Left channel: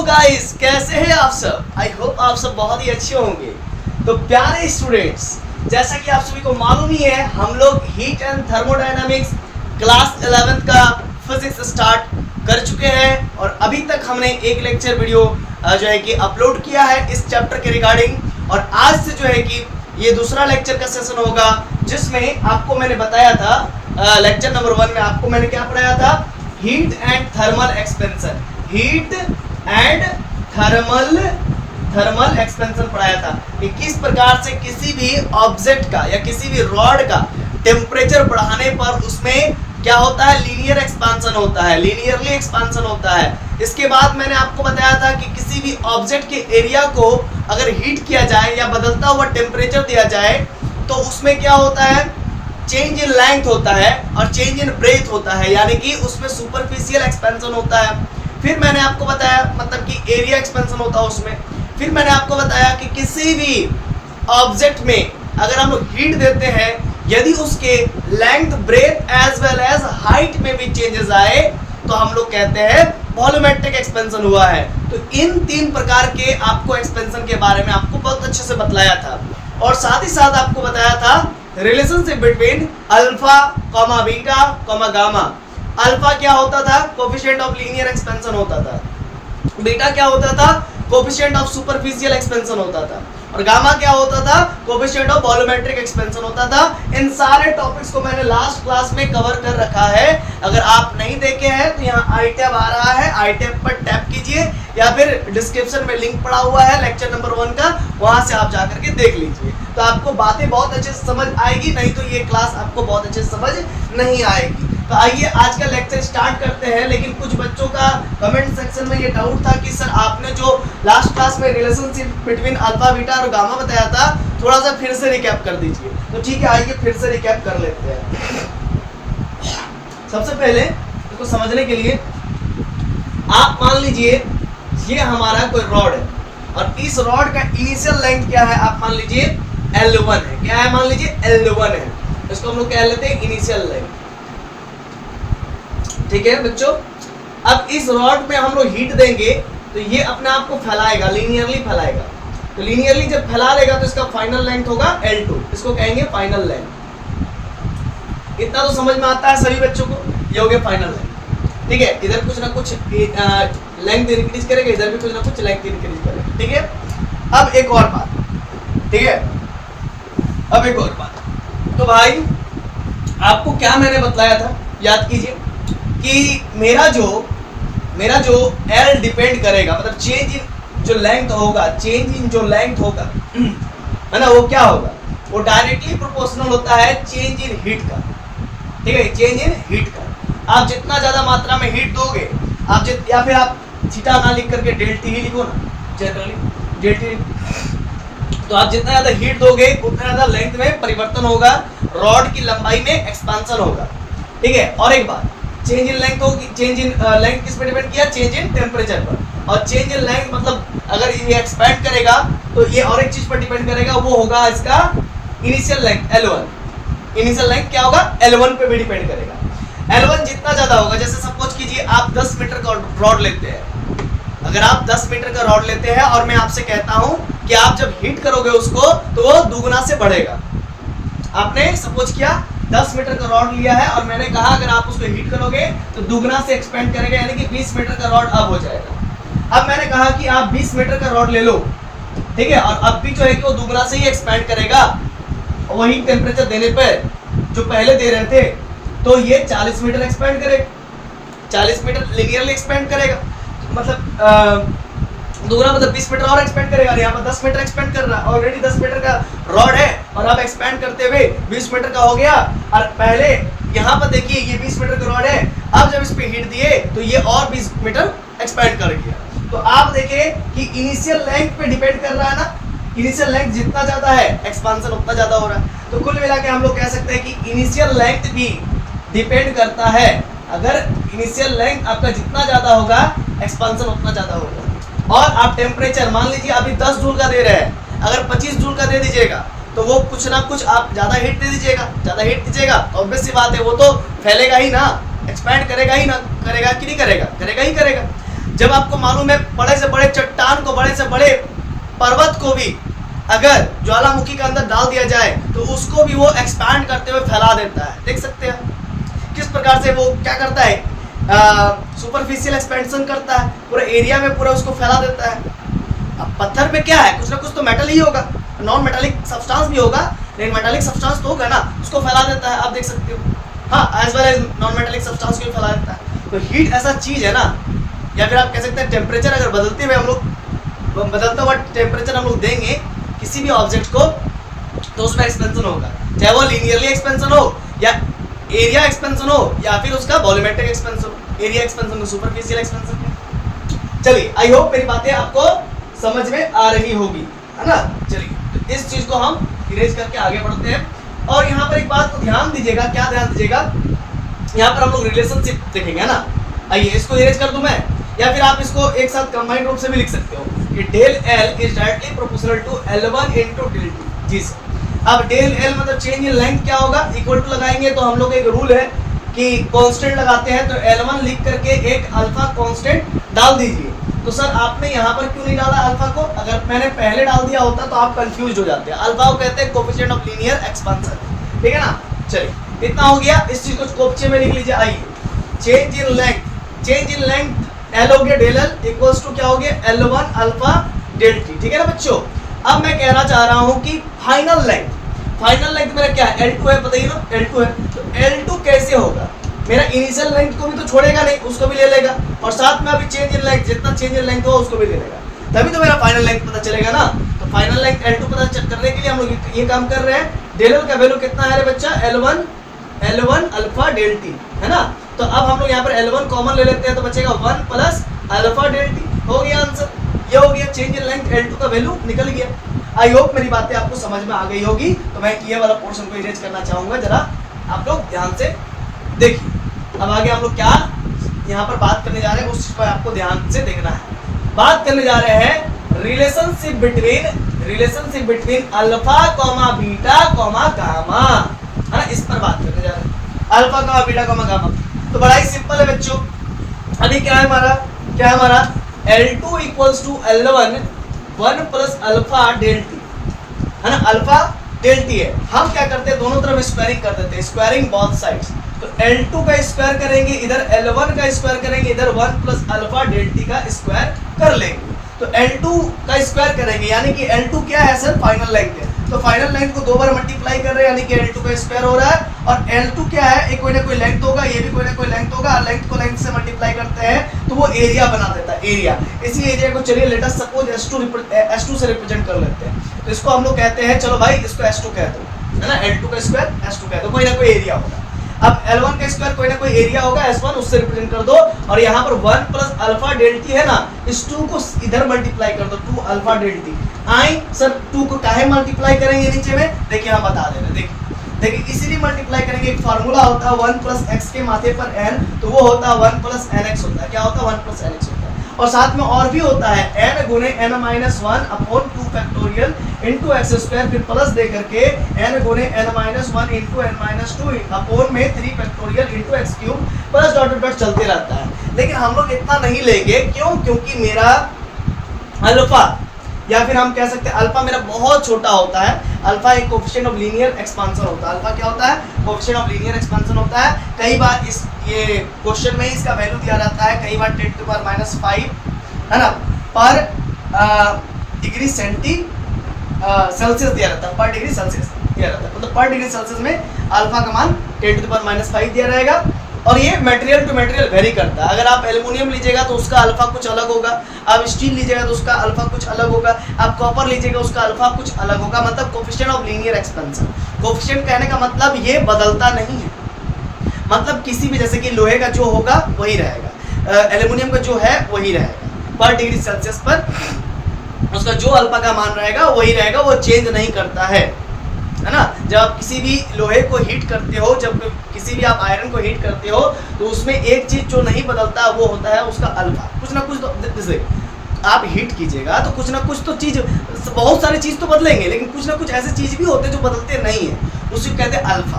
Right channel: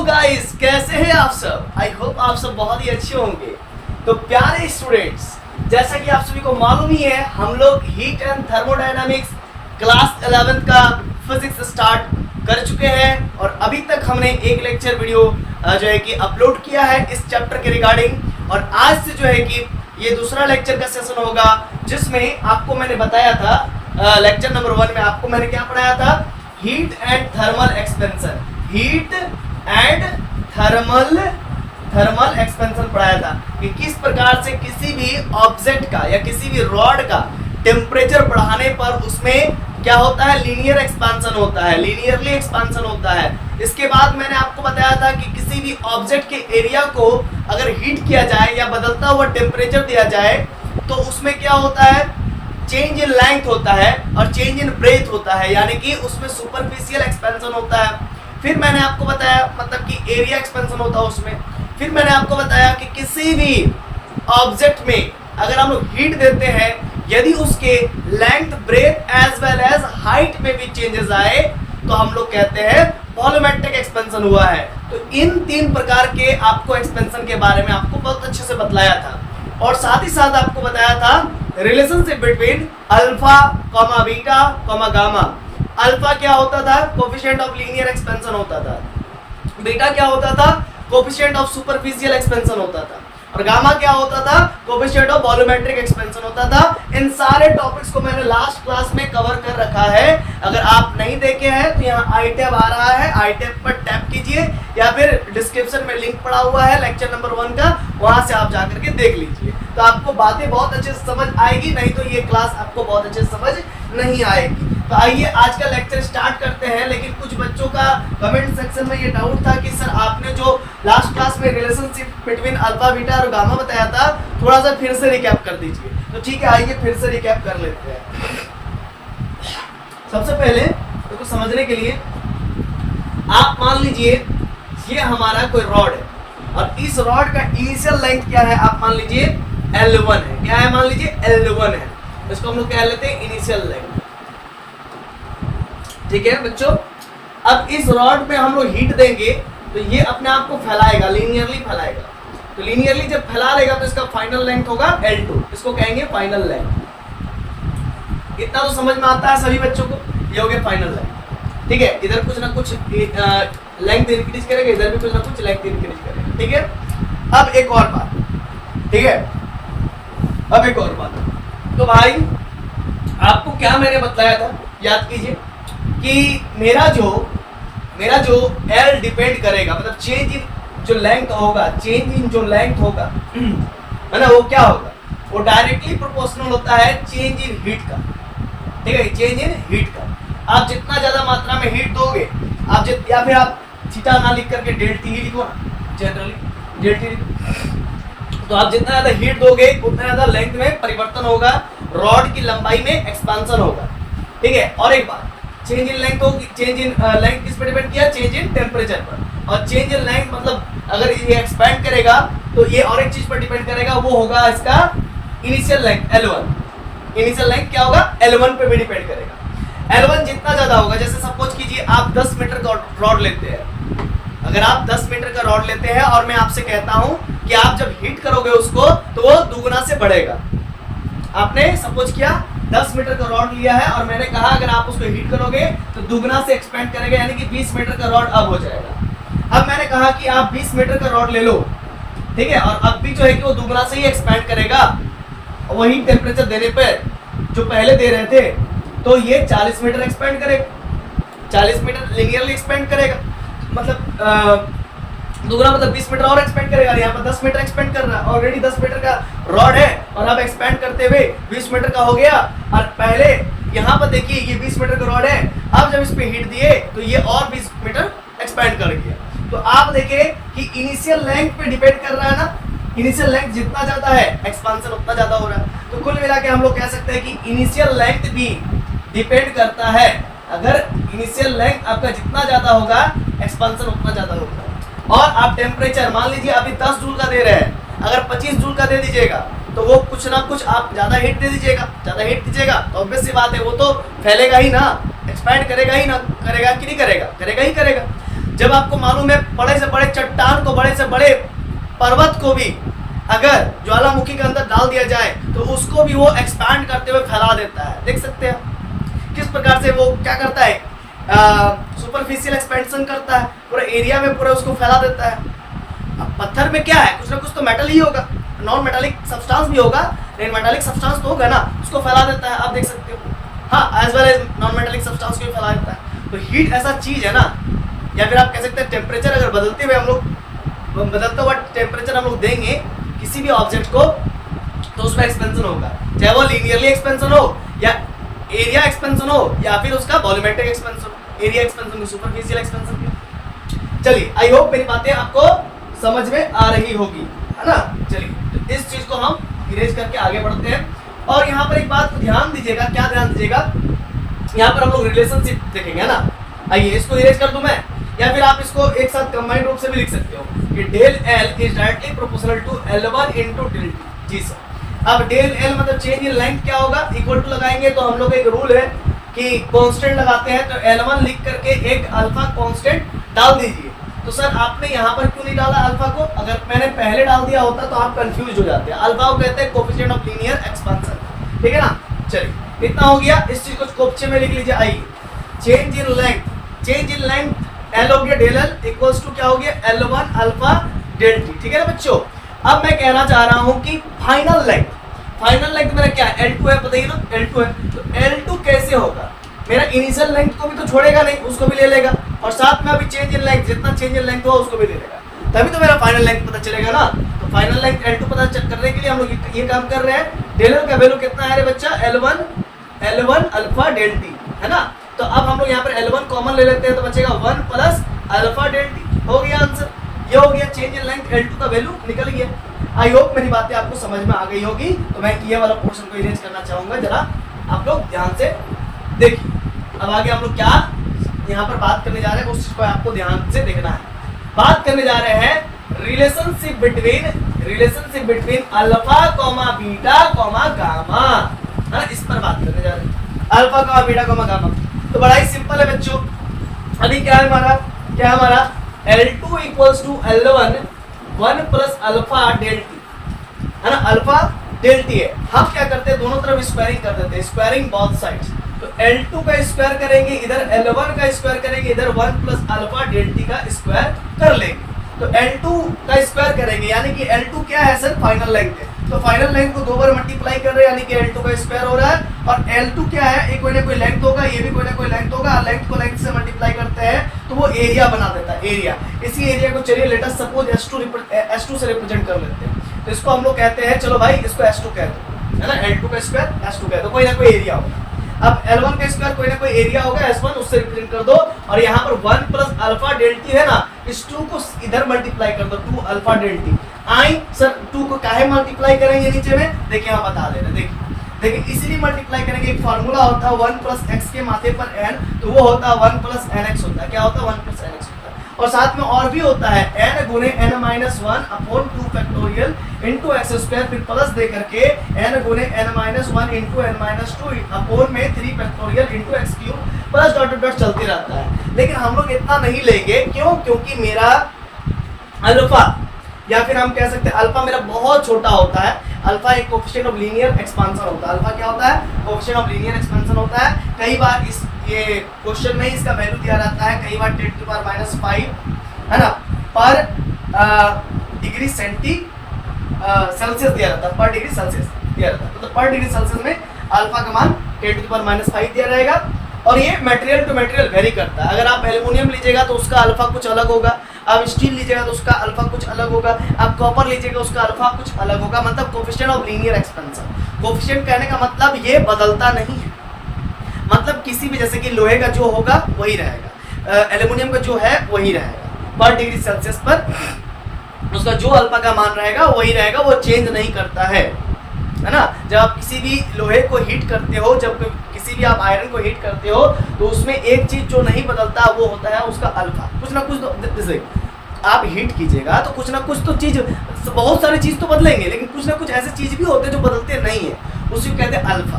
Hello guys, कैसे हैं आप सब। आई होप आप सब बहुत ही अच्छे होंगे। तो प्यारे स्टूडेंट्स, जैसा कि आप सभी को मालूम ही है, हम लोग हीट एंड थर्मोडायनामिक्स क्लास 11 का फिजिक्स स्टार्ट कर चुके हैं और अभी तक हमने एक लेक्चर वीडियो जो है कि अपलोड किया है इस चैप्टर के रिगार्डिंग। और आज से जो है कि ये दूसरा लेक्चर का सेशन होगा, जिसमें आपको मैंने बताया था लेक्चर नंबर 1 में आपको मैंने क्या पढ़ाया था, heat and thermal expansion. Heat and thermal expansion पढ़ाया था कि किस प्रकार से किसी भी ऑब्जेक्ट का या किसी भी रॉड का टेम्परेचर बढ़ाने पर उसमें क्या होता है, लीनियर एक्सपांशन होता है, लीनियरली एक्सपांशन होता है। इसके बाद मैंने आपको बताया था कि किसी भी ऑब्जेक्ट के एरिया को अगर हीट किया जाए या बदलता हुआ टेम्परेचर दिया जाए तो उसमें क्या होता है, चेंज इन लेंथ होता है और चेंज इन ब्रेथ होता है, यानी कि उसमें सुपरफिशियल एक्सपेंशन होता है। फिर मैंने आपको बताया मतलब कि एरिया एक्सपेंशन होता है उसमें। फिर मैंने आपको बताया कि किसी भी ऑब्जेक्ट में अगर हम लोग हीट देते हैं, यदि उसके length, breadth as well as height में भी चेंजेस आए तो हम लोग कहते हैं वॉल्यूमेट्रिक एक्सपेंशन हुआ है। तो इन 3 प्रकार के आपको एक्सपेंशन के बारे में आपको बहुत अच्छे से बतलाया था और साथ ही साथ आपको बताया था relationship between alpha, beta, gamma. Alpha क्या होता था, कोफिशिएंट ऑफ लीनियर एक्सपेंशन होता था। बीटा क्या होता था, कोफिशिएंट ऑफ सुपरफिशियल एक्सपेंशन होता था। और गामा क्या होता था, कोफिशिएंट ऑफ वॉल्यूमेट्रिक एक्सपेंशन होता था। इन सारे टॉपिक्स को मैंने लास्ट क्लास में कवर कर रखा है। अगर आप नहीं देखे हैं तो यहाँ आई टैब आ रहा है, आई टैब पर टैप कीजिए या फिर डिस्क्रिप्शन में लिंक पड़ा हुआ है लेक्चर नंबर 1 का, वहां से आप जाकर के देख लीजिए। तो आपको बातें बहुत अच्छे से समझ आएगी, नहीं तो ये क्लास आपको बहुत अच्छे से समझ नहीं आएगी। तो आइए आज का लेक्चर स्टार्ट करते हैं। लेकिन कुछ बच्चों का कमेंट सेक्शन में ये डाउट था कि सर आपने जो लास्ट क्लास में रिलेशनशिप बिटवीन अल्फा, बीटा और गामा बताया था, थोड़ा सा फिर से रिकैप कर दीजिए। तो ठीक है, आइए फिर से रिकैप कर लेते हैं। सबसे पहले इसको समझने के लिए आप मान लीजिए ये हमारा कोई रॉड है और इस रॉड का इनिशियल लेंथ क्या है, आप मान लीजिए L1 है। क्या है, मान लीजिए L1 है। इसको हम लोग कह लेते हैं इनिशियल लेंथ। ठीक है बच्चों, अब इस रॉड में हम लोग हीट देंगे तो ये अपने आप को फैलाएगा, लीनियरली फैलाएगा। तो लीनियरली जब फैला लेगा तो इसका फाइनल लेंथ होगा L2, इसको कहेंगे फाइनल लेंथ। इतना तो समझ में आता है सभी बच्चों को, ये हो गया फाइनल लेंथ। ठीक है, इधर कुछ ना कुछ लेंथ इंक्रीज करेगा, इधर भी कुछ ना कुछ लेंथ इंक्रीज करेगा। ठीक है, अब एक और बात, ठीक है, अब एक और बात। तो भाई आपको क्या मैंने बताया था, याद कीजिए कि मेरा जो L डिपेंड करेगा, मतलब चेंज इन जो लेंथ होगा, चेंज इन जो लेंथ होगा है ना, वो क्या होगा, वो डायरेक्टली प्रोपोर्शनल होता है चेंज इन हीट का। ठीक है, चेंज इन हीट का। आप जितना ज्यादा मात्रा में हीट दोगे, आप या फिर आप थीटा ना लिख करके डेल्टी ही लिखो ना, जनरली डेल्टी। तो आप जितना ज्यादा हीट दोगे उतना ज्यादा लेंथ में परिवर्तन होगा, रॉड की लंबाई में एक्सपांशन होगा। ठीक है, और एक बात, चेंज इन लेंथ होगी, चेंज इन लेंथ किस पे डिपेंड किया, चेंज इन टेम्परेचर पर। और चेंज इन लेंथ मतलब अगर ये एक्सपैंड करेगा तो ये और एक चीज पर डिपेंड करेगा, वो होगा इसका initial length L1। Initial length क्या होगा, L1 पे भी डिपेंड करेगा। L1 जितना ज्यादा होगा, जैसे सपोज कीजिए आप 10 मीटर का रॉड लेते हैं। अगर आप 10 मीटर का रॉड लेते हैं और मैं आपसे कहता हूं कि आप जब हीट करोगे उसको तो वो दुगुना से बढ़ेगा। आपने सपोज किया 10 मीटर का रॉड लिया है और मैंने कहा अगर आप उसको हीट करोगे तो दुगना से एक्सपेंड करेगा, यानी कि 20 मीटर का रॉड अब हो जाएगा। अब मैंने कहा कि आप 20 मीटर का रॉड ले लो, ठीक है, और अब भी जो है कि वो दुगना से ही एक्सपेंड करेगा वही टेम्परेचर देने पर जो पहले दे रहे थे। तो ये 40 मीटर एक्सपेंड करेगा, 40 मीटर लिनियरली एक्सपेंड करेगा, मतलब दूसरा मतलब 20 मीटर और एक्सपेंड करेगा। यहाँ पर 10 मीटर एक्सपेंड कर रहा है, ऑलरेडी 10 मीटर का रॉड है और अब एक्सपेंड करते हुए 20 मीटर का हो गया। और पहले यहाँ पर देखिए ये 20 मीटर का रॉड है, अब जब इस पे हीट दिए तो ये और 20 मीटर एक्सपेंड कर गया। तो आप देखिए कि इनिशियल लेंथ पे डिपेंड कर रहा है ना, इनिशियल लेंथ जितना ज्यादा है एक्सपांशन उतना ज्यादा हो रहा है। तो कुल मिला के हम लोग कह सकते हैं कि इनिशियल लेंथ भी डिपेंड करता है। अगर इनिशियल लेंथ आपका जितना ज्यादा होगा एक्सपांशन उतना ज्यादा होगा। और आप टेम्परेचर मान लीजिए अभी 10 जूल का दे रहे हैं, अगर 25 जूल का दे दीजिएगा तो वो कुछ ना कुछ आप ज्यादा हीट दे दीजिएगा, ज्यादा हीट दीजिएगा तो ऑब्वियस सी बात है वो तो फैलेगा ही ना, एक्सपैंड करेगा ही ना, करेगा कि नहीं करेगा, करेगा ही करेगा। जब आपको मालूम है बड़े से बड़े चट्टान को, बड़े से बड़े पर्वत को भी अगर ज्वालामुखी के अंदर डाल दिया जाए तो उसको भी वो एक्सपैंड करते हुए फैला देता है। देख सकते हैं किस प्रकार से वो क्या करता है, सुपरफिशियल एक्सपेंशन करता है, पूरे एरिया में पूरा उसको फैला देता है। अब पत्थर में क्या है, कुछ ना कुछ तो मेटल ही होगा, नॉन मेटालिक सब्सटेंस भी होगा, लेकिन मेटालिक सब्सटेंस तो होगा ना, उसको फैला देता है। आप देख सकते हो, हाँ, as well as non metallic substance को भी फैला देता है। तो हीट ऐसा चीज है ना, या फिर आप कह सकते हैं टेम्परेचर अगर बदलते हुए हम लोग बदलता हुआ टेम्परेचर हम लोग देंगे किसी भी ऑब्जेक्ट को, तो उसमें एक्सपेंशन होगा, चाहे वो लीनियरली एक्सपेंशन हो या एरिया एक्सपेंशन हो या फिर उसका वॉल्यूमेट्रिक एक्सपेंशन हो, एरिया एक्सपेंशन, सुपरफिशियल एक्सपेंशन। चलिए, आई होप मेरी बातें आपको समझ में आ रही होगी, है ना। चलिए, इस चीज को हम इरेज करके आगे बढ़ते हैं। और यहाँ पर एक बात को ध्यान दीजिएगा, क्या ध्यान दीजिएगा, यहाँ पर हम लोग रिलेशनशिप देखेंगे, है ना। आइए, इसको इरेज कर दूं मैं, या फिर आप इसको एक साथ कंबाइंड रूप से भी लिख सकते हो कि del L is directly proportional to L1 into del T. जी सर। अब डेल एल मतलब चेंज इन लेंथ क्या होगा, इक्वल टू लगाएंगे तो हम लोग एक रूल है कि कांस्टेंट लगाते हैं तो L1 लिख करके एक अल्फा कांस्टेंट डाल दीजिए। तो सर आपने यहाँ पर क्यों नहीं डाला अल्फा को, अगर मैंने पहले डाल दिया होता तो आप कंफ्यूज हो जाते हैं। अल्फा को कहते हैं कोएफिशिएंट ऑफ लीनियर एक्सपेंशन, ठीक है ना। चलिए, इतना हो गया, इस चीज को कोफ्चे में लिख लीजिए। आइए, change in length, change in length L हो गया डेल एल इक्वल्स टू क्या हो गया L1 अल्फा डेल टी, ठीक है ना बच्चों। अब मैं कहना चाह रहा हूं कि फाइनल लेंथ मेरा क्या है, L2 है, बताइए ना, L2 है। तो L2 कैसे होगा, मेरा इनिशियल लेंथ को भी तो छोड़ेगा नहीं, उसको भी ले लेगा, और साथ में अभी चेंज इन लेंथ, जितना चेंज इन लेंथ हो उसको भी ले लेगा, तभी तो मेरा फाइनल लेंथ पता चलेगा ना। तो फाइनल लेंथ L2 पता करने के लिए हम लोग ये काम कर रहे हैं। डेल एल का वैल्यू कितना है रे बच्चा, L1 अल्फा डेल टी, है ना। तो अब हम लोग यहाँ पर L1 कॉमन ले लेते हैं तो बचेगा 1 प्लस अल्फा डेल टी, हो गया आंसर। ये हो गया चेंज इन लेंथ, L2 का वैल्यू निकल गया। आई होप मेरी बातें आपको समझ में आ गई होगी। तो मैं ये वाला पोर्शन को इरेज करना चाहूंगा, जरा आप लोग ध्यान से देखिए। अब आगे हम लोग क्या यहाँ पर बात करने जा रहे हैं, उस पर आपको ध्यान से देखना है। बात करने जा रहे हैं relationship between alpha comma beta comma gamma, है, इस पर बात करने जा रहे हैं, alpha comma beta comma gamma. तो बड़ा ही सिंपल है बच्चों। अभी क्या है हमारा L2 equals to L1 1 plus alpha del T, है ना, अल्फा डेल टी है। हम क्या करते हैं, दोनों तरफ स्क्वायरिंग कर देते हैं, स्क्वायरिंग बोथ साइड्स। तो L2 का स्क्वायर करेंगे, इधर L1 का स्क्वायर करेंगे, इधर 1 प्लस अल्फा डेल टी का स्क्वायर कर लेंगे। तो L2 का स्क्वायर करेंगे, यानी कि L2 क्या है सर, फाइनल लेंथ है। तो फाइनल लेंथ को 2 बार मल्टीप्लाई कर रहे हैं, यानी कि L2 का स्क्वायर हो रहा है। और L2 क्या है, एक कोई ना कोई लेंथ होगा, ये भी कोई ना कोई लेंथ होगा, लेंथ को लेंथ से मल्टीप्लाई करते हैं तो वो एरिया बना देता है, एरिया। इसी एरिया को चलिए लेट अस सपोज S2 से रिप्रेजेंट कर लेते हैं। तो इसको हम लोग कहते हैं, चलो भाई इसको S2 कह दो, है ना, L2 का स्क्वायर S2 कह दो, कोई ना कोई एरिया होगा। अब L1 का स्क्वायर कोई ना कोई एरिया होगा, S1 उससे रिप्रेजेंट कर दो। और यहाँ पर 1 प्लस अल्फा डेल टी है ना, इस 2 को इधर मल्टीप्लाई कर दो, 2 अल्फा डेल टी। आई सर 2 को काहे मल्टीप्लाई करेंगे नीचे में, देखिए हम बता दे रहे, देखिए इसीलिए मल्टीप्लाई करेंगे। एक फार्मूला होता है 1 प्लस एक्स के माथे पर n, तो वो होता है 1 प्लस nx होता है। क्या होता है, 1 प्लस nx होता है। और साथ में और भी होता है n गुने n minus 1 upon 2 factorial into x square, फिर प्लस दे करके n गुने n minus 1 into n minus 2 upon में 3 factorial into x cube, plus dot dot चलते रहता है। लेकिन हम लोग इतना नहीं लेंगे, क्यों, क्योंकि मेरा अल्फा, या फिर हम कह सकते हैं अल्फा मेरा बहुत छोटा होता है। अल्फा एक कोएफिशिएंट ऑफ लीनियर एक्सपेंशन होता है। अल्फा क्या होता है, कोएफिशिएंट ऑफ लीनियर एक्सपेंशन होता है। कई बार इस ये क्वेश्चन में इसका वैल्यू दिया रहता है, कई बार 10⁻⁵ है ना, पर डिग्री सेल्सियस दिया रहता है, पर डिग्री सेल्सियस दिया रहता है। मतलब पर डिग्री सेल्सियस में अल्फा का मान 10⁻⁵ दिया रहेगा। और ये मटेरियल टू मटेरियल वेरी करता है। अगर आप एल्युमिनियम लीजिएगा तो उसका अल्फा कुछ अलग होगा, आप स्टील लीजिएगा तो उसका अल्फा कुछ अलग होगा, आप कॉपर लीजिएगा उसका अल्फा कुछ अलग होगा। मतलब coefficient of linear expansion, coefficient कहने का मतलब ये बदलता नहीं है। मतलब किसी भी, जैसे कि लोहे का जो होगा वही रहेगा, एल्युमिनियम का जो है वही रहेगा, पर डिग्री सेल्सियस पर उसका जो अल्फा का मान रहेगा वही रहेगा, वो चेंज नहीं करता है ना। जब आप किसी भी लोहे को हीट करते हो, जब किसी भी आप आयरन को हीट करते हो, तो उसमें एक चीज जो नहीं बदलता वो होता है उसका अल्फा। कुछ ना कुछ तो, जैसे आप हीट कीजिएगा तो कुछ ना कुछ तो चीज, बहुत सारी चीज तो बदलेंगे, लेकिन कुछ ना कुछ ऐसे चीज भी होते हैं जो बदलते नहीं है, उसी को कहते हैं अल्फा,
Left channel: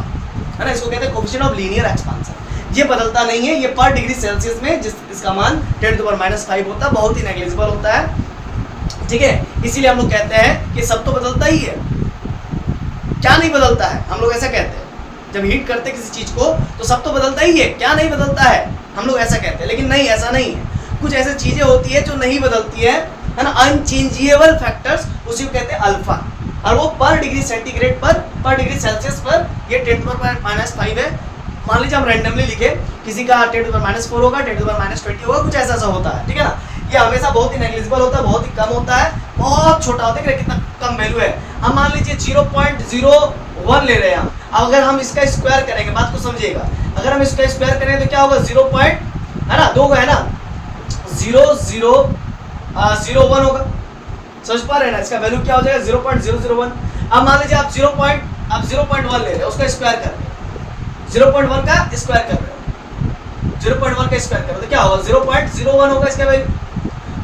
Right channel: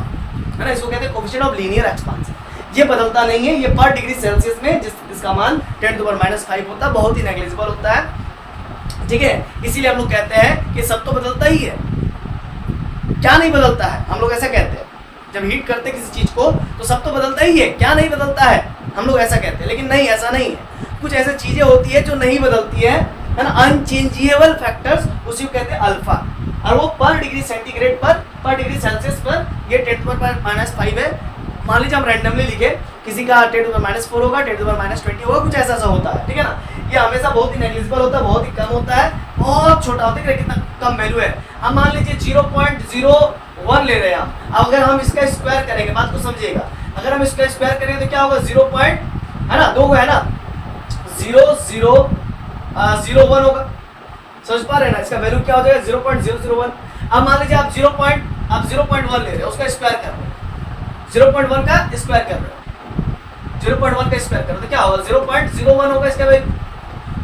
है ना। इसको कहते हैं कोएफिशिएंट ऑफ लीनियर एक्सपेंशन। ये बदलता नहीं है, ये पर डिग्री सेल्सियस में इसका मान 10⁻⁵ होता है, बहुत ही नेग्लिजिबल होता है, ठीक है। इसीलिए हम लोग कहते हैं कि सब तो बदलता ही है, क्या नहीं बदलता है, हम लोग ऐसा कहते हैं जब हीट करते हैं किसी चीज को तो सब तो बदलता ही है, क्या नहीं बदलता है, हम लोग ऐसा कहते हैं। लेकिन नहीं, ऐसा नहीं है, कुछ ऐसी चीजें होती है जो नहीं बदलती है ना, अनचेंजेबल फैक्टर्स, उसी को कहते हैं अल्फा, और वो पर डिग्री सेंटीग्रेड पर डिग्री सेल्सियस पर ये 10⁻⁵ है। मान लीजिए हम रैंडमली लिखे, किसी का 10⁻⁴ होगा, 10⁻20 होगा, कुछ ऐसा होता है, ठीक है ना। ये हमेशा बहुत ही नेग्लिजिबल होता है, बहुत ही कम होता है, बहुत छोटा होता है, कितना कम वैल्यू है। हम मान लीजिए 0.01 ले रहे हैं हम, अब अगर हम इसका स्क्वायर करेंगे, बात को समझिएगा, अगर हम इसका स्क्वायर करेंगे तो क्या होगा, 0 है ना, 2 है ना, 0.001 होगा, समझ पा रहे हैं ना, इसका वैल्यू क्या हो जाएगा 0.001। अब मान लीजिए आप 0.1 ले रहे हैं, उसका स्क्वायर कर रहे हैं, 0.1 का स्क्वायर कर रहे हो, 0.1 का स्क्वायर कर रहे हो तो क्या होगा 0.01 होगा इसका वैल्यू।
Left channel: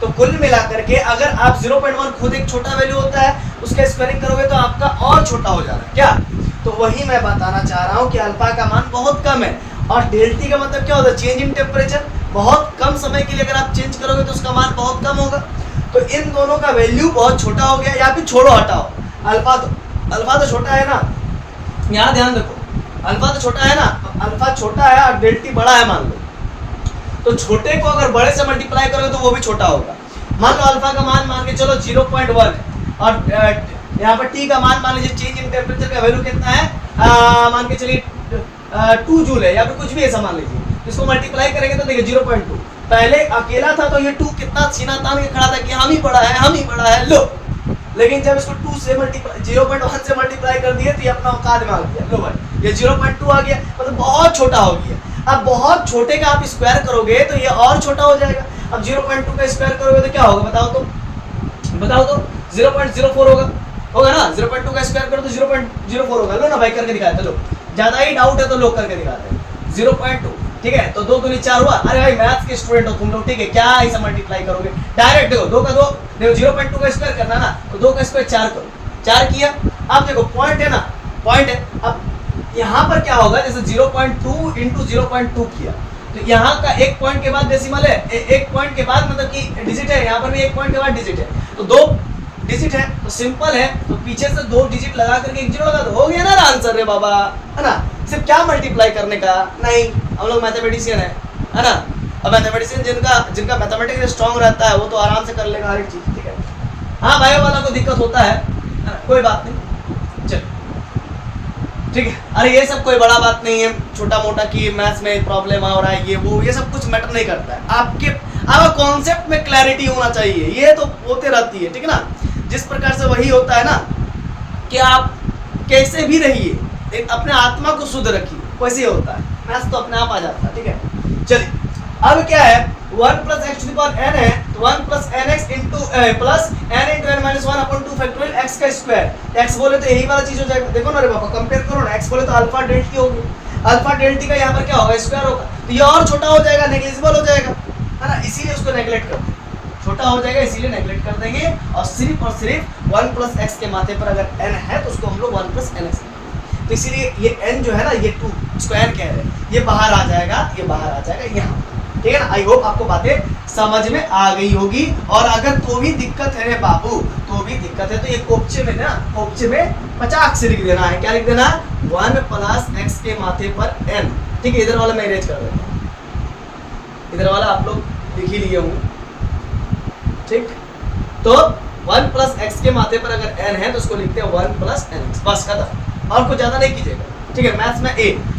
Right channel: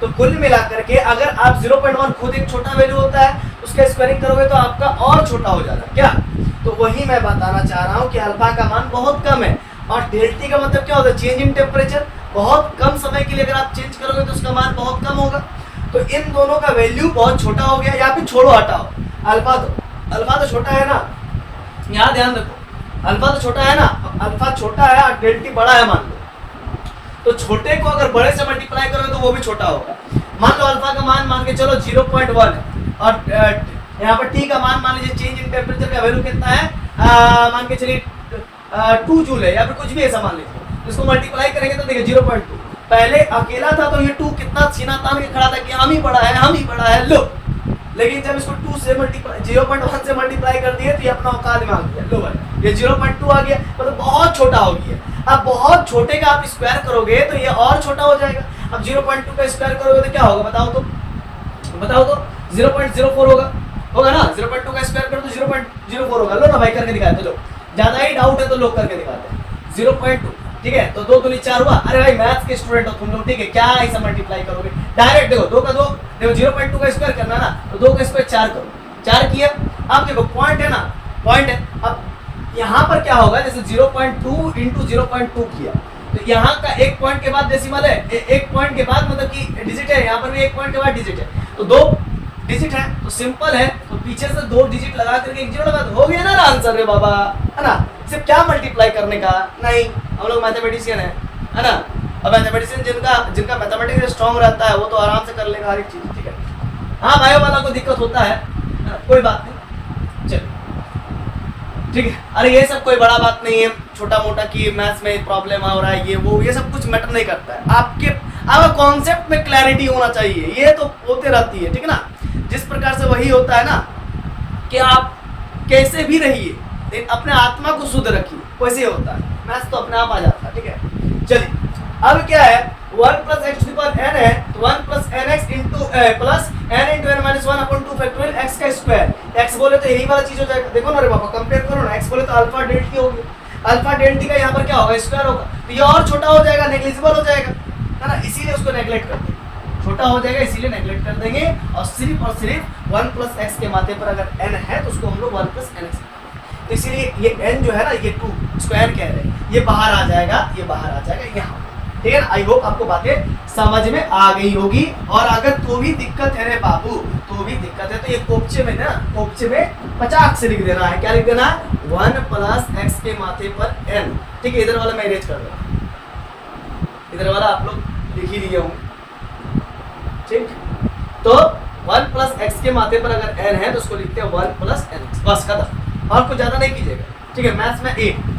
तो कुल मिलाकर के अगर आप 0.1 खुद एक छोटा वैल्यू होता है, उसका स्क्वायरिंग करोगे तो आपका और छोटा हो जाता है क्या। तो वही मैं बताना चाह रहा हूँ कि अल्फा का मान बहुत कम है, और डेल्टी का मतलब क्या होता है, चेंज इन टेम्परेचर, बहुत कम समय के लिए अगर आप चेंज करोगे तो उसका मान बहुत कम होगा। तो इन दोनों का वैल्यू बहुत छोटा हो गया, या फिर छोड़ो हटाओ, अल्फा तो छोटा है ना, यहाँ ध्यान रखो, अल्फा तो छोटा है ना, अल्फा छोटा है और डेल्टी बड़ा है मान लो, तो छोटे को अगर बड़े से मल्टीप्लाई करोगे तो वो भी छोटा होगा। मान लो अल्फा का मान के चलो 0.1 है, और यहाँ पर टी का मान लीजिए, चेंज इन टेम्परेचर का वैल्यू कितना है, मान के चलिए 2 जूल है, या फिर कुछ भी ऐसा मान लीजिए, तो इसको मल्टीप्लाई करेंगे तो देखिए 0.2, पहले अकेला था तो ये 2 कितना सीना तान के खड़ा था कि हम ही बड़ा है, लो, लेकिन जब इसको 2 से मल्टीप्लाई 0.1 से मल्टीप्लाई कर दिए तो ये अपना औकात में आ गया, लो भाई ये 0.2 आ गया, मतलब बहुत छोटा हो गया। अब बहुत छोटे का आप स्क्वायर करोगे तो ये और छोटा हो जाएगा, अब 0.2 का स्क्वायर करोगे तो क्या होगा बताओ तो 0.04 होगा ना, 0.2 का स्क्वायर करो तो 0.04 होगा, लो ना भाई करके दिखाते, लो ज्यादा ही डाउट है तो लोग करके दिखाते हैं 0.2, ठीक है। तो 2 दूनी 4 हुआ, अरे भाई मैथ्स के स्टूडेंट हो तुम लोग, ठीक है, क्या ऐसा मल्टीप्लाई करोगे डायरेक्ट, देखो 2 का 2, देखो 0.2 का स्क्वायर करना ना, तो 2 का स्क्वायर 4 करो, 4 किया, अब देखो पॉइंट है ना, पॉइंट है, अब यहाँ पर क्या होगा, जैसे 0.2 इंटू 0.2 किया, तो यहाँ का एक पॉइंट के बाद डेसिमल है, एक पॉइंट के बाद मतलब कि डिजिट है, यहाँ पर भी एक पॉइंट के बाद डिजिट है, तो 2 डिजिट है, तो सिंपल है, तो पीछे से 2 डिजिट लगा करके 1 जीरो लगा दो, हो गया ना आंसर रे बाबा, है ना। सिर्फ क्या मल्टीप्लाई करने का नहीं, हम लोग मैथमेटिशियन है ना, और मैथमेटिशियन जिनका मैथमेटिक्स स्ट्रांग रहता है वो तो आराम से कर लेगा हर एक चीज, ठीक है। हाँ भाइयों वाला को दिक्कत होता है ना, कोई बात नहीं, चल ठीक है। अरे ये सब कोई बड़ा बात नहीं है, छोटा मोटा कि मैथ्स में प्रॉब्लम आ रहा है, ये सब कुछ मैटर नहीं करता है, आपका कॉन्सेप्ट में क्लैरिटी होना चाहिए, ये तो होते रहती है, ठीक है ना। जिस प्रकार से वही होता है ना कि आप कैसे भी रहिए लेकिन अपने आत्मा को शुद्ध रखिए, वैसे होता है, मैथ्स तो अपने आप आ जाता है, ठीक है। चलिए अब क्या है, 1 + x⁴n है, तो 1 + nx into plus n into n - 1 upon 2 factorial x का स्क्वायर, x बोले तो यही वाला चीज हो जाएगा, देखो ना रे बाबा कंपेयर करो ना, x बोले तो अल्फा डेल्टी होगी, अल्फा डेल्टी का यहाँ पर क्या होगा स्क्वायर होगा, तो ये और छोटा हो जाएगा, नेग्लिजिबल हो जाएगा, है ना, इसीलिए उसको नेग्लेक्ट करते हैं, छोटा हो जाएगा इसीलिए नेग्लेक्ट कर देंगे, और सिर्फ 1 + x के माथे पर अगर n है तो उसको हम लोग 1 + nx, तो इसीलिए ये n जो है ना, ये 2 स्क्वायर कह रहे हैं, ये बाहर आ जाएगा, ये बाहर आ जाएगा यहाँ, ठीक है ना। आई होप आपको बातें समझ में आ गई होगी, और अगर तो भी दिक्कत है रे बाबू, तो भी दिक्कत है तो ये कोपचे में 50 से लिख देना है, क्या लिख देना है 1 + x के माथे पर n, ठीक है। इधर वाला मैं इरेज कर देता हूँ, इधर वाला आप लोग लिख ही लिए होंगे, ठीक। तो 1 + x के माथे पर अगर n है तो उसको लिखते हैं 1 + nx, बस खत्म, और कुछ ज्यादा नहीं कीजिएगा, ठीक है। मैथ्स में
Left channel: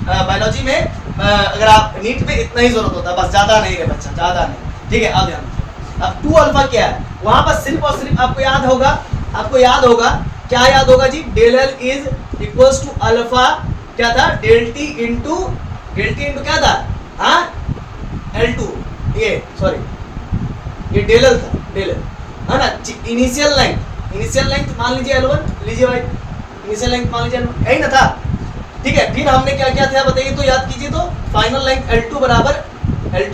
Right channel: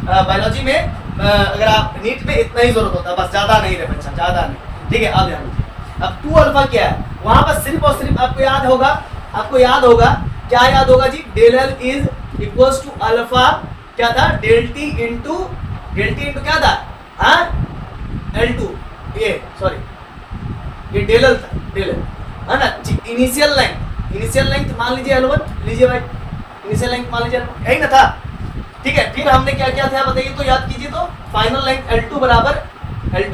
बायोलॉजी में अगर आप नीट में इतना ही जरूरत होता है, बस ज्यादा नहीं रे बच्चा, ज्यादा नहीं, ठीक है। अब ध्यान दीजिए, अब 2 अल्फा क्या है, वहां पर सिर्फ और सिर्फ आपको याद होगा क्या याद होगा जी, del L is equals to alpha, क्या था डेल टी इंटू क्या था, हाँ L2, ये सॉरी ये डेल एल था, डेल एल है ना, इनिशियल लेंथ मान लीजिए L1, लीजिए भाई इनिशियल लेंथ मान लीजिए L1, यही ना था, ठीक है। फिर हमने क्या किया था बताइए तो, याद कीजिए तो, फाइनल लेंथ L2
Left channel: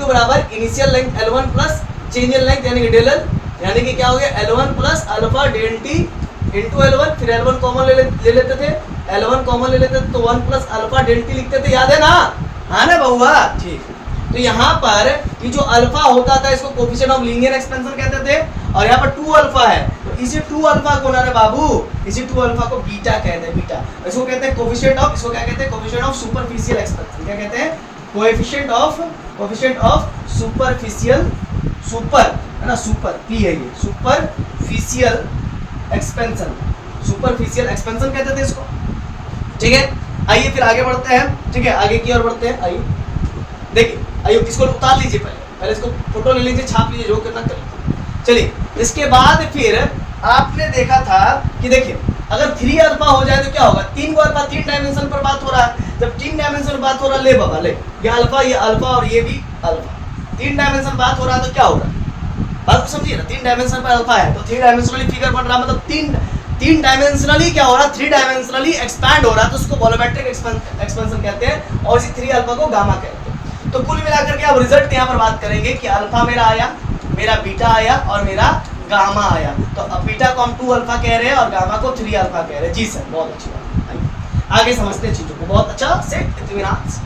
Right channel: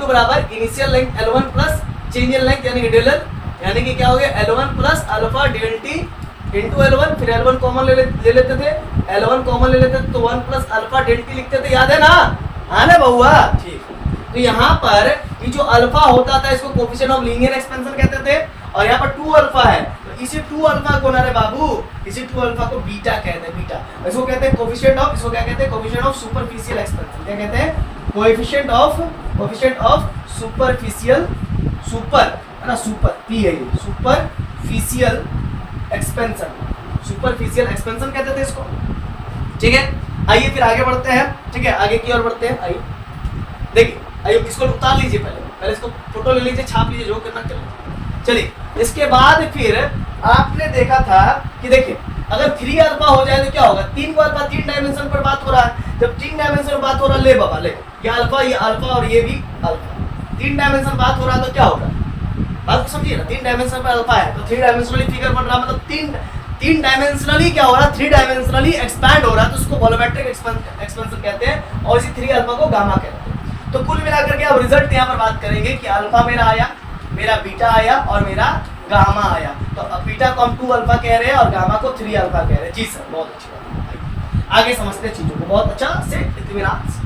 बराबर initial length L1 plus change in length यानी कि डेल एल, यानी कि क्या हो गया L1 plus alpha del T into L1, फिर L1 कॉमन ले लेते थे, L1 कॉमन ले लेते थे तो 1 + अल्फा डेल टी लिखते थे, याद है ना, हाँ ना बहुआ, ठीक। तो यहाँ पर ये जो अल्फा होता था इसको कोफिशिएंट ऑफ लीनियर एक्सपेंशन कहते थे, और यहाँ पर 2 अल्फा है तो इसी 2 अल्फा को ना रे बाबू, इसी 2 अल्फा को बीटा कहते हैं, बीटा। इसको कहते हैं कोफिशिएंट ऑफ, इसको क्या कहते हैं, कोफिशिएंट ऑफ सुपरफिशियल एक्सपेंशन। क्या कहते हैं, कोएफिशिएंट ऑफ सुपरफिशियल, सुपर है ना, सुपर पी है ये, सुपरफिशियल एक्सपेंशन, सुपरफिशियल एक्सपेंशन कहते थे इसको, ठीक है। आइए फिर आगे बढ़ते हैं, ठीक है, आगे की ओर बढ़ते हैं। आइए देखिए, आइए इसको उतार लीजिए, पहले इसको फोटो ले लीजिए, छाप लीजिए, जो करना कर लीजिए। चलिए, इसके बाद फिर आपने देखा था कि देखिए अगर 3 अल्फा हो जाए तो क्या होगा, 3 को अल्फा 3 डायमेंशन पर बात हो रहा है। जब 3 डायमेंशन पर बात हो रहा है, ले बाबा ले, ये अल्फा और ये भी अल्फा, 3 डायमेंशन बात हो रहा है तो क्या होगा, बात तो समझिए ना, 3 डायमेंशन पर अल्फा है तो 3 डायमेंशनली फिगर बन रहा है, मतलब 3 डायमेंशनली क्या हो रहा है, 3 डायमेंशनली एक्सपैंड हो रहा है, तो उसको वॉल्यूमेट्रिक एक्सपेंशन कहते हैं, और इसी 3 अल्फा को गामा कहते हैं। तो कुल मिलाकर के आप रिजल्ट यहाँ पर बात करेंगे कि अल्फा मेरा आया, मेरा बीटा आया और मेरा गामा आया। तो अब बीटा को हम 2 अल्फा कह रहे हैं और गामा को 3 अल्फा कह रहे हैं। जी सर, बहुत अच्छी बात, आगे समझते हैं चीजों को बहुत अच्छा से, इत्मीनान से।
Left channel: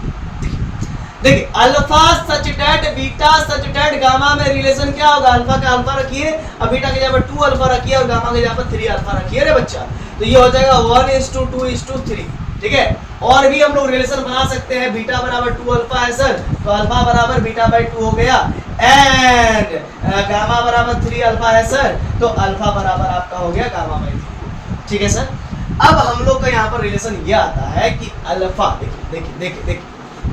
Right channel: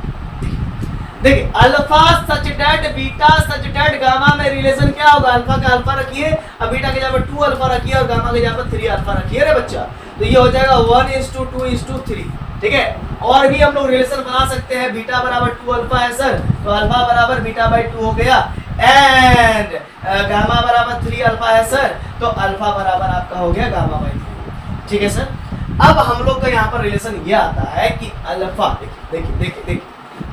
देखिए अल्फा सच डेट बीटा सच डेट गामा में रिलेशन क्या होगा, अल्फा का अल्फा रखिए और बीटा के जगह पर 2 अल्फा रखिए और गामा के जगह पर 3 अल्फा रखिए रे बच्चा, तो ये हो जाएगा 1:2:3, ठीक है। और भी हम लोग रिलेशन बना सकते हैं, बीटा बराबर 2 अल्फा है सर, तो अल्फा बराबर बीटा बाई 2 हो गया, एंड गामा बराबर 3 अल्फा है सर, तो अल्फा बराबर आपका हो गया गामा बाई 3, ठीक है सर। अब हम लोग का यहाँ पर रिलेशन ये आता है कि अल्फा, देखिए देखिए देखिए देखिए,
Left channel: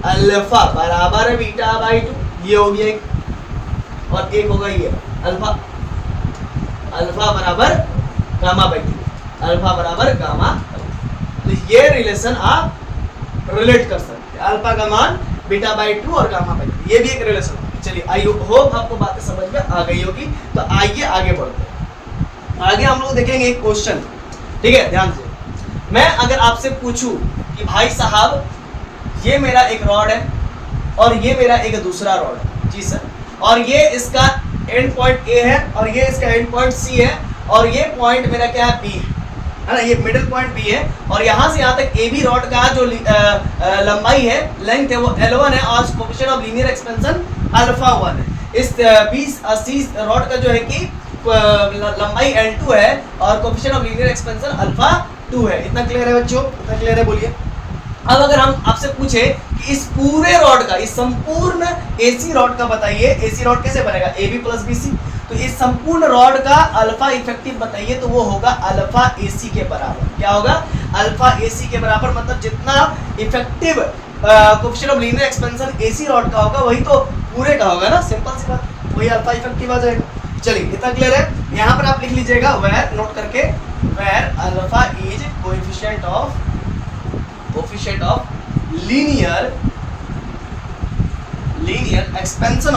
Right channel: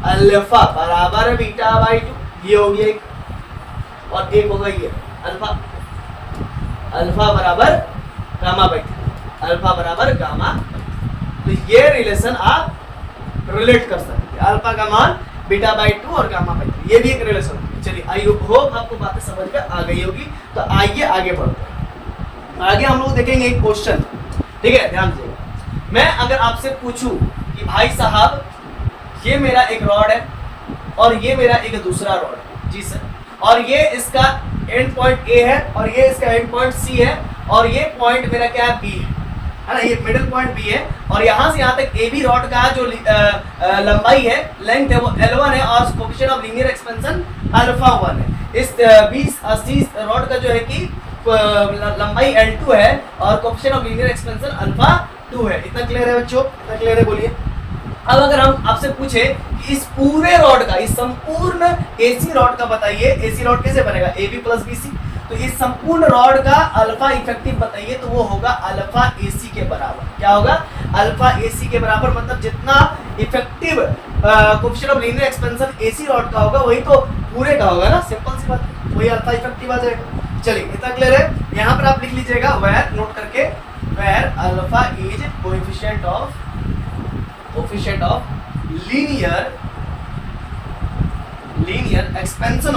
अल्फा बराबर बीटा बाई 2, ये हो गया एक, और एक होगा ये अल्फा, अल्फा बराबर गामा बाई 3, अल्फा बराबर गामा, तो ये रिलेशन आप रिलेट कर सकते हैं, अल्फा का मान बीटा बाई 2 और गामा बाई 3, ये भी एक रिलेशन है। चलिए आई होप आपको बातें समझ में आ गई होगी। तो आइए आगे बढ़ते हैं, आगे हम लोग देखेंगे एक क्वेश्चन, ठीक है, ध्यान दीजिए। मैं अगर आपसे पूछूं कि भाई साहब ये मेरा एक रॉड है और ये मेरा एक दूसरा रॉड है, जी सर, और ये इसका एंड पॉइंट ए है और ये इसका एंड पॉइंट सी है, और ये पॉइंट मेरा क्या है, बी है ना, ये मिडिल पॉइंट बी है, और यहाँ से यहाँ तक ए बी रॉड का जो लंबाई है, लेंथ है, वो L1 है और coefficient of linear expansion alpha 1 है। इस 20-80 रॉड का जो है कि लंबाई L2 है और coefficient of linear expansion alpha 2 है। इतना क्लियर है बच्चों, इतना क्लियर है, बोलिए। अब अगर हम आपसे पूछे कि इस पूरे रॉड का, इस संपूर्ण एसी रॉड का बताइए, एसी रॉड कैसे बनेगा, AB प्लस BC, तो इस संपूर्ण रॉड का अल्फा इफेक्टिव बताइए, तो वो होगा अल्फा AC के बराबर। क्या होगा, अल्फा AC के बराबर, मतलब जितना effective coefficient of linear expansion AC rod का होगा वही तो पूरे का होगा ना, सिंपल सी बात, वही अल्फा इफेक्टिव आ जाएगा। चलिए इतना क्लियर है। यहाँ पर आप लिख लीजिएगा वेयर, नोट करके, where alpha is coefficient of linear expansion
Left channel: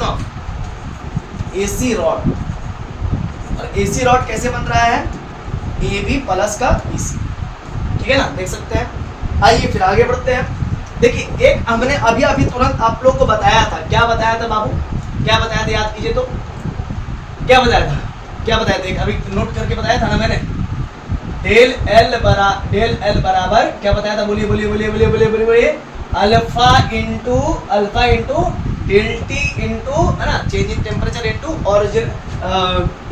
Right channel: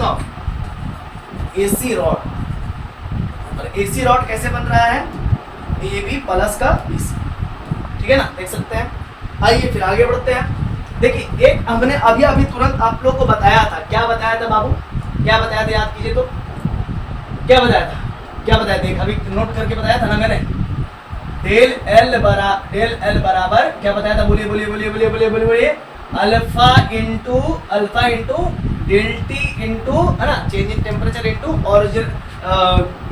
of AC rod. और AC रॉड कैसे बन रहा है, AB प्लस का BC, ठीक है ना, देख सकते हैं। आइए फिर आगे बढ़ते हैं। देखिए एक हमने अभी तुरंत आप लोग को बताया था, क्या बताया था बाबू, क्या बताया था, याद कीजिए तो, क्या बताया था, अभी नोट करके बताया था ना मैंने, डेल एल बराबर क्या बताया था, बोलिए, alpha into del T into, है ना, change in temperature into origin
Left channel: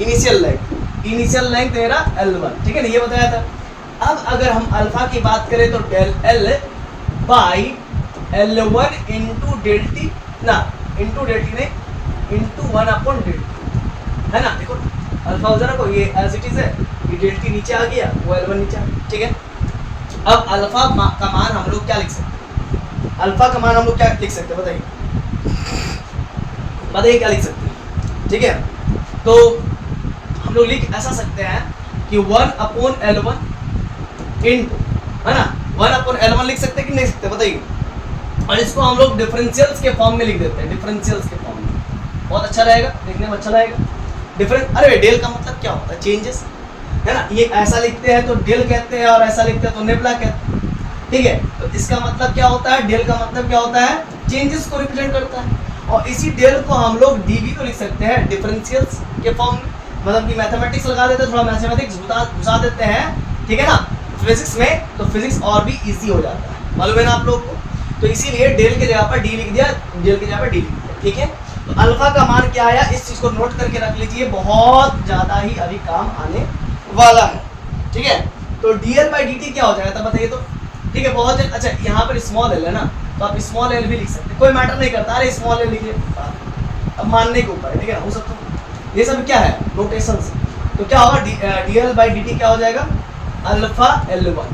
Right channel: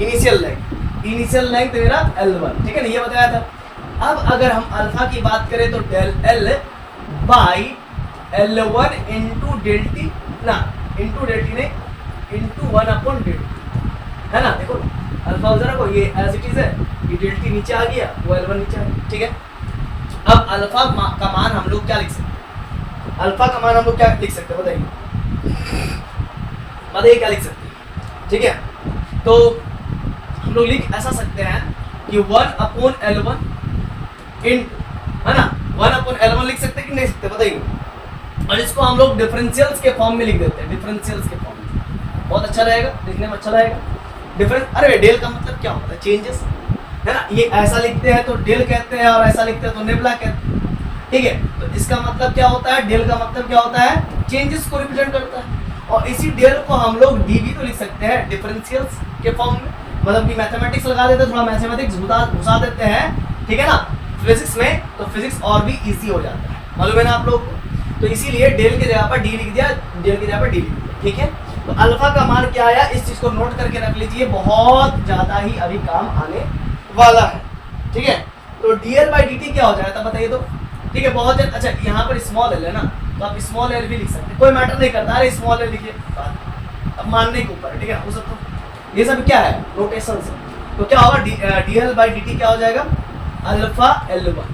initial length मेरा L1, ठीक है ना, ये बताया था। अब अगर हम अल्फा की बात करें तो del L by L1 into del T, ना इंटू डेल टी नहीं, इंटू 1 अपॉन डेल टी, है ना, देखो अल्फा हो जरा को, ये एज इट इज है, ये डेल टी नीचे आ गया, वो L1 नीचे आ गया, ठीक है। अब अल्फा का मान हम लोग क्या लिख सकते हैं, अल्फा का मान हम लोग क्या लिख सकते हैं, बताइए क्या लिख सकते हैं, ठीक है। तो हम लोग लिख ऐसा सकते हैं कि 1 अपॉन L1 इंटू, है ना, 1 अपॉन L1 लिख सकते हैं कि नहीं सकते, बताइए। और इसको हम लोग डिफरेंशियल्स के फॉर्म में लिख देते हैं, डिफरेंशियल्स के फॉर्म में, बहुत अच्छा रहेगा, देखने में अच्छा रहेगा। अरे डेल का मतलब क्या होता है, चेंजेस, है ना, ये ऐसा लिखते हैं तो डेल कहते हैं और ऐसा लिखते हैं तो नेबुला कहते हैं, ठीक है। तो इसका मतलब क्या होता है, डेल का मतलब क्या होता है, चेंजेस को रिप्रेजेंट करता है। और इसी डेल को हम लोग डीवी तो लिख सकते हैं डिफरेंशियल्स के फॉर्म में, मतलब कि मैथमेटिक्स लगा देते हैं, थोड़ा मैथमेटिक्स घुसा देते हैं, ठीक है ना, फिजिक्स में, तो फिजिक्स और भी इजी हो जाता है, मालूम है ना आप लोग को। तो इसीलिए डेल की जगह पर डी लिख दिया, डेल की जगह पर डी लिख दिया, ठीक है। तो अल्फा का मान क्या आया, इस चीज को नोट करके रख लीजिए, बहुत ज्यादा ही अभी काम आने वाला है, ठीक है। तो dl बाई dt क्या हो जाएगा तब बताइए तो, ठीक है। बहुत अच्छा, यहाँ पर स्मॉल एल है ना, तो आप स्मॉल एल भी लिख सकते हैं, कोई मैटर नहीं करता, अरे स्मॉल एल लिखिए, अब मानने के ऊपर है, ठीक है, हो सकता है। ये सब क्या है, नोटेशन से। तो क्या होगा, dl बाई dt क्या हो जाएगा, अल्फा L1,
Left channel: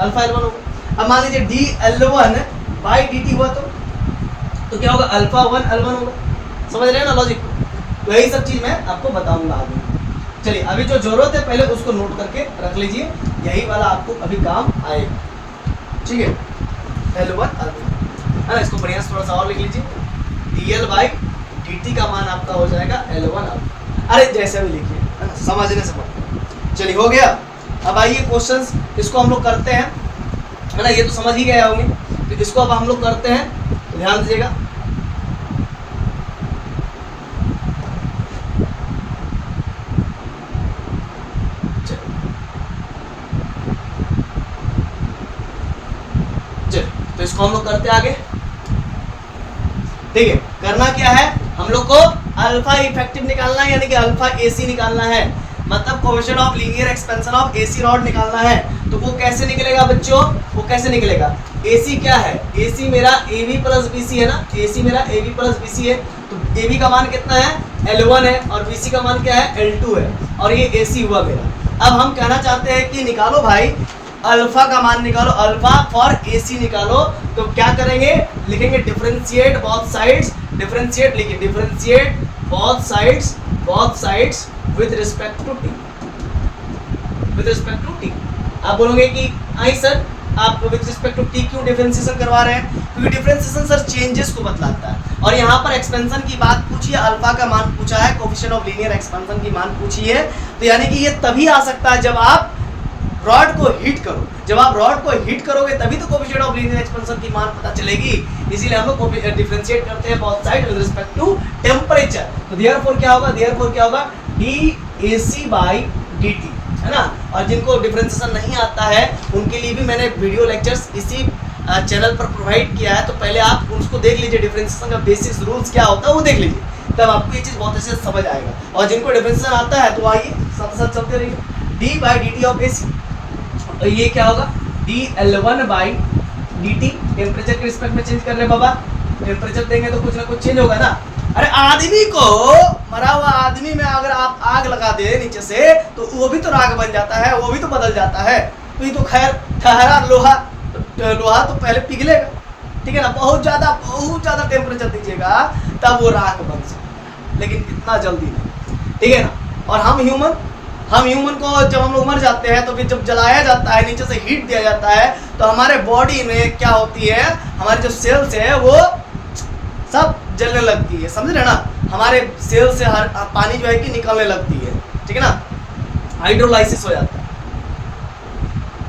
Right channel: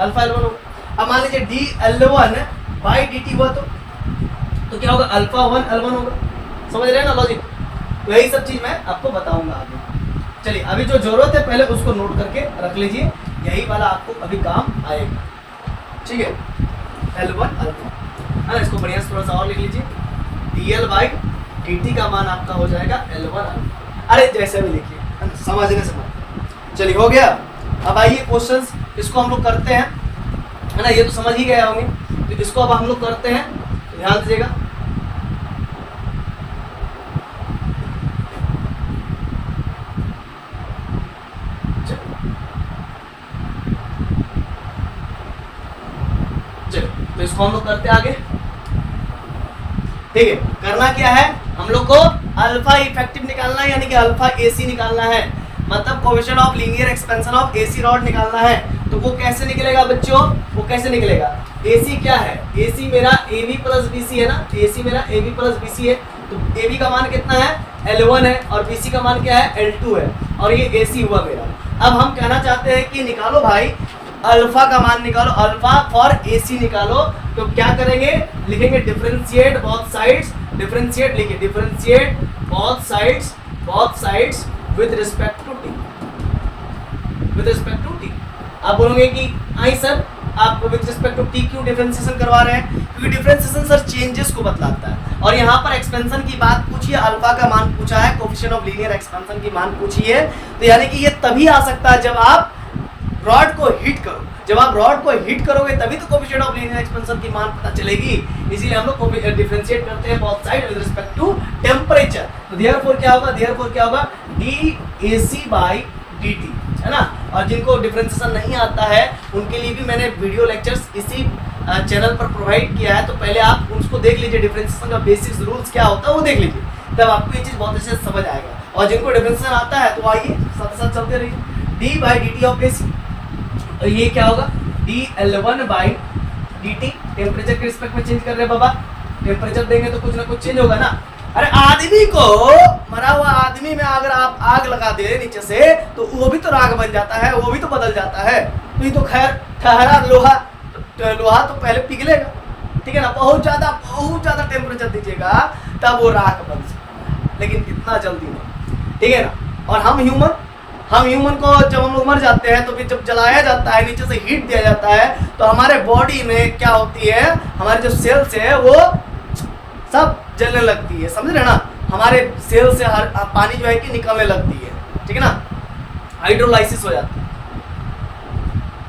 अल्फा L1 होगा। अब मान लीजिए dl1 बाई dt हुआ तो क्या होगा, अल्फा 1 L1 होगा। समझ रहे हैं ना लॉजिक, तो यही सब चीज मैं आपको बताऊंगा आगे। चलिए अभी जो जरूरत है पहले उसको नोट करके रख लीजिए, यही वाला आपको अभी काम आएगा, ठीक है। L1 अल्फा है ना, इसको बढ़िया से थोड़ा सा और लिख लीजिए, dl बाई dt का मान आपका हो जाएगा L1 अल्फा। अरे जैसे भी लिखिए, है ना, समझने से बात। चलिए हो गया। अब आइए क्वेश्चंस, इसको हम लोग करते हैं, है ना, ये तो समझ ही गए होंगे, तो इसको अब हम लोग करते हैं, ध्यान दीजिएगा। तो इसको हम लोग करते आगे, ठीक है। करना क्या है, हम लोग को अल्फा इफेक्टिव निकालना है, यानी कि अल्फा एसी निकालना है, मतलब coefficient of linear expansion of AC rod निकालना है। तो वो कैसे निकलेगा बच्चों, वो कैसे निकलेगा, एसी क्या है, एसी मेरा AB प्लस BC है ना, एसी मेरा AB प्लस BC है, तो AB का मान कितना है, L1 है, और BC का मान क्या है, L2 है, और ये AC हुआ मेरा। अब हम कहना चाहते हैं कि निकालो भाई अल्फा का मान निकालो, अल्फा फॉर एसी निकालो। तो क्या करेंगे, लिखेंगे डिफरेंशिएट बोथ साइड्स, डिफरेंशिएट लिखिए, differentiate both sides with respect to T, with respect to T. आप बोलोगे कि आई सर आप विद रिस्पेक्ट टू टी क्यों डिफरेंशिएशन करवा रहे हैं, क्योंकि डिफरेंशिएशन सर चेंजेस को बतलाता है, और यहाँ पर एक्सपेंशन की बात पूछी है, अल्फा का मान पूछा है, कोएफिशिएंट ऑफ लीनियर एक्सपेंशन की मान पूछी है, तो यानी कि ये तभी आ सकता है जब आप रॉड को हीट करो, जब आप रॉड को हीट करोगे तभी तो कोएफिशिएंट ऑफ लीनियर एक्सपेंशन की मान पता चलेगी। इसीलिए हम लोग डिफरेंशिएट करते हैं both side with respect to temperature. तो देयरफॉर क्या होगा, देयरफॉर क्या होगा, dAc बाई dt, है ना। और जिनको डिफरेंशिएशन नहीं आता है उनके लिए भी मैंने वीडियो लेक्चर्स इसी चैनल पर प्रोवाइड किया है, तो पहले आप उसको देख लीजिए, डिफरेंशिएशन का बेसिक रूल्स क्या होता है वो देख लीजिए, तब आपको ये चीज बहुत अच्छे से समझ आएगा। और जिनको डिफरेंशिएशन आता है तो आइए साथ साथ चलते रहिए, d by dt of AC, तो ये क्या होगा, dl1 बाई dt, टेम्परेचर के रिस्पेक्ट में चेंज कर रहे हैं बाबा, टेम्परेचर देंगे तो कुछ ना कुछ चेंज होगा ना। अरे आदमी को, मरा हुआ आदमी में अगर आप आग लगा दे नीचे से तो वो भी तो राख बन जाता है, वो भी तो बदल जाता है। तो ये तो खैर ठहरा लोहा, लोहा तो पहले पिघलेगा, ठीक है ना, बहुत ज्यादा टेम्परेचर दीजिएगा तब वो राख बन सकता है, लेकिन इतना जल्दी नहीं, ठीक है ना। और हम ह्यूमन को जब हम लोग मर जाते हैं तो फिर जब जलाया जाता है, नीचे से हीट दिया जाता है, तो हमारे बॉडी में क्या होती है, हमारे जो सेल्स है वो सब जलने लगती है, समझ रहे ना, हमारे सेल से हर पानी जो है कि निकलने लगती है, ठीक है ना, हाइड्रोलाइसिस हो जाता है।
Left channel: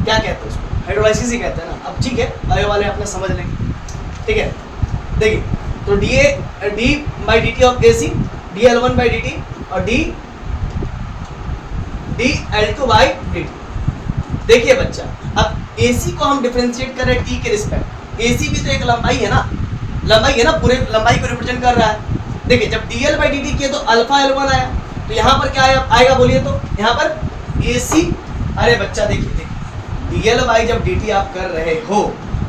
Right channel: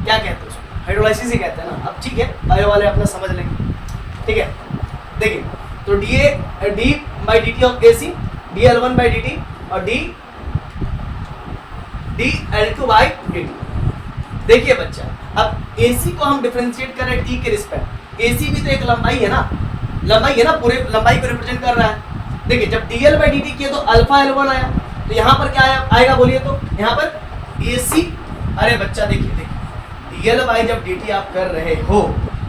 क्या कहते हैं उसको, हाइड्रोलाइसिस ही कहते हैं ना। अब ठीक है, बायो वाले अपना समझ लेंगे, ठीक है। देखिए तो d by dt of AC, dl1 by dt और dl2 बाई dt। देखिए बच्चा, अब AC को हम डिफरेंशिएट कर रहे हैं t के रिस्पेक्ट, AC भी तो एक लंबाई है ना, पूरे लंबाई को रिप्रेजेंट कर रहा है। देखिए जब dl बाई dt किया तो अल्फा L1 आया, तो यहाँ पर क्या आएगा बोलिए तो, यहाँ पर AC, अरे बच्चा देखिए dl बाई जब dt आप कर रहे हो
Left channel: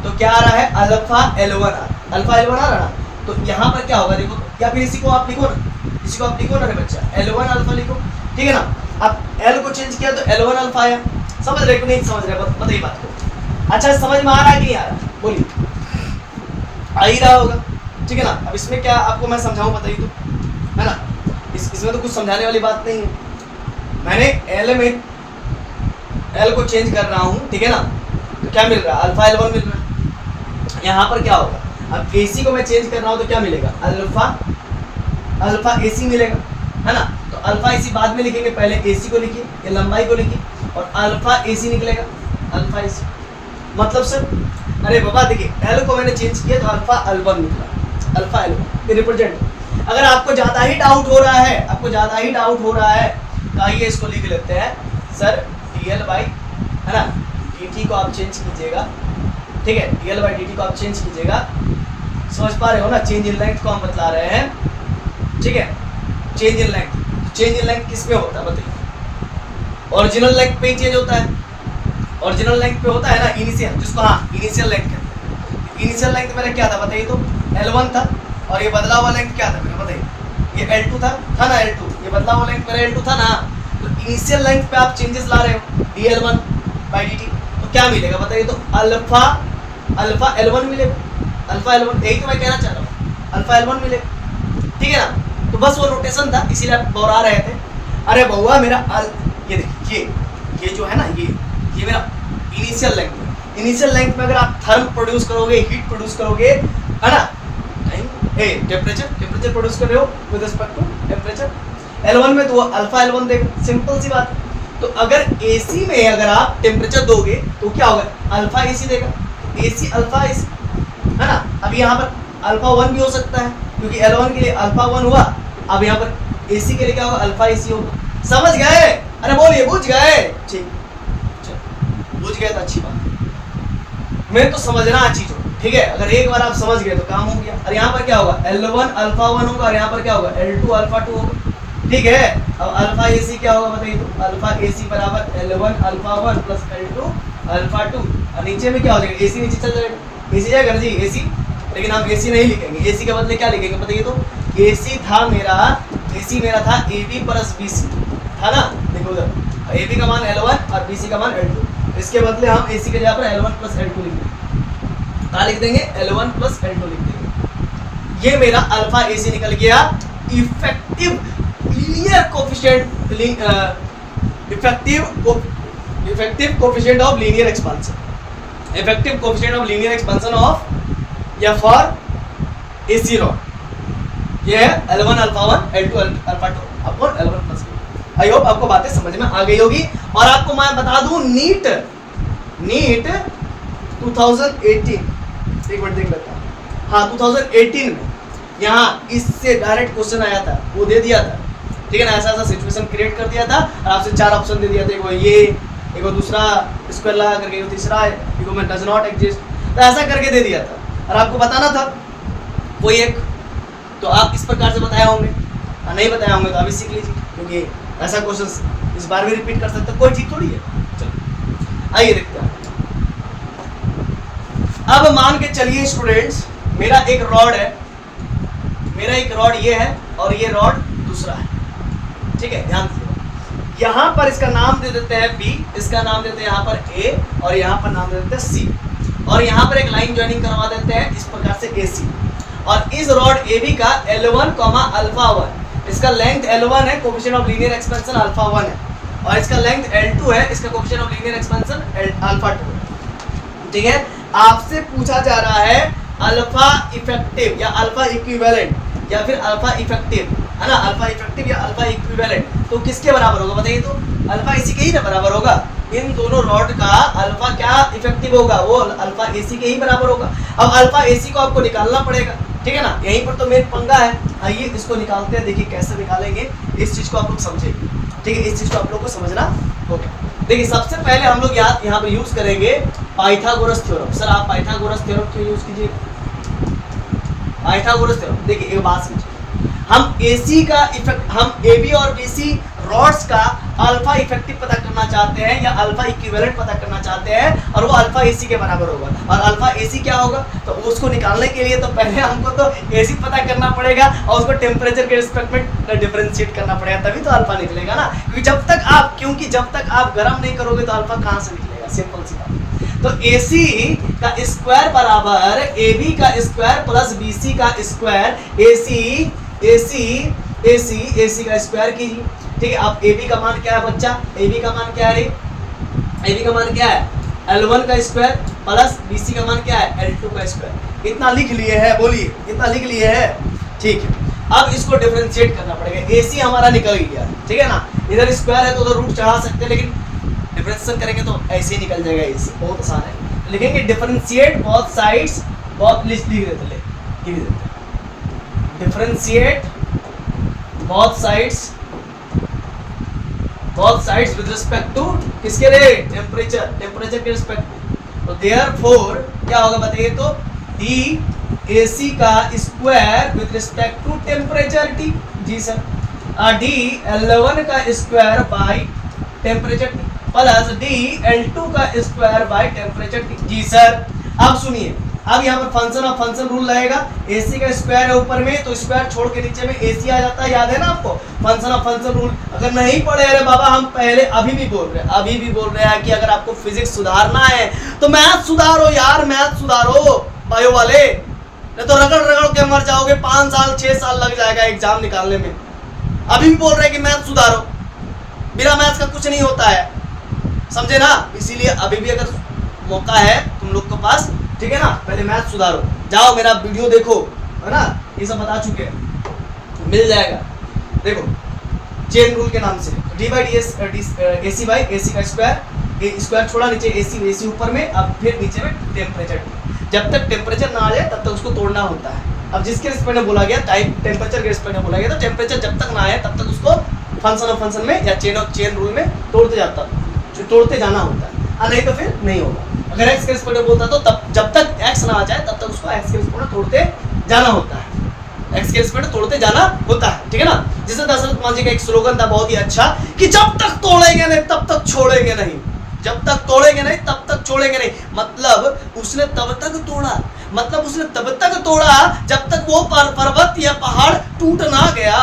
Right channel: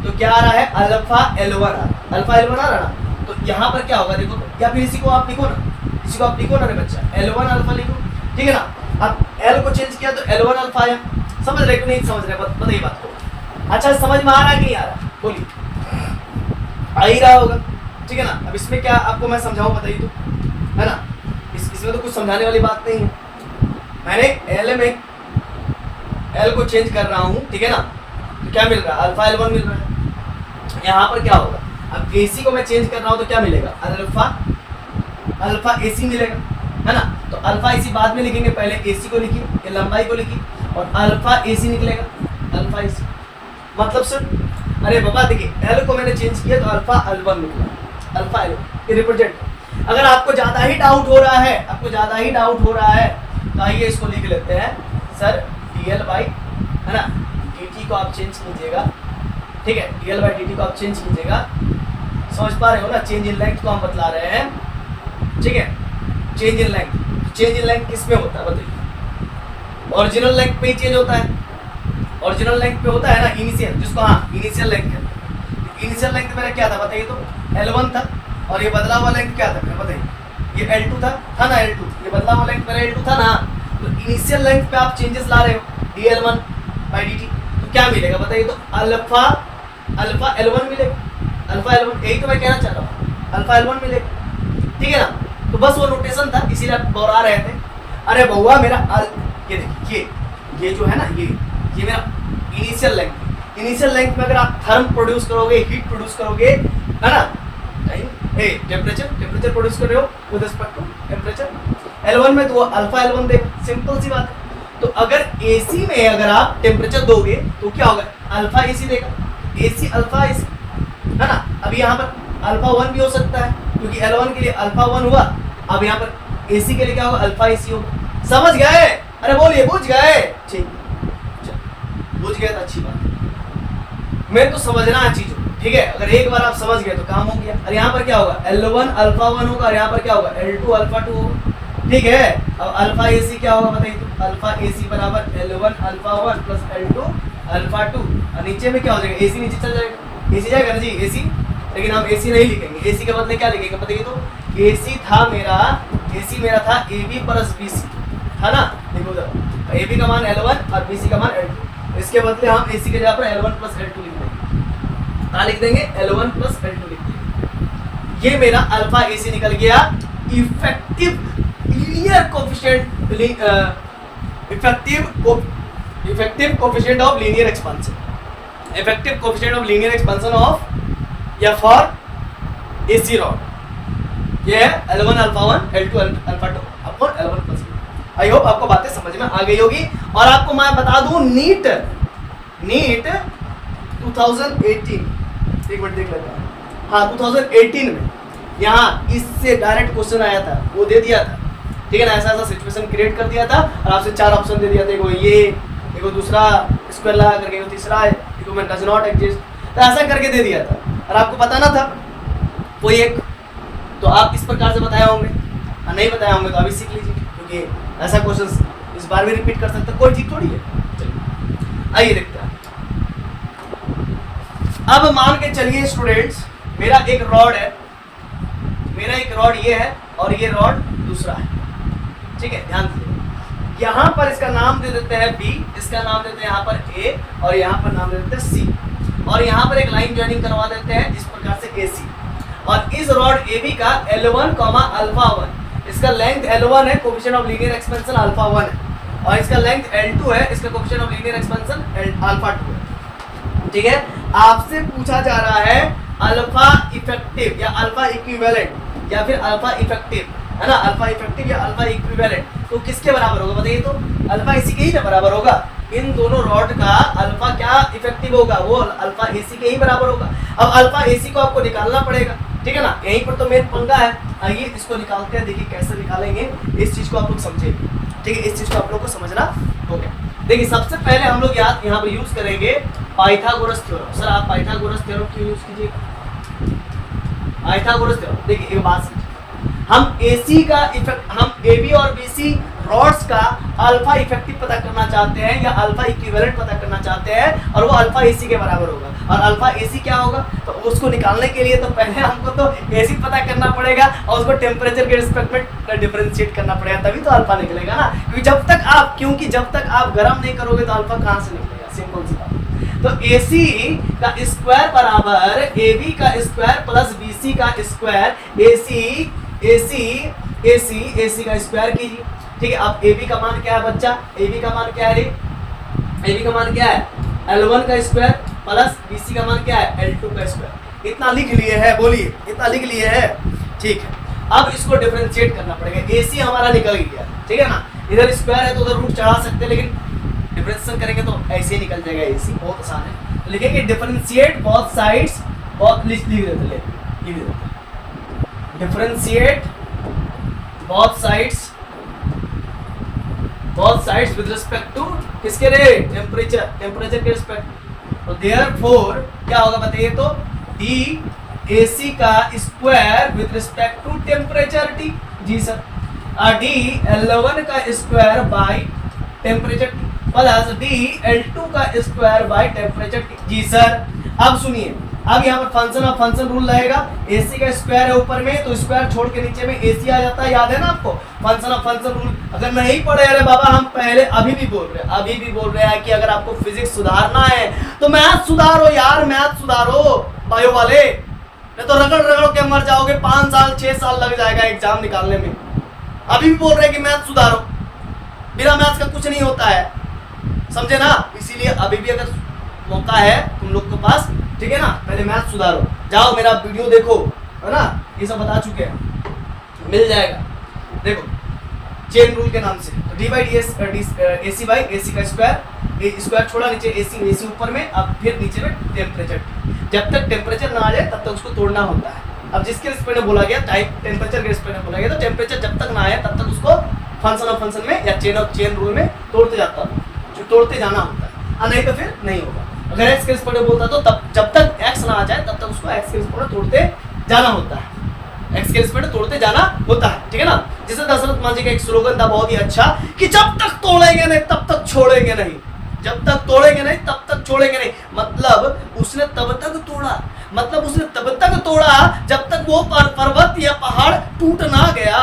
तो क्या आ रहा है, अल्फा L1 आ रहा ना, तो यहाँ पर क्या होगा देखो तो, या फिर इसी को आप लिखो ना रे बच्चा, L1 अल्फा लिखो, ठीक है ना। अब L को चेंज किया तो L1 अल्फा आया, समझ रहे कि नहीं समझ रहे, बताइए बात को। अच्छा समझ में आ रहा है कि नहीं आ रहा, बोलिए, आ ही रहा होगा, ठीक है ना। अब इसमें क्या आपको मैं समझाऊं, बताइए तो, है ना, इसमें तो कुछ समझाने वाली बात नहीं है, मैंने L को चेंज कर रहा हूँ, ठीक है ना, तो क्या मिल रहा है, अल्फा L1 मिल रहा है। यहाँ पर क्या होगा, अब AC को मैं चेंज कर रहा हूँ तो क्या मिलेगा, अल्फा AC मिलेगा, है ना। तो अल्फा AC बाद में लिखेंगे, पहले AC को लिखिए, ये लंबाई को लिखिए, और अल्फा AC निकलेगा, अल्फा AC मतलब सर, अरे बाबा देखिए L को मैंने चेंज किया तो अल्फा L1 निकला, अल्फा L1 ये रिप्रेजेंट। अगर आपको ज़्यादा ही डाउट हो रहा है, तो आइए इसको लिख लेते हैं, सर dl बाई, है ना, dt को आप चेंज कीजिएगा, ठीक है, dl बाई dt को आप चेंज कीजिएगा, समझ पा रहे हो ना, चेंज इन लेंथ को हम बतला रहे हैं, ठीक है, change in length, change in length किस में होता है बताइए, ओरिजिनल लेंथ पे ही चेंज होता है, ओरिजिनल लेंथ पे होता है ना, इनिशियल, जिसको हाँ इनिशियल लेंथ कहते हैं। इनिशियल लेंथ मेरा क्या था बताइए तो, L1 था, और ये बदला हुआ लेंथ क्या था मेरा बताइए, ये L2 था ना L2, ये बदला हुआ लेंथ मेरा L2 था ना, तो इनिशियल लेंथ पे आप चेंजेस ला रहे हो dl1 बाई dt, तो क्या मिलेगा बताइए तो, अल्फा L1 मिलेगा, अल्फा L1, यही तो मैं कहना चाह रहा हूँ, अल्फा L1 मिलेगा, ठीक है ना। तो बस वो नोटेशन था, इसीलिए आप दोहरा रहे थे। अरे बउआ मेरा ये देखिए, ये जो है ना, ये मेरा इनिशियल लेंथ है, इनिशियल लेंथ में अगर आप थर्म प्रोड्यूस करोगे, हीट प्रोड्यूस करोगे, है ना, टेम्परेचर प्रोड्यूस कर रहे हो with respect to temperature, L1 में तो अल्फा L1 देख, सिंपल सी बात है। तो अगर AC में अगर आप टेम्परेचर दोगे तो क्या होगा, अल्फा AC देगा, AC अल्फा AC, है ना। अभी यहाँ पर अल्फा 1 भी हो सकता है, क्योंकि L1 के लिए अल्फा 1 हुआ, अब यहाँ पर AC के लिए क्या होगा, अल्फा AC होगा। समझ गए? अरे बोलिए, बुझ गए? ठीक, बुझ गए तो अच्छी बात, मैं तो समझना चीज हो, ठीक है। अगर एक बार आप समझ गए तो काम हो गया। और यहाँ पर क्या होगा, L1 अल्फा 1 होगा, और यहाँ पर क्या होगा, L2 अल्फा 2 होगा, ठीक है। अब अल्फा AC क्या होगा बताइए तो, अल्फा AC बराबर L1 alpha 1 plus L2 alpha 2, और नीचे में क्या हो जाएगा, AC नीचे चल जाएगा, AC जाएगा ना जी AC, लेकिन हम AC नहीं लिखेंगे, AC के बदले क्या लिखेंगे बताइए तो, AC मेरा था AB प्लस BC, था ना, देखो उधर AB का मान L1 और BC का मान L2, इसके बदले हम AC के जगह पर L1 प्लस L2 लिख देंगे, क्या लिख देंगे, L1 प्लस L2 लिख देंगे। ये मेरा अल्फा AC निकल गया, effective linear coefficient, effective coefficient of linear expansion, effective coefficient of linear expansion of या फॉर AC रॉड, ये है L1 alpha 1 L2 alpha 2 upon L1 plus. I hope आपको बातें समझ में आ गई होगी। और आपको मैं बता दूं, नीट 2018, एक मिनट देख लेता हूं, हाँ 2018 में यहाँ इससे डायरेक्ट क्वेश्चन आया था, वो दे दिया था, ठीक है ना, ऐसा सिचुएशन क्रिएट कर दिया था और आपसे 4 ऑप्शन दे दिया था, एगो ये, एगो दूसरा स्क्वायर लगा करके, एगो तीसरा है, एगो में डज नॉट एग्जिस्ट, तो ऐसा करके दे दिया था और आपको बताना था कोई एक, तो आप इस प्रकार से बताए होंगे, और नहीं बताए होंगे तो अभी सीख लीजिए, क्योंकि ऐसा क्वेश्चन इस बार भी रिपीट कर सकते, कोई चीज थोड़ी है। चलिए आइए देखते हैं। अब मान के चलिए स्टूडेंट्स, मेरा एक रॉड है, मेरा एक रॉड ये है और ये रॉड दूसरा है, ठीक है, ध्यान दीजिए। यहाँ पर इसका नाम दे देते हैं B, इसका नाम देते हैं यहाँ पर A, और यहाँ पर नाम दे देते हैं C, और यहाँ पर एक लाइन ज्वाइनिंग करवा देते हैं इस प्रकार से AC। और इस रॉड AB का L1 अल्फा 1, इसका लेंथ L1 है, coefficient of linear expansion alpha 1 है, और इसका लेंथ L2 है, इसका coefficient of linear expansion alpha 2 है, ठीक है। आपसे पूछा जा रहा है अल्फा इफेक्टिव या अल्फा इक्विवेलेंट या फिर अल्फा इफेक्टिव, है ना, अल्फा इफेक्टिव या अल्फा इक्विवेलेंट, तो किसके बराबर होगा बताइए तो, अल्फा AC के ही ना बराबर होगा। इन दोनों रॉड का अल्फा क्या इफेक्टिव होगा, वो अल्फा AC के ही बराबर होगा। अब अल्फा AC को आपको निकालना पड़ेगा, ठीक है ना, यहीं पर तो मेन पंगा है। आइए इसको निकालते हैं, देखिए कैसे निकालेंगे, इस चीज को आप लोग समझेंगे, ठीक है, इस चीज को आप लोग को समझना हो गया। देखिए सबसे पहले हम लोग यहाँ पर यूज करेंगे पाइथागोरस थ्योरम। सर आप पाइथागोरस थ्योरम क्यों यूज कीजिए, पाइथागोरस थ्योरम, देखिए एक बात समझिए, हम AC का इफेक्ट, हम AB और BC रॉड्स का अल्फा इफेक्टिव पता करना चाहते हैं या अल्फा इक्विवेलेंट पता करना चाहते हैं, और वो अल्फा AC के बराबर होगा। और अल्फा AC क्या होगा, तो उसको निकालने के लिए तो पहले हमको तो AC पता करना पड़ेगा और उसको टेम्परेचर के रिस्पेक्ट में डिफरेंशिएट करना पड़ेगा, तभी तो अल्फा निकलेगा ना, क्योंकि जब तक आप गर्म नहीं करोगे तो अल्फा कहाँ से निकलेगा, सिंपल सी बात। तो AC का स्क्वायर बराबर AB का स्क्वायर प्लस BC का स्क्वायर, AC का स्क्वायर कीजिए, ठीक है। अब AB का मान क्या है बच्चा, AB का मान क्या है, AB का मान क्या है, L1 का स्क्वायर प्लस BC का मान क्या है, L2 का स्क्वायर। इतना लिख लिए है, बोलिए इतना लिख लिए है, ठीक है। अब इसको डिफरेंशिएट करना पड़ेगा, AC हमारा निकल गया, ठीक है ना, इधर स्क्वायर है तो उधर रूट चढ़ा सकते हैं, लेकिन डिफरेंशिएशन करेंगे तो ऐसे ही निकल जाएगा AC, बहुत आसान है। लिखेंगे डिफरेंशिएट बोथ साइड्स, बहुत लिख देते, differentiate both sides with respect to किसके लिए, टेम्परेचर के रिस्पेक्ट, तो देयरफॉर क्या होगा बताइए तो डी AC का square with respect to temperature T, जी सर, डी L1 का square by temperature T plus d L2 का स्क्वायर बाय टेम्परेचर T, जी सर। अब सुनिए, अब यहाँ पर फंक्शन ऑफ फंक्शन रूल रहेगा, AC का स्क्वायर है ऊपर में तो स्क्वायर छोड़ के नीचे में AC आ जाता है, याद है ना आपको फंक्शन ऑफ फंक्शन रूल। अगर नहीं पढ़े अरे बाबा हम पहले अभी भी बोल रहे हैं कि अगर आपको फिजिक्स सुधारना है तो मैथ सुधारो यार, मैथ सुधारो बायो वाले, नहीं तो रगड़ रगड़ के मर जाओगे, 5 साल 6 साल लग जाएगा एग्जाम निकालने में। अभी भी बोल रहे हैं कि मैथ सुधारो, बिना मैथ का कुछ नहीं होता है, समझे ना। इसीलिए अभी भी अगर मौका है तुम लोग के पास, ठीक है ना, पहले मैथ सुधारो, जाओ मेरा वीडियो देखो, है ना, ये सब बता चुके हैं, मिल जाएगा। देखो चेन रूल के नाम से D by D S AC by AC का स्क्वायर छोड़ा नीचे AC ऊपर में, अब फिर नीचे में टेम्परेचर, जब तक टेम्परेचर ना आ जाए तब तक उसको तोड़ना होता है। अब जिसके रिस्पेक्ट में बोला गया टाइम टेम्परेचर के रिस्पेक्ट में बोला गया, तो टेम्परेचर जब तक ना आए तब तक उसको फंक्शन ऑफ फंक्शन में या चेन रूल में तोड़ते जाना होता है, और नहीं तो फिर नहीं होगा। अगर एक्स के रिस्पेक्ट में बोलता तो तब जब तक एक्स ना आ जाए तब तक उसको एक्स के रिस्पेक्ट में तोड़ते जाना होता है, एक्स के रिस्पेक्ट में तोड़ते जाना होता है, ठीक है ना। जैसे दशरथ मांझी का एक स्लोगन था बहुत ही अच्छा कि जब तक तोड़ेंगे नहीं तब तक छोड़ेंगे नहीं, जब तक तोड़ेंगे नहीं तब तक छोड़ेंगे नहीं। मतलब उसने तब तक तोड़ा जब तक वो पर्वत या पहाड़ टूट ना गया।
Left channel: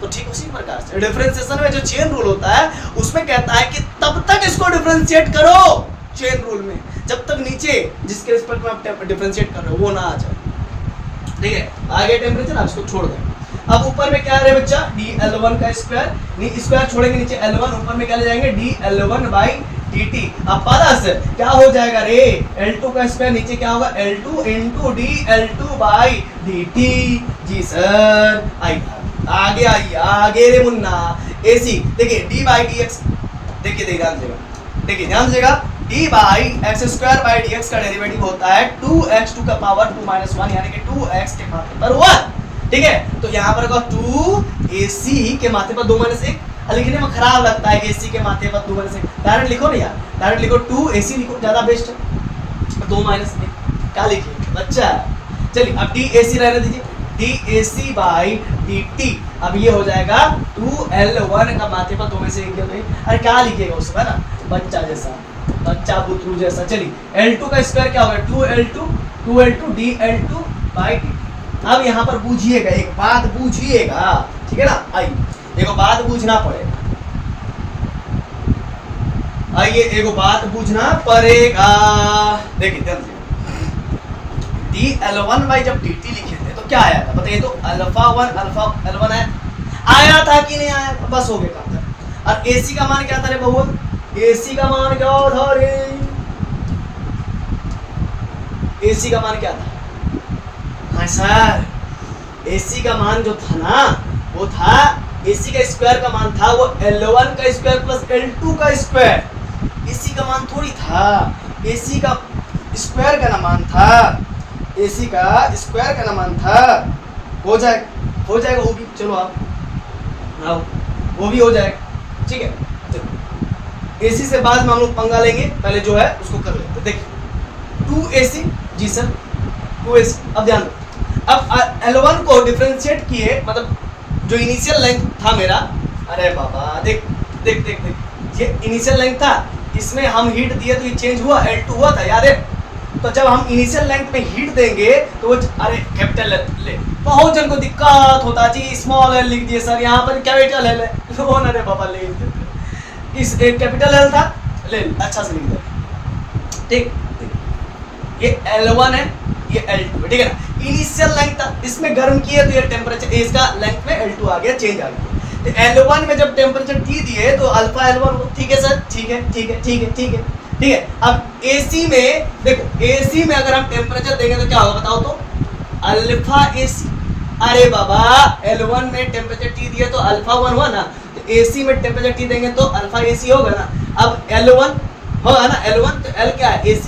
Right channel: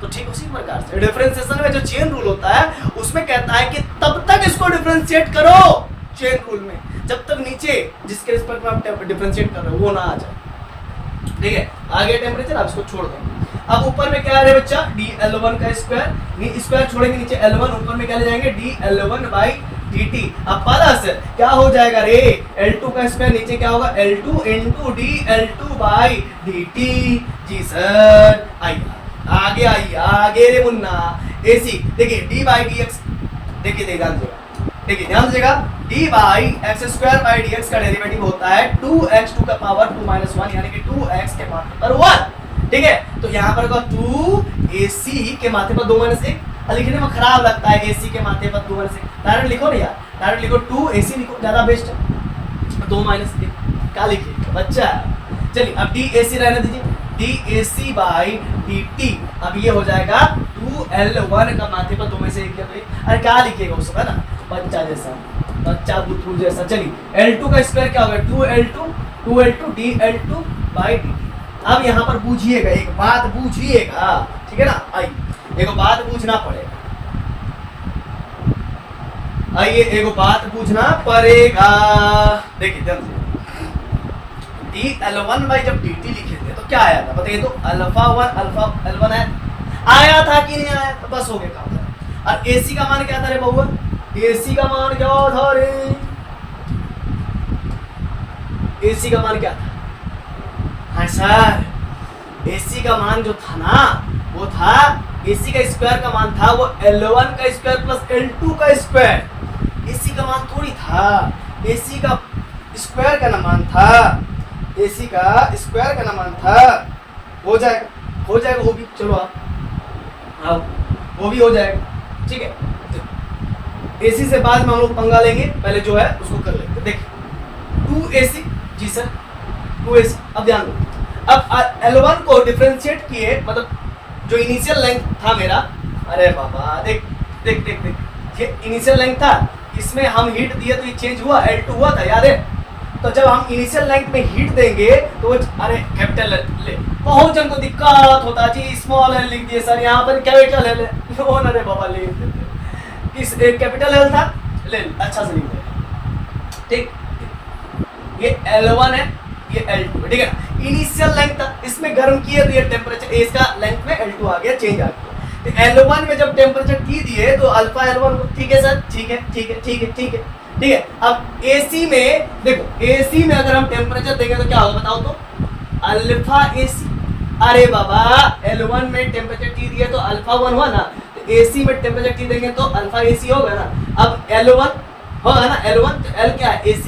तो ठीक उसी प्रकार से डिफरेंशिएशन में जो चेन रूल होता है उसमें कहता है कि तब तक इसको डिफरेंशिएट करो चेन रूल में, जब तक नीचे जिसके रिस्पेक्ट में आप डिफरेंशिएट कर रहे हो वो ना आ जाए, ठीक है। आगे टेम्परेचर आप इसको छोड़ दें। अब ऊपर में क्या है बच्चा, डी L1 का स्क्वायर छोड़ेंगे नीचे L1, ऊपर में क्या ले जाएंगे डी L1 बाई dt। अब प्लस क्या हो जाएगा रे, L2 का स्क्वायर नीचे क्या होगा L2 into d L2 by dt, जी सर। आगे रे मुन्ना AC देखिए डी बाई डी एक्स, देखिए ध्यान दीजिएगा d by x square by d x का डेरिवेटिव होता है 2x2 का पावर 2 - 1 यानी कि 2x के मात्रा पर 1, ठीक है। तो यहाँ पर 2AC के माथे पर 2 - 1 लिखने में खराब लगता है, AC के माथे पर 2 - 1 डायरेक्ट लिखो ना यार, डायरेक्ट लिखो 2AC लिखो, ज्यादा बेस्ट है। 2 - 1 क्या लिखिए बच्चा, चलिए अब DAC रहने दीजिए, DAC बाई dt। अब ये हो जाएगा 2L1 का माथे पर 2 में से 1 गया, अरे क्या लिखिएगा उसमें ना बच्चा बुतरू जैसा। चलिए L2 का स्क्वायर क्या होगा 2L2 dL2 बाई dt। अब यहाँ पर बूझिएगा, एक बात बूझिएगा, ठीक है ना, आइए एक बात बूझना पड़ेगा, देखिए dL1 बाई जब dt लिखे थे तो क्या आया था बताइए तो अल्फा 1 अल्फा L1 आया था कि नहीं आया था, बस हो गया काम था। और AC का मान क्या था रे बहुआ, AC का मान क्या था रे, AC का मान क्या था, हाँ सर AC का मान जो था ना वो था AC का स्क्वायर का मान था वो L1 का स्क्वायर प्लस L2 का स्क्वायर, AC का मान थोड़ी था, AC का स्क्वायर का ना मान था, AC का स्क्वायर का ना मान था। हो जाएगा वो भी, चलो आओ वो भी हो जाएगा, ठीक है। AC से बाद में हम लोग पंगा लेंगे, पहले जो है उसको कर लेते। देखिए 2AC, जी सर 2AC। अब ध्यान दो, अब L1 को डिफरेंशिएट किए, मतलब जो इनिशियल लेंथ था मेरा, अरे बाबा देख ये इनिशियल लेंथ था, इसमें हम हीट दिए तो ये चेंज हुआ, L2 हुआ था याद है। तो जब हम इनिशियल लेंथ में हीट देंगे तो अरे कैपिटल ले, बहुत जन को दिक्कत होता जी, स्मॉल एल लिख दिए सर, यहाँ पर कैपिटल एल है, अरे बाबा ले इस कैपिटल एल था, ले अच्छा से लिख दे, ठीक। ये L1 है, ये L2 है, ठीक है ना। इनिशियल लेंथ था, इसमें गर्म किए तो ये टेम्परेचर इसका लेंथ में L2 आ गया, चेंज आ गया। तो L1 में जब टेम्परेचर T दिए तो अल्फा L1, ठीक है सर, ठीक है। अब AC में देखो, AC में अगर हम टेम्परेचर देंगे तो क्या होगा बताओ तो, अल्फा AC। अरे बाबा L1 में टेम्परेचर T दिए तो अल्फा 1 हुआ ना, तो AC में टेम्परेचर T देंगे तो अल्फा AC होगा ना। अब L1 होगा ना, L1 तो L क्या है AC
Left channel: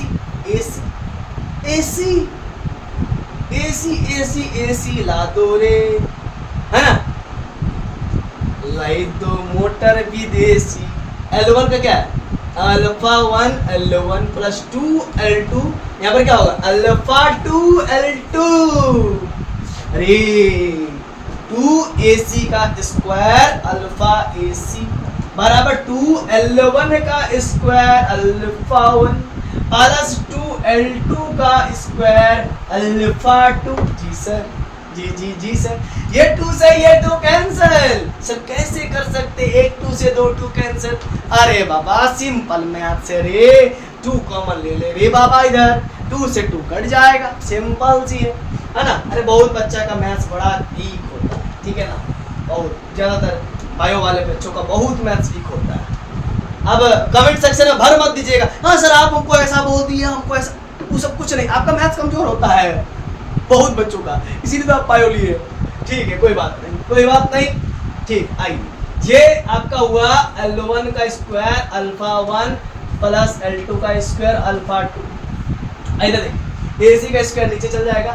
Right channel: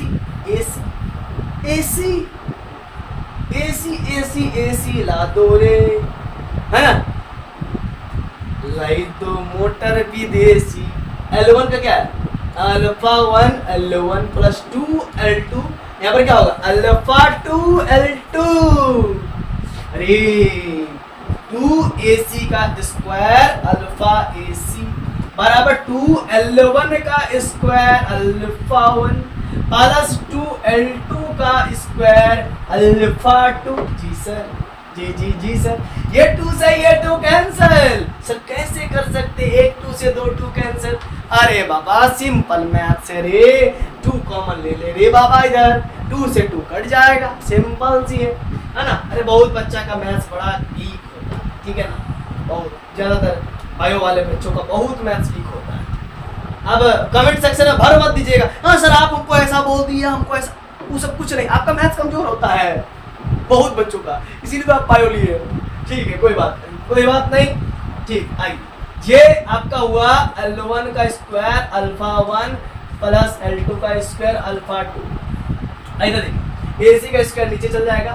ला दो रे, है ना, लाई दो मोटर विदेशी। L1 का क्या है अल्फा 1 L1 प्लस 2 L2, यहाँ पर क्या होगा अल्फा 2 L2, अरे 2AC का स्क्वायर अल्फा AC बराबर 2 L1 का स्क्वायर अल्फा 1 प्लस 2 L2 का स्क्वायर अल्फा 2। जी सर, जी सर, ये 2 से ये 2 कैंसिल। सर कैसे कर सकते, एक 2 से 2 2 कैंसिल? अरे बाबा सिंपल मैथ से रे, 2 कॉमन ले ले रे बाबा, इधर 2 से 2 कट जाएगा, सिंपल सी है ना। अरे बहुत बच्चा का मैथ्स बड़ा वीक होता है, ठीक है ना, बहुत ज्यादातर बायो वाले बच्चों का बहुत मैथ्स वीक होता है। अब कमेंट सेक्शन में भर मत दीजिएगा, हाँ सर आप हमको ऐसा बोल दिया, हमको ऐसा, वो सब कुछ नहीं, आपका मैथ्स कमजोर होता है बहुत बच्चों का, इसीलिए तो आप बायो लिए हो। ठीक है, कोई बात नहीं, ठीक। आइए, ये आपका हुआ L1 का स्क्वायर अल्फा 1 प्लस L2 का स्क्वायर अल्फा 2। इधर देखिए, AC का स्क्वायर नीचे चल जाएगा,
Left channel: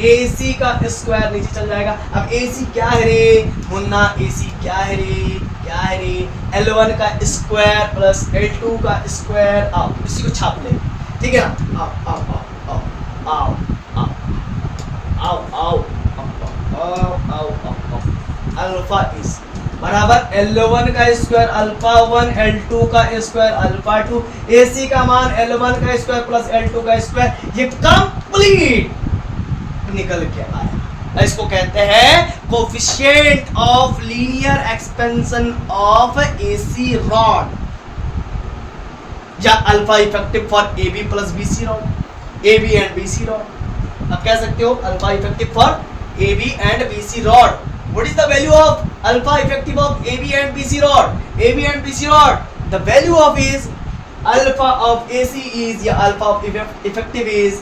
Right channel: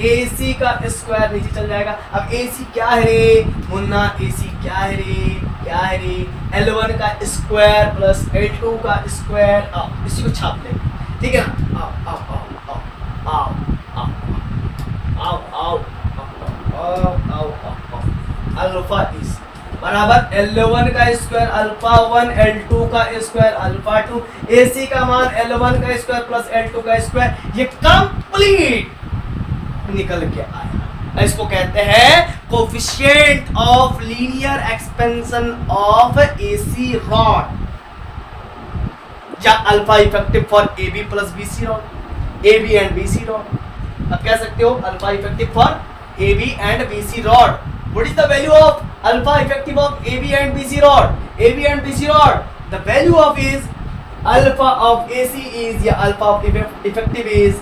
AC का स्क्वायर नीचे चल जाएगा। अब AC क्या है रे मुन्ना, AC क्या है रे L1 का स्क्वायर प्लस L2 का स्क्वायर। आओ इसी को छाप लेंगे, ठीक है ना। आओ अल्फा इज बराबर L1 का स्क्वायर अल्फा 1 L2 का स्क्वायर अल्फा 2, AC का मान L1 का स्क्वायर प्लस L2 का स्क्वायर, ये कंप्लीट निकल के आया। इसको कहते हैं coefficient of linear expansion of AC rod, या alpha effective for AB plus BC rod, AB and BC rod. अब कह सकते हो alpha effective for AB and BC rod. What is the value of alpha effective of AB and BC rod? AB and BC rod, the value of is alpha of AC is, या alpha of effective is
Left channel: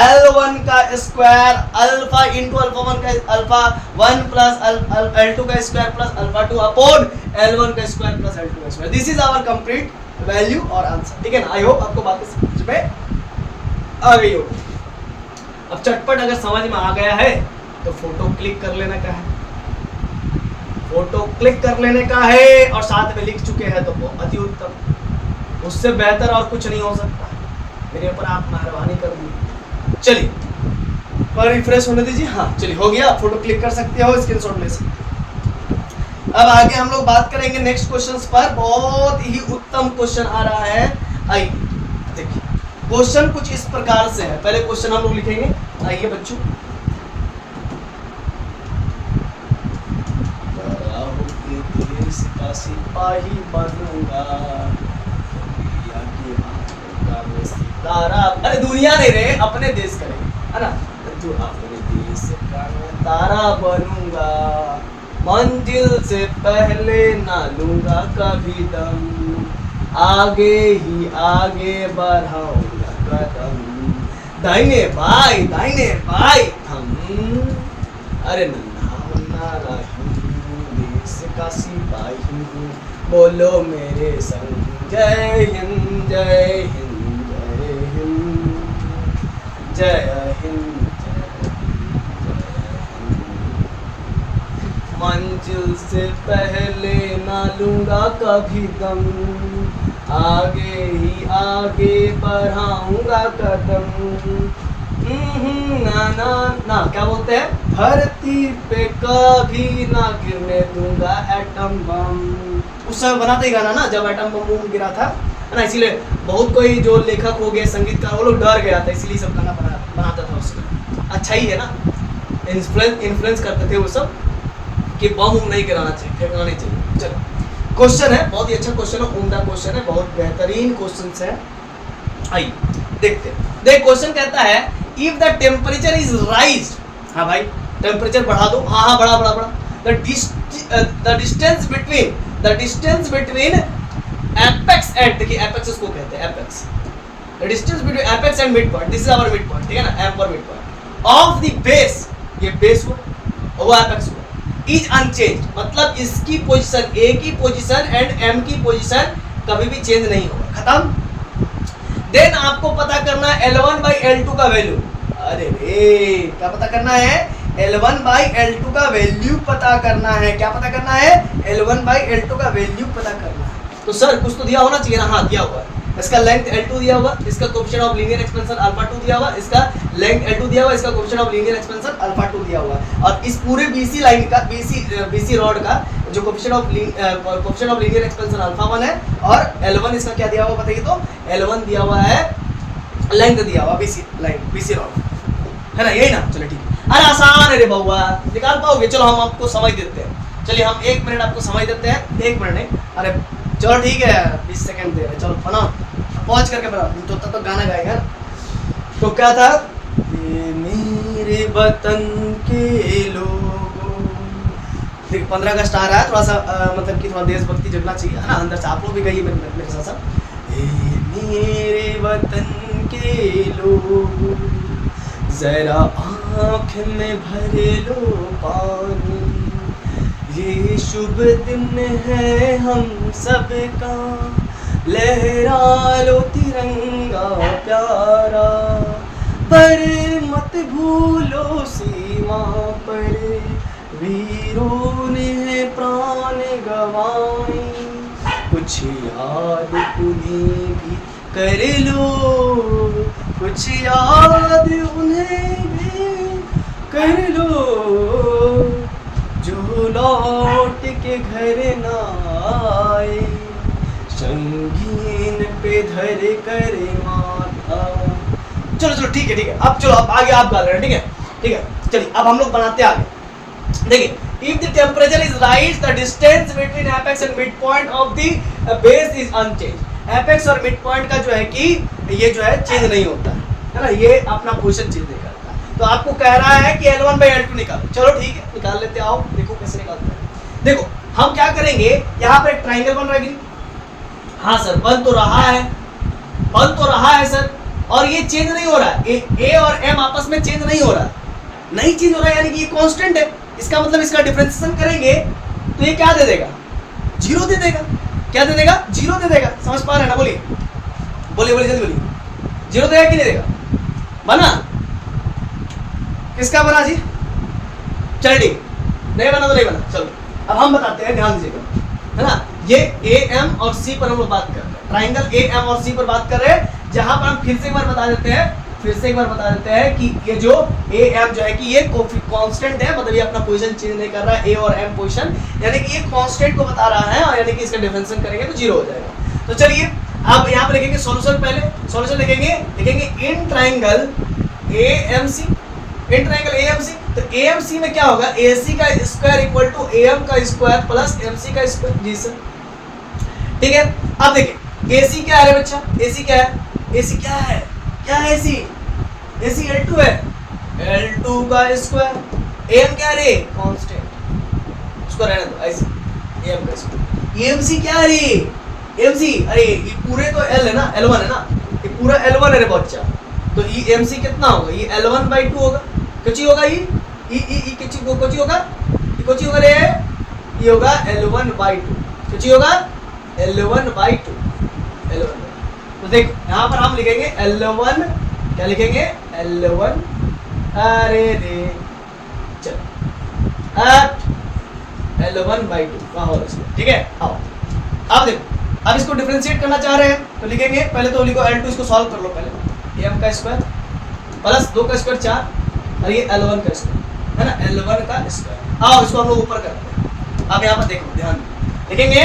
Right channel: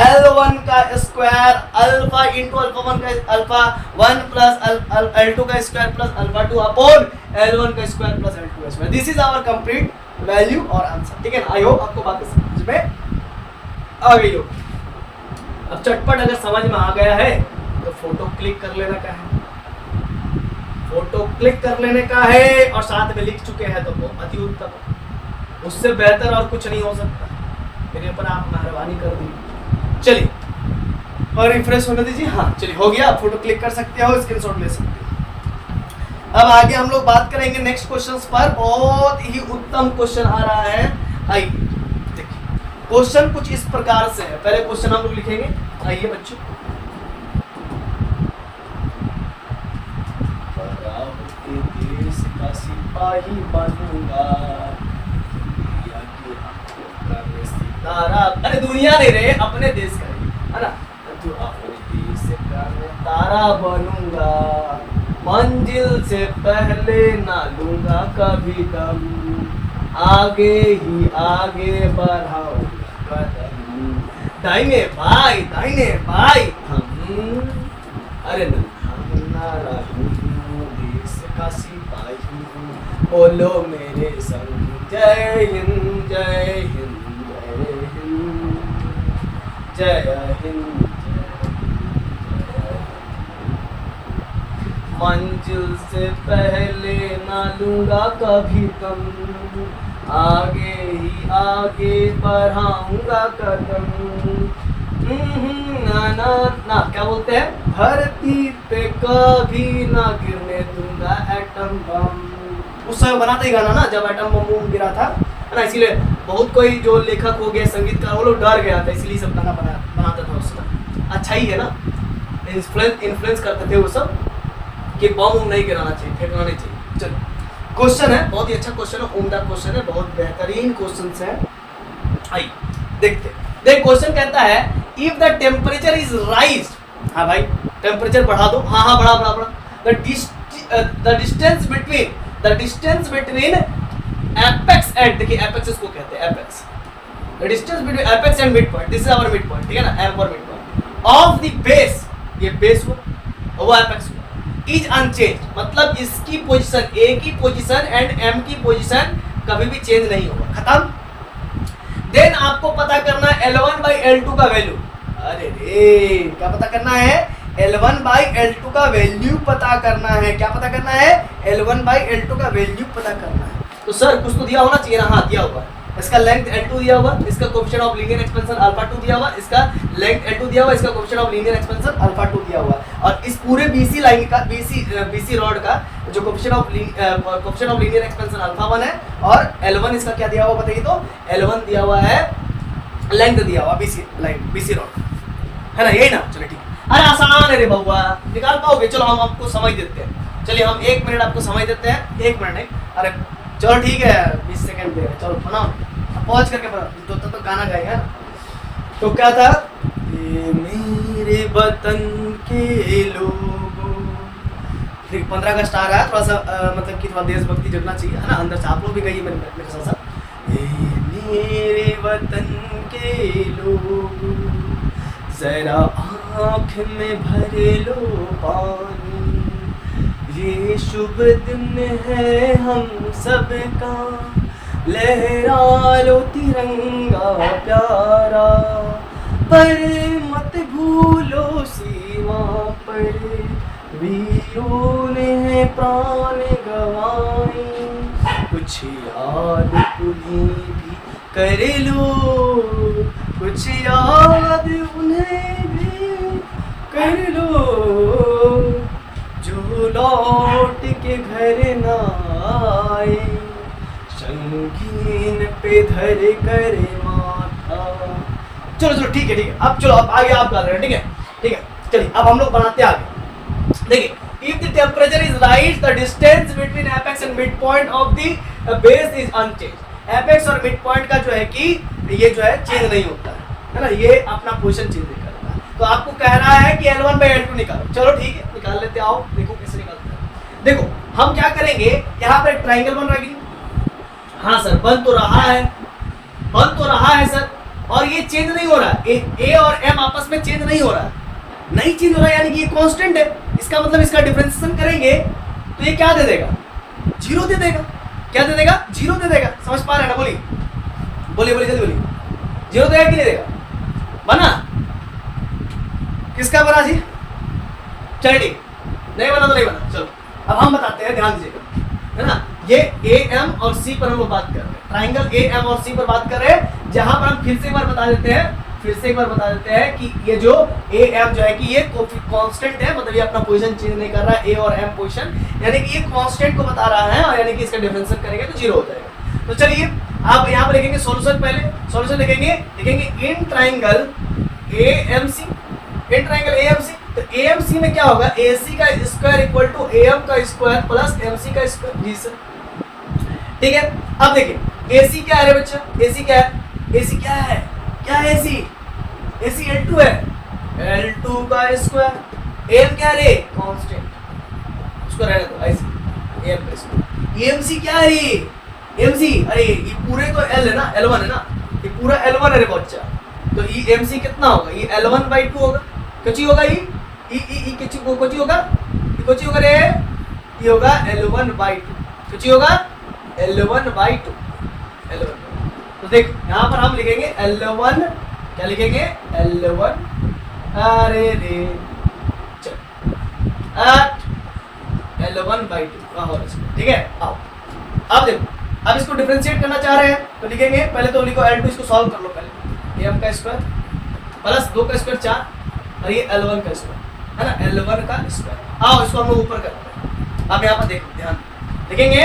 L1 का square alpha into alpha 1 का alpha 1 plus L2 का square plus alpha 2 upon L1 का square plus L2 का square. This is our complete value और answer, ठीक है ना। आई होप आपको बातें समझ में आ गई हो। अब चटपट अगर समझ में आ गया है तो फोटो क्लिक कर लेना का है, फोटो क्लिक कर लेने का है, और साथ में लिख चुके हैं तो बहुत ही उत्तम, उससे बेहतर और कुछ नहीं हो सकता। मेरे ऊपर आप मेहरबानी कर दीजिए। चलिए और रिफ्रेश होने दीजिए। हाँ चलिए, हो गया, फोटो क्लिक कर सकते हो, स्क्रीनशॉट ले सकते हो। अब आगे हम लोग बात करेंगे नेक्स्ट क्वेश्चंस पर। बहुत ही उत्तम क्वेश्चन आ रहा है। आइए देखिए, क्वेश्चन कुछ इस प्रकार से है। पहले क्वेश्चन हम लोग लिखेंगे। आइए बच्चों, देश का सिपाही बनूंगा, तारा, अरे दुनिया नहीं रहे, अपने देश का है ना, जो अपने देश का तारा बनूंगा, मंजिल से पहले ना लूंगा कभी दम, आगे ही आगे बढ़ाऊंगा कदम, दाहिने भाई हम, अरे नन्हा मुन्ना राहू, देश का सिपाही हूँ, बोलो मेरे संग जय हिंद जय हिंद जय हिंद जय हिंद। मंजिल से पहले ना लूंगा कभी दम, आगे ही आगे बढ़ाऊंगा कदम, ना ना ना क्या बोलते हैं, धरती पे कभी ना गिरने दूंगा एटम बम। उस समय बनाते ही गाना ना, जब एटम बम गिरा था, है ना, इसीलिए बहुत कोई जो लेखक हो गए, संगीतकार, वो लोग डर गया था, इसलिए सब गाना बनाता था उस समय। अच्छा ही है ना, इन्फ्लुएंस करते थे वो सब कि बम नहीं गिराना चाहिए, फेंकना नहीं चाहिए। चलो क्वेश्चन है, बहुत ही अच्छा क्वेश्चन है, उम्दा क्वेश्चन है, बहुत बेहतरीन क्वेश्चन है। आइए देखते, देख क्वेश्चन कहता है if the temperature is rise, हाँ भाई टेम्परेचर बढ़ा दो, हाँ बढ़ा, the distance between apex and, देखिए एपेक्स इसको कहते हैं, apex, the distance between apex and mid point, this is our mid point, ठीक है ना, M for mid point of the base, ये बेस को वो एपेक्स को, इज अनचेंज, मतलब इसकी पोजीशन, ए की पोजीशन एंड एम की पोजीशन कभी भी चेंज नहीं होगा, खत्म। देन आपको पता करना है L1 by L2 का वैल्यू। अरे रे, क्या पता करना है, L1 by L2 का वैल्यू पता करना है। क्या पता करना है, L1 by L2 का वैल्यू पता करना है। तो सर कुछ तो दिया होना चाहिए ना, हाँ दिया होगा, इसका लेंथ L2 दिया होगा, इसका coefficient of linear expansion alpha 2 दिया होगा, इसका लेंथ L2 दिया होगा, इसका coefficient of linear expansion alpha 2 दिया होगा, और इस पूरे BC लाइन का BC रॉड का जो coefficient of linear expansion alpha 1 है, और L1 इसका क्या दिया हुआ बताइए, तो L1 दिया हुआ है, लेंथ दिया हुआ BC रॉड है ना, यही ना, चलो ठीक। अरे आसान है रे बउआ, निकाल पाओगे, चलो हम आपको समझ देते हैं, चलिए हम 1 मिनट आपको समझ देते हैं, 1 मिनट नहीं, अरे चलो ठीक है 20 सेकंड दे रहे, चलो बना पॉज करके बना, तो तब तक गाना गाएगा ना। तो क्या था, ये मेरे वतन के लोगों, देखिए 15 अगस्त आ रहा है, थोड़ा सा मतलब कि थोड़ा देशभक्ति जगना चाहिए है ना अंदर से, आप लोग भी गाइए मेरे साथ साथ। ये मेरे वतन के लोगों, जरा आँख में भर लो पानी, ये शुभ दिन है हम सबका, लहरा लो तिरंगा प्यारा, पर मत भूलो सीमा पर वीरों ने प्राण गंवाए, कुछ याद उन्हें भी कर लो, कुछ याद उन्हें भी कर लो, जो लौट के घर न आए, संगीन पे धर कर माथा। चलो चलो ठीक है, अब चलो अब आगे आप गा रहे हैं, ठीक है, चलिए अब हम लोग बनाते हैं आगे। देखिए, if the temperature is rise, the distance between apex and midpoint of the base is unchanged. apex और midpoint का जो है कि ये जो है चेंज नहीं होता है ना, ये अपना पोजीशन चेंज नहीं करता। तो आपको कह रहा है कि L1/L2 निकालो, चलो ठीक है निकाल लेते, आओ देखो कैसे निकालते हैं। देखो हम क्या करेंगे, यहाँ पे ट्राइंगल बन रहा है, हाँ सर बन तो रहा है सर, और ये चेंज नहीं हो रहा है, A और M आपस में चेंज नहीं हो रहा है, नहीं चेंज हो रहा है, यानी कि ये कांस्टेंट है, इसका मतलब इसका डिफरेंशिएशन करेंगे तो ये क्या दे देगा, 0 दे देगा, क्या दे देगा, 0 दे देगा, समझ पा रहे हैं ना, बोलिए जल्दी बोलिए, 0 देगा कि नहीं देगा, बना, किसका बना जी, चल ठीक, नहीं बना तो नहीं बना, चलो अब हम बताते हैं, ध्यान दीजिएगा, है ना, ये AM और C पर हम लोग बात कर रहे हैं, ट्राइंगल AM और C पर बात कर रहे हैं, जहां पर हम फिर से एक बार बता देते हैं कि ये जो AM जो है कि ये कांस्टेंट है, मतलब ये अपना पोजीशन चेंज नहीं कर रहा है, A और M पोजीशन, यानी कि ये कांस्टेंट को बता रहा है, और यानी कि इसका डिफरेंशिएशन करेंगे तो 0 हो जाएगा। तो चलिए आप यहाँ पर लिखेंगे सॉल्यूशन, पहले सॉल्यूशन लिखेंगे इन ट्राइंगल AMC, तो AMC में क्या होगा, AC का स्क्वायर इक्वल टू AM का स्क्वायर प्लस MC का स्क्वायर, जी सर ठीक है। अब देखिए AC क्या है बच्चा, AC क्या है, AC L2 है, L2 का स्क्वायर, AM क्या है, कांस्टेंट, इसको रहने दो ऐसे, AM का स्क्वायर, MC क्या है, MC, अरे ये पूरे तो L है ना, L1 है ना, ये पूरा L1 है रे बच्चा, तो ये MC कितना होगा, ये L1/2 होगा, कितना होगा ये कितना होगा रे, ये होगा L1/2, कितना होगा L1/2, तो देख यहाँ पर हम लिखेंगे L1, क्या लिखेंगे L1, अरे रे चल L1/2 का होल स्क्वायर, ठीक है। आओ अब देखो, अब इसको डिफरेंशिएट करना चाह रहे हैं तो लिखेंगे, पहले तो लिखो L2, इसको सॉल्व कर लो पहले, AM का स्क्वायर प्लस 2 का स्क्वायर 4, और ये L1 का स्क्वायर है ना, L1 का स्क्वायर। आओ इसको हम लोग ऊपर करते हैं, अब यहाँ पर देखो ध्यान लिखेंगे,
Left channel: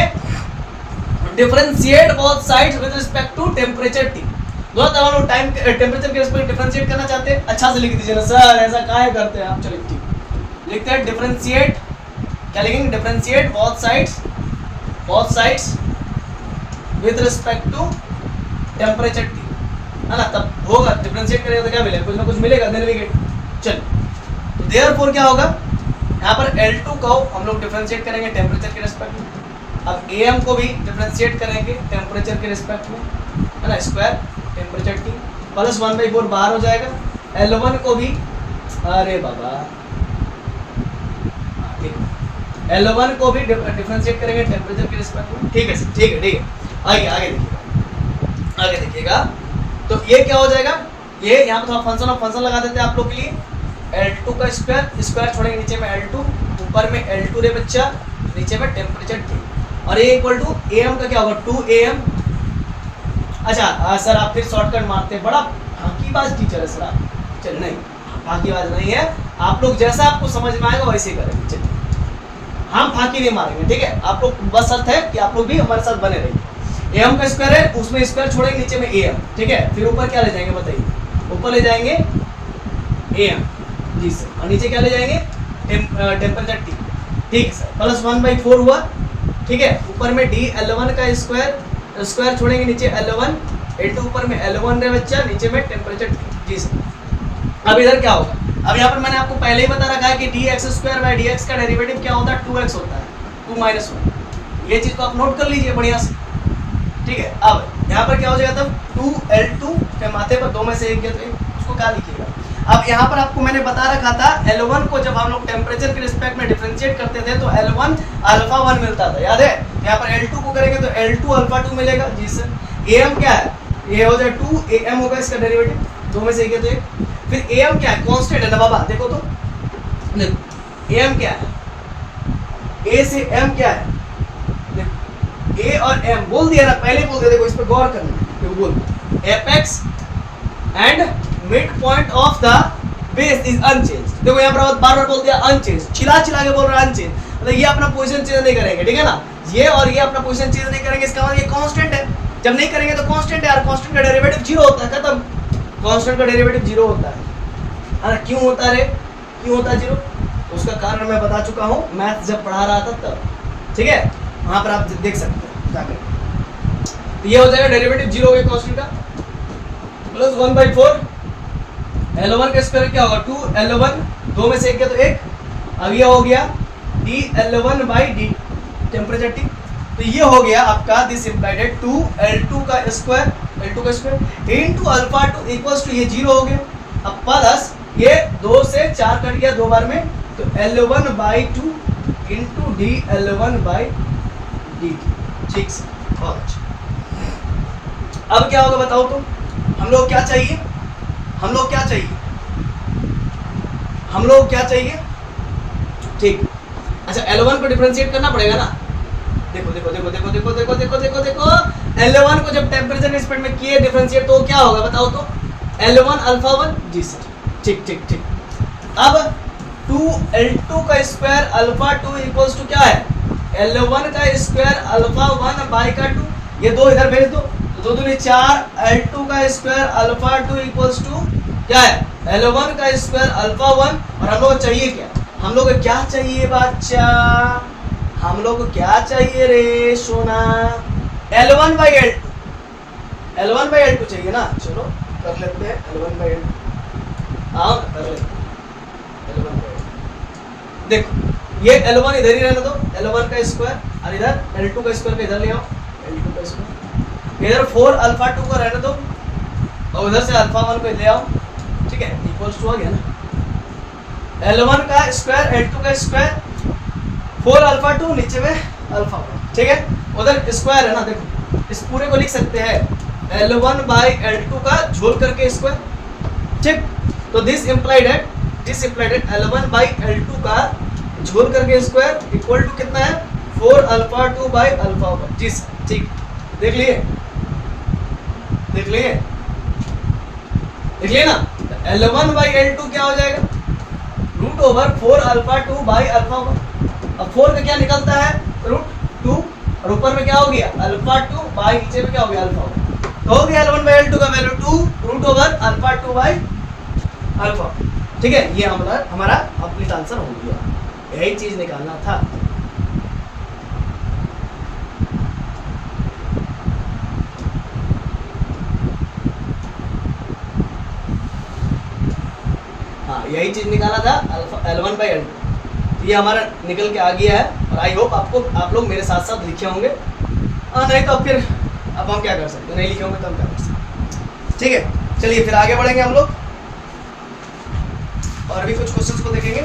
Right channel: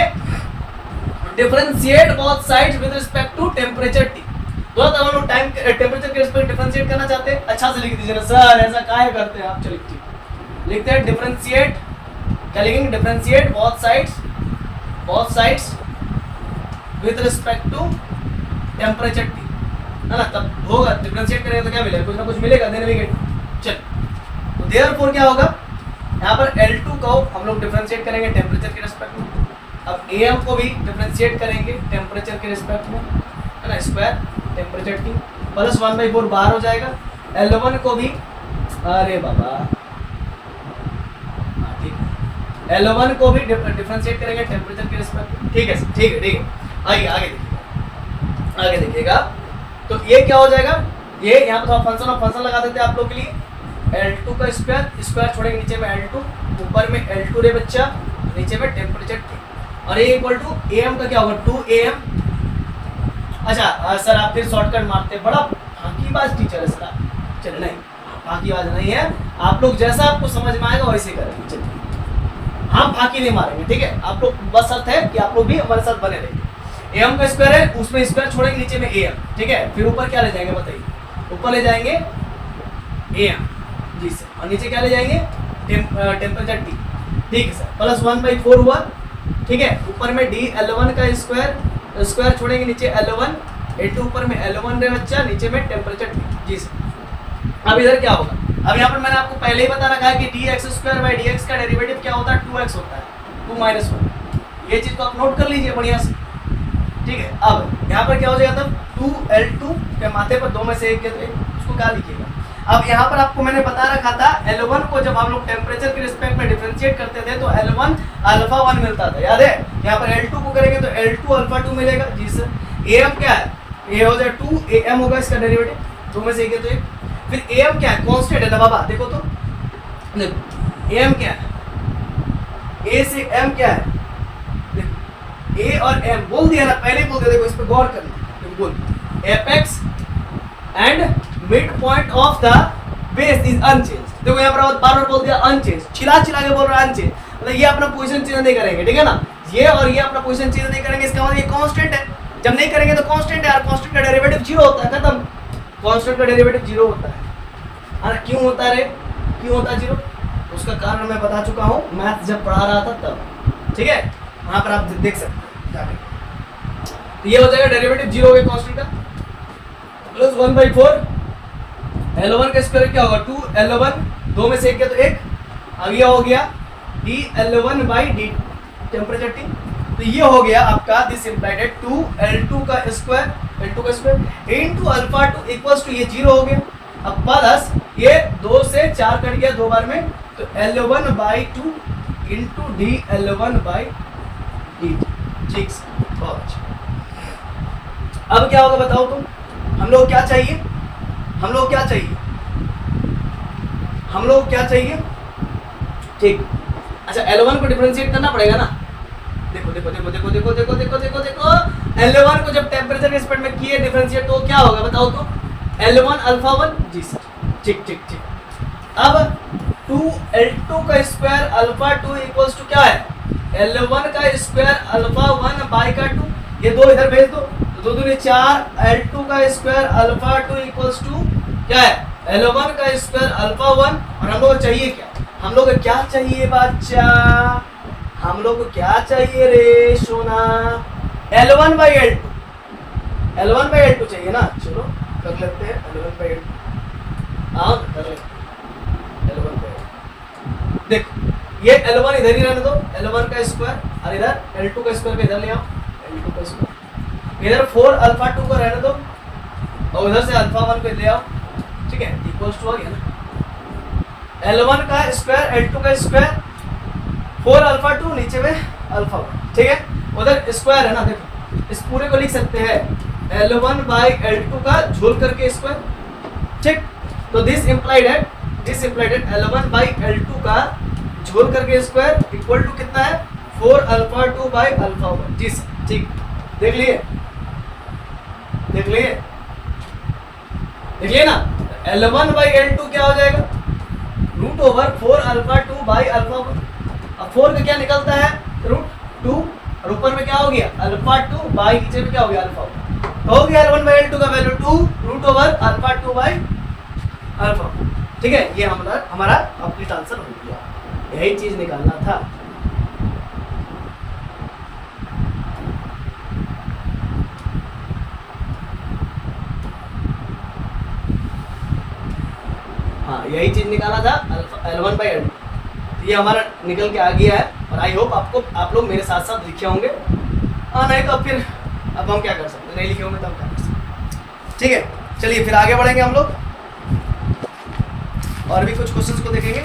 differentiate both sides with respect to temperature T, दोनों तरह लोग टाइम टेम्परेचर के रिस्पेक्ट डिफरेंशिएट करना चाहते हैं, अच्छा से लिख दीजिए ना सर, ऐसा काहे करते हैं आप, चलिए ठीक लिखते हैं, डिफरेंशिएट, क्या लिखेंगे, differentiate both sides with respect to temperature T, है ना, तब होगा डिफरेंशिएट करेंगे तो क्या मिलेगा, कुछ ना कुछ मिलेगा, देन वी गेट, चल तो देयरफॉर क्या होगा, यहाँ पर L2 को हम लोग डिफरेंशिएट करेंगे टेम्परेचर के रिस्पेक्ट में, अब AM को भी डिफरेंशिएट करेंगे टेम्परेचर के रिस्पेक्ट में, है ना, स्क्वायर टेम्परेचर T प्लस 1/4 बाहर हो जाएगा, L1 को भी, अरे बाबा L1 को भी डिफरेंशिएट करेंगे टेम्परेचर के रिस्पेक्ट में, ठीक है ठीक है, आगे देखिएगा, तो ये क्या हो जाएगा, ये यहाँ पर थोड़ा फंक्शन लगा देते हैं आप लोग के लिए, L2 का स्क्वायर छोड़ेंगे नीचे में L2, ऊपर में L2 रे बच्चा, नीचे में टेम्परेचर T, और ये इक्वल टू AM का क्या होगा 2AM। अच्छा सर आप फिर शॉर्टकट मारते हैं, बड़ा फाकीबाज टीचर है सर आप। चलिए नहीं, फाकीबाज नहीं है, आप लोग जैसा आपको समझ में आएगा वैसे ही करेंगे। चलिए हम फाकी नहीं मारेंगे, ठीक है। आप लोग बस अर्थ है कि आप लोग भी हमारे साथ बने रहिए। AM का स्क्वायर है, उसमें स्क्वायर छोड़ेंगे, नीचे में AM, ठीक है। फिर ऊपर क्या ले जाएंगे बताइए, ऊपर ले जाएंगे AM जी सर, और नीचे क्या ले जाएंगे टेम्परेचर T, ठीक है सर। प्लस 1/4 हुआ, ठीक है। ऊपर में D L1 का स्क्वायर छोड़ेंगे, नीचे L1 L2, ऊपर में L1 है बच्चा, नीचे में टेम्परेचर T जी सर। अब इधर क्या होगा, अब यहाँ पर मैंने आपको पहले ही बता रखा है कि dx² का डेरिवेटिव क्या होता है 2x होता है, 2 - 1। ये चीज को आप नोट कर लीजिए बढ़िया से, ठीक है। अब यहाँ पर क्या हो जाएगा तब 2L2 के माथे पर 2 में से एक है, तो उसको क्या लिखिएगा। अब यहाँ पर आपको मैंने बता रखा था L1 को जब हम लोग टेम्परेचर के रिस्पेक्ट में डिफरेंशिएट करते थे तो L1 α1 मिलता था, याद है। यहाँ पर L2 को करेंगे तो L2 α2 मिलेगा जी सर। AM क्या है, ये हो जाए 2AM होगा इसका डेरिवेटिव, 2 में से एक है तो एक। फिर AM क्या है, कांस्टेंट है ना बाबा, देखो तो, देखो AM क्या है, A से M क्या है, देखो A और M बोल दिया ना, पहले ही बोल दिया, देखो इस पर गौर करना, देखो बोल apex and mid point of the base is unchanged. देखो यहाँ पर बार बार बोल दिया अनचेंज, चिल्ला के बोल रहा है अनचेंज, मतलब ये अपना पोजीशन चेंज नहीं करेंगे, ठीक है ना। ये और ये अपना पोजीशन चेंज नहीं करेंगे, इसका मतलब ये कांस्टेंट है। जब नहीं करेंगे तो कांस्टेंट है, और कांस्टेंट का डेरिवेटिव 0 होता है, खत्म। कांस्टेंट का डेरिवेटिव 0 होता है ना। क्यों होता है रे, क्यों होता है 0? तो उसका कारण मैं बता चुका हूँ मैथ जब पढ़ा रहा था तब, ठीक है। वहां पर आप देख सकते हैं जाकर। तो ये हो जाएगा डेरिवेटिव 0 हो गया कांस्टेंट का, प्लस 1/4 L1 का स्क्वायर क्या होगा 2L1, 2 में से एक गया तो एक। अब ये हो गया dL1/d टेम्परेचर T, तो ये हो गया आपका दिस इम्प्लाइड 2L2 का स्क्वायर, L2 का स्क्वायर इनटू α2 इक्वल्स टू ये 0 हो गया। अब प्लस ये 2 से 4 कट गया 2 बार में, तो L1/2 इनटू dL1/dt, ठीक से। बहुत अच्छा। अब क्या होगा बताओ तुम, हम लोग क्या चाहिए, हम लोग क्या चाहिए, हम लोग क्या चाहिए, ठीक। अच्छा L1 को डिफरेंशिएट करना पड़ेगा ना, देखो देखो देखो देखो देखो देखो देखो देखो देखो L1 को जब टेम्परेचर के रिस्पेक्ट में किए डिफरेंशिएट तो क्या होगा बताओ तो, L1 α1 जी सर, ठीक ठीक ठीक। अब 2L2 का स्क्वायर α2 इक्वल्स टू क्या है, L1 का स्क्वायर α1/2, ये दो इधर भेज दो, तो 2 दूनी 4, L2 का स्क्वायर α2 इक्वल्स टू क्या है L1 का स्क्वायर α1। और हम लोग को चाहिए क्या, हम लोग को क्या चाहिए बच्चा, हम लोग को क्या चाहिए रे सोना, L1/L2, L1/L2 चाहिए ना। चलो कर लेते हैं L1/L2, हाँ कर लेते हैं L1/L2। देखो ये L1 इधर ही रहने दो, L1 का स्क्वायर, और इधर L2 का स्क्वायर इधर ले आओ, L2 का स्क्वायर, इधर 4α2 को रहने दो, और उधर से α1 को ले आओ, ठीक है, इक्वल्स टू आ गया ना। L1 का स्क्वायर L2 का स्क्वायर 4α2 नीचे में α1, ठीक है। उधर स्क्वायर है ना, देखो इस पूरे को लिख सकते हैं L1/L2 का झोल करके स्क्वायर, ठीक। तो दिस इम्प्लाइड है L1/L2 का झोल करके स्क्वायर इक्वल टू कितना है 4α2/α1 जी सर, ठीक। देख लिए, देख लिए, देख लिए ना। L1/L2 क्या हो जाएगा √4α2/α1। अब 4 का क्या निकलता है √2, और ऊपर में क्या हो गया α2 बाई नीचे में क्या हो गया α1, तो हो गया L1/L2 का वैल्यू 2√α2/α1, ठीक है। ये हमारा कंप्लीट आंसर हो गया, यही चीज निकालना था। हाँ यही चीज निकाला था L1/L2, तो ये हमारा निकल के आ गया है। और आई होप आप लोग मेरे साथ साथ लिखे होंगे, नहीं तो फिर अब हम क्या कर सकते, नहीं लिखे होंगे तो हम क्या कर सकते, ठीक है। चलिए फिर आगे बढ़ेंगे हम लोग, और भी कुछ क्वेश्चंस को देखेंगे।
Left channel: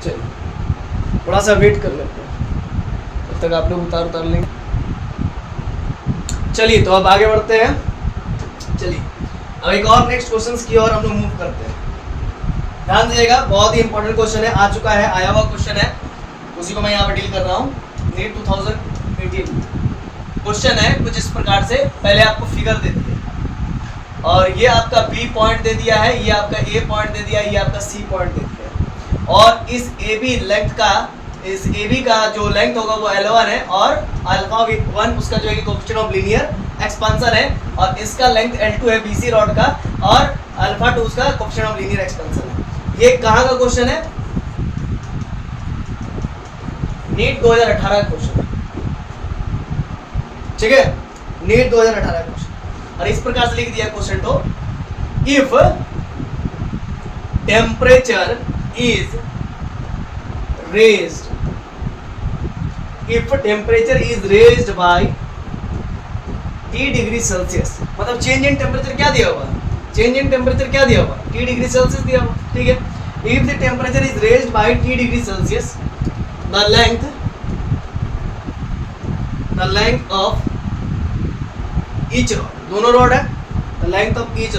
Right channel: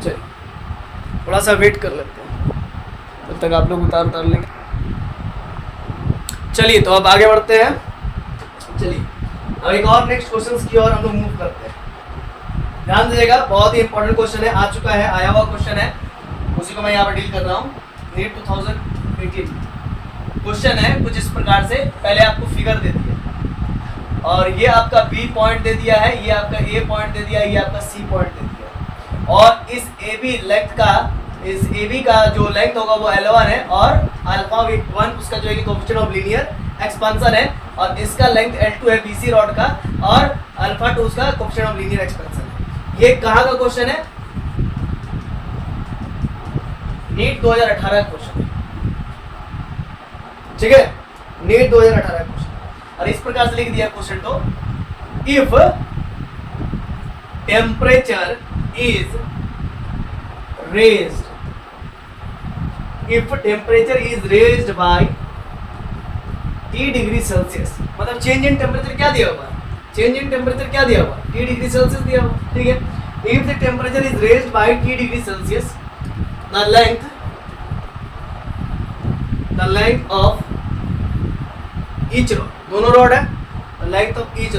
चलिए थोड़ा सा वेट कर लेते हैं, तब तक आप लोग उतार लेंगे। चलिए तो अब आगे बढ़ते हैं। चलिए अब एक और नेक्स्ट क्वेश्चंस की ओर हम लोग मूव करते हैं। ध्यान दीजिएगा, बहुत ही इंपॉर्टेंट क्वेश्चन है, आ चुका है, आया हुआ क्वेश्चन है। उसी को मैं यहाँ पे डील कर रहा हूँ। नीट 2018 क्वेश्चन है कुछ इस प्रकार से, पहले आपको फिगर दे दिया और ये आपका बी पॉइंट दे दिया है, ये आपका ए पॉइंट दे दिया, ये आपका सी पॉइंट दे दिया है और इस ए बी लेंथ का, इस ए बी का जो लेंथ होगा वो L1 है और अल्फा 1 उसका जो है कोएफिशिएंट ऑफ लीनियर एक्सपेंशन है और इसका लेंथ L2 है BC रॉड का और अल्फा 2 उसका कोएफिशिएंट ऑफ लीनियर एक्सपेंशन है। ये कहाँ का क्वेश्चन है? नीट 2018 का क्वेश्चन है, ठीक है, नीट 2018 का क्वेश्चन। और इस प्रकार से लिख दिया क्वेश्चन तो, if temperature is raised, if temperature is raised by T degree Celsius, मतलब चेंज इन टेम्परेचर क्या दिया हुआ है? चेंज इन टेम्परेचर क्या दिया हुआ है? T डिग्री सेल्सियस दिया हुआ, ठीक है। If the temperature is raised by T degree Celsius, the length of each rod, दोनों रॉड है, the length of each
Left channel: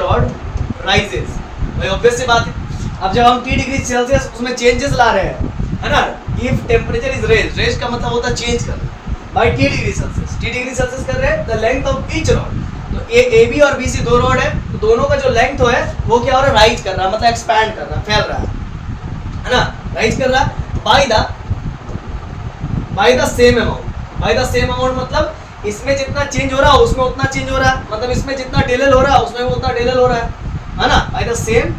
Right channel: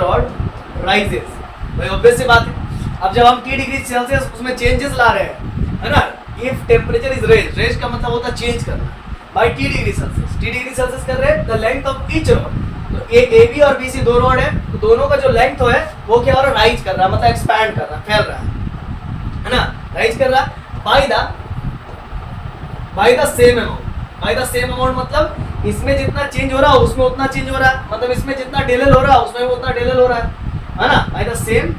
rod rises, भाई ऑब्वियस सी बात है। अब जब हम T डिग्री सेल्सियस उसमें चेंजेस ला रहे हैं, है ना, इफ टेम्परेचर इज रेज का मतलब होता है चेंज करना, by T degree Celsius, T degree Celsius कर रहे हैं, the length of each rod, तो ए बी और बी सी दो रॉड है, तो दोनों का जो लेंथ है वो क्या हो रहा है? राइज कर रहा है, मतलब एक्सपैंड कर रहा है, फैल रहा है ना, राइज कर रहा है बाय द सेम अमाउंट, मतलब इसमें जितना चेंज हो रहा है उसमें उतना चेंज हो रहा है, मतलब इसमें जितना डेल हो रहा है उसमें उतना डेल हो रहा है ना, by the same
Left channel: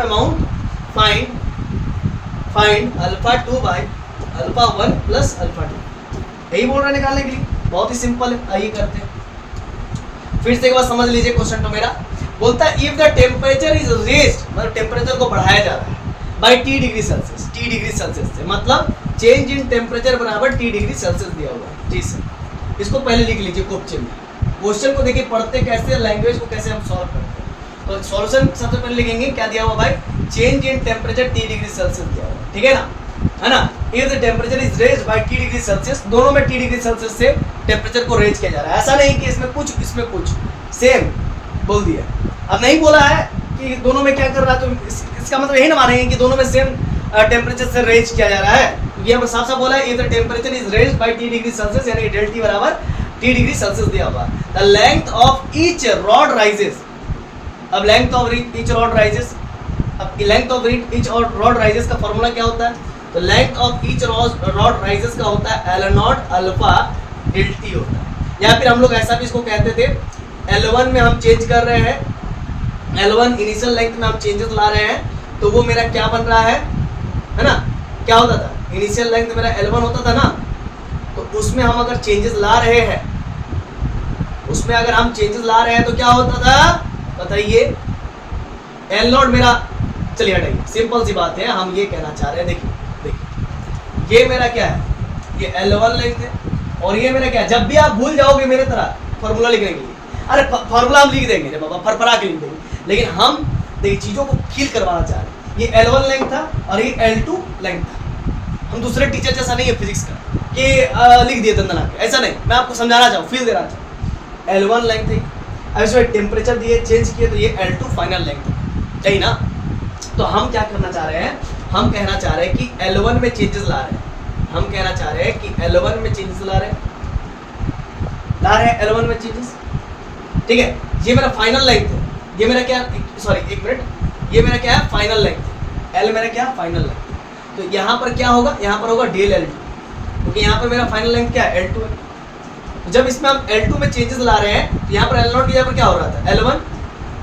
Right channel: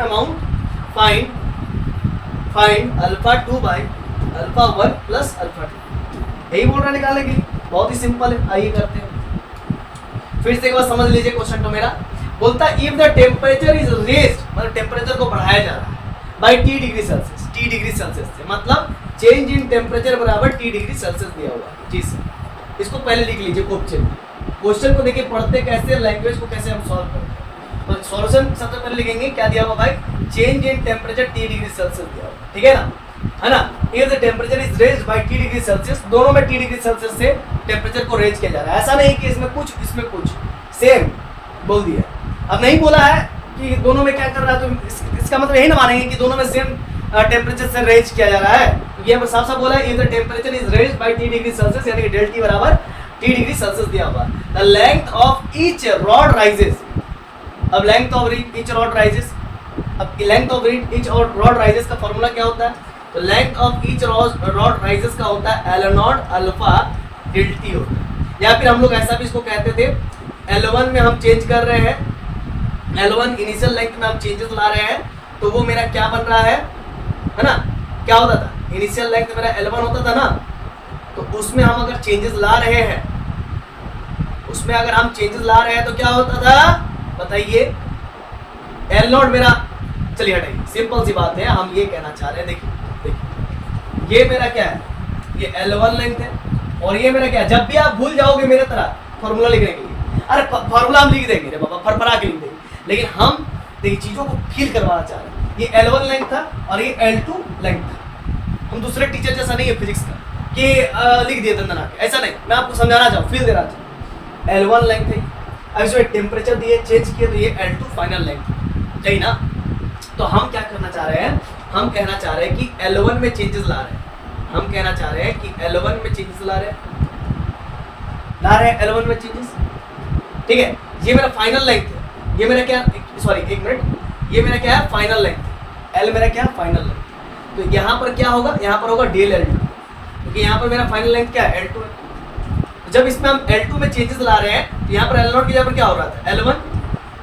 amount find alpha 2 by alpha 1 plus alpha 2। यही बोल रहा है निकालने के लिए, बहुत ही सिंपल है, आइए करते हैं। फिर से एक बार समझ लीजिए क्वेश्चन तो मेरा बोलता है if the temperature is raised, मतलब टेम्परेचर को बढ़ाया जा रहा है बाय T डिग्री सेल्सियस से, मतलब चेंज इन टेम्परेचर बराबर T डिग्री सेल्सियस दिया हुआ है। जी सर, इसको पहले लिख लीजिए क्वेश्चन को देखिए पढ़ते कैसे, लैंग्वेज को कैसे हम सॉल्व करते हैं। तो सॉल्यूशन सबसे पहले लिखेंगे क्या दिया हुआ भाई? Change in temperature T degree Celsius दिया हुआ, ठीक है ना, if the temperature is raised by T degree Celsius, दोनों में T डिग्री सेल्सियस से टेम्परेचर को रेज किया जा रहा है, ऐसा नहीं कि इसमें कुछ इसमें कुछ, सेम बोल दिया। अब नहीं बोला है कि दोनों में क्या कर रहा है, तो इसका मतलब यही ना मानेंगे कि दोनों में सेम टेम्परेचर से रेज किया जा रहा है। ये साफ साफ बोला है if the temperature is raised by T degree Celsius, यानी डेल T बराबर T डिग्री सेल्सियस दिया हुआ। The length of each rod rises, अब length of each rod rises, अब length of each rod rises का फॉर्मूला क्या होता है? तो length of each rod rises का होता है L0 अल्फा डेल T होता है, या फिर हम लोग ऐसा भी इसको कहते थे, L1 में हम चेंज कर रहे हैं, L1 इनिशियल लेंथ में हम चेंजेस ला रहे हैं, तो वो मेरा क्या बन रहा है ना, क्या होता था? इनिशियल लेंथ मेरा L1 होता था ना, तो उसमें हम अगर चेंजेस ला रहे हैं, उसमें अगर हम चेंजेस ला रहे हैं तो क्या होता था बताइए? L0 मेरा, चलिए हटाइए, सिंपल सी बात है, हम ये कहना चाह रहे हैं, देखिए ये मेरा क्या है, ये L1 लेंथ है और ये मेरा क्या है। जब भी आप भूल जाओगे मेरे तरह फॉर्मूला लिखने के लिए, अरे फॉर्मूला हम लिख देंगे रे बाबा, फरफरा के लिख देंगे, लेकिन हम देखिए चीज़ों को फील करवाना चाह रहे हैं। ये L1 लेंथ था और ये L2 लेंथ था। हम दूसरे टीचर जैसा नहीं है फिजिक्स का कि लिख दिए दंदना, ऐसा नहीं, मैं आपको समझाना चाहूँ, फील देना चाहूँ। L1 लेंथ है, अब इसमें टेम्परेचर दिए, चेंज किए, तो ये L2 फाइनल लेंथ है, सही ना। तो हम क्या करना चाह रहे हैं? हम कहना चाह रहे हैं कि L1 में चेंजेस ला रहे हैं, हम कहना चाह रहे हैं कि L1 में चेंजेस ला रहे हैं L1 में चेंजेस, ठीक है। ये मेरा फाइनल लेंथ है, ये मेरा क्या, सॉरी एक मिनट, ये मेरा क्या है? फाइनल लेंथ, L मेरा क्या है? Final length. तो यहाँ पर क्या होगा? यहाँ पर होगा डेल L2, क्योंकि यहाँ पर मेरा फाइनल लेंथ क्या है? L2 है। तो जब इसमें हम L2 में चेंजेस ला रहे हैं, तो यहाँ पर L0 की जगह पर क्या हो रहा था? L1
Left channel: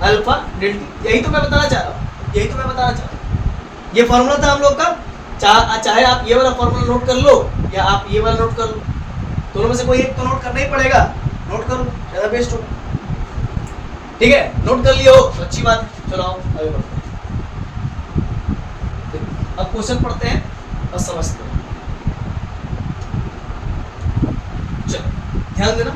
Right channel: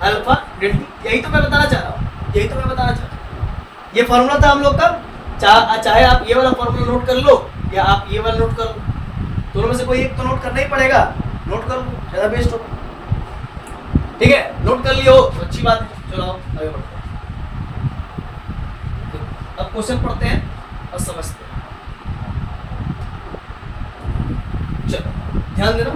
alpha del T। यही तो मैं बताना चाह रहा हूँ, ये फॉर्मूला था हम लोग का। चाहे आप ये वाला फॉर्मूला नोट कर लो या आप ये वाला नोट कर लो, दोनों में से कोई एक तो नोट करना ही पड़ेगा, नोट कर लो, ज़्यादा बेस्ट होगा, ठीक है। नोट कर लियो तो अच्छी बात है। चलो आओ आगे बढ़ते हैं, अब क्वेश्चन पढ़ते हैं और समझते हैं। चलो ध्यान देना,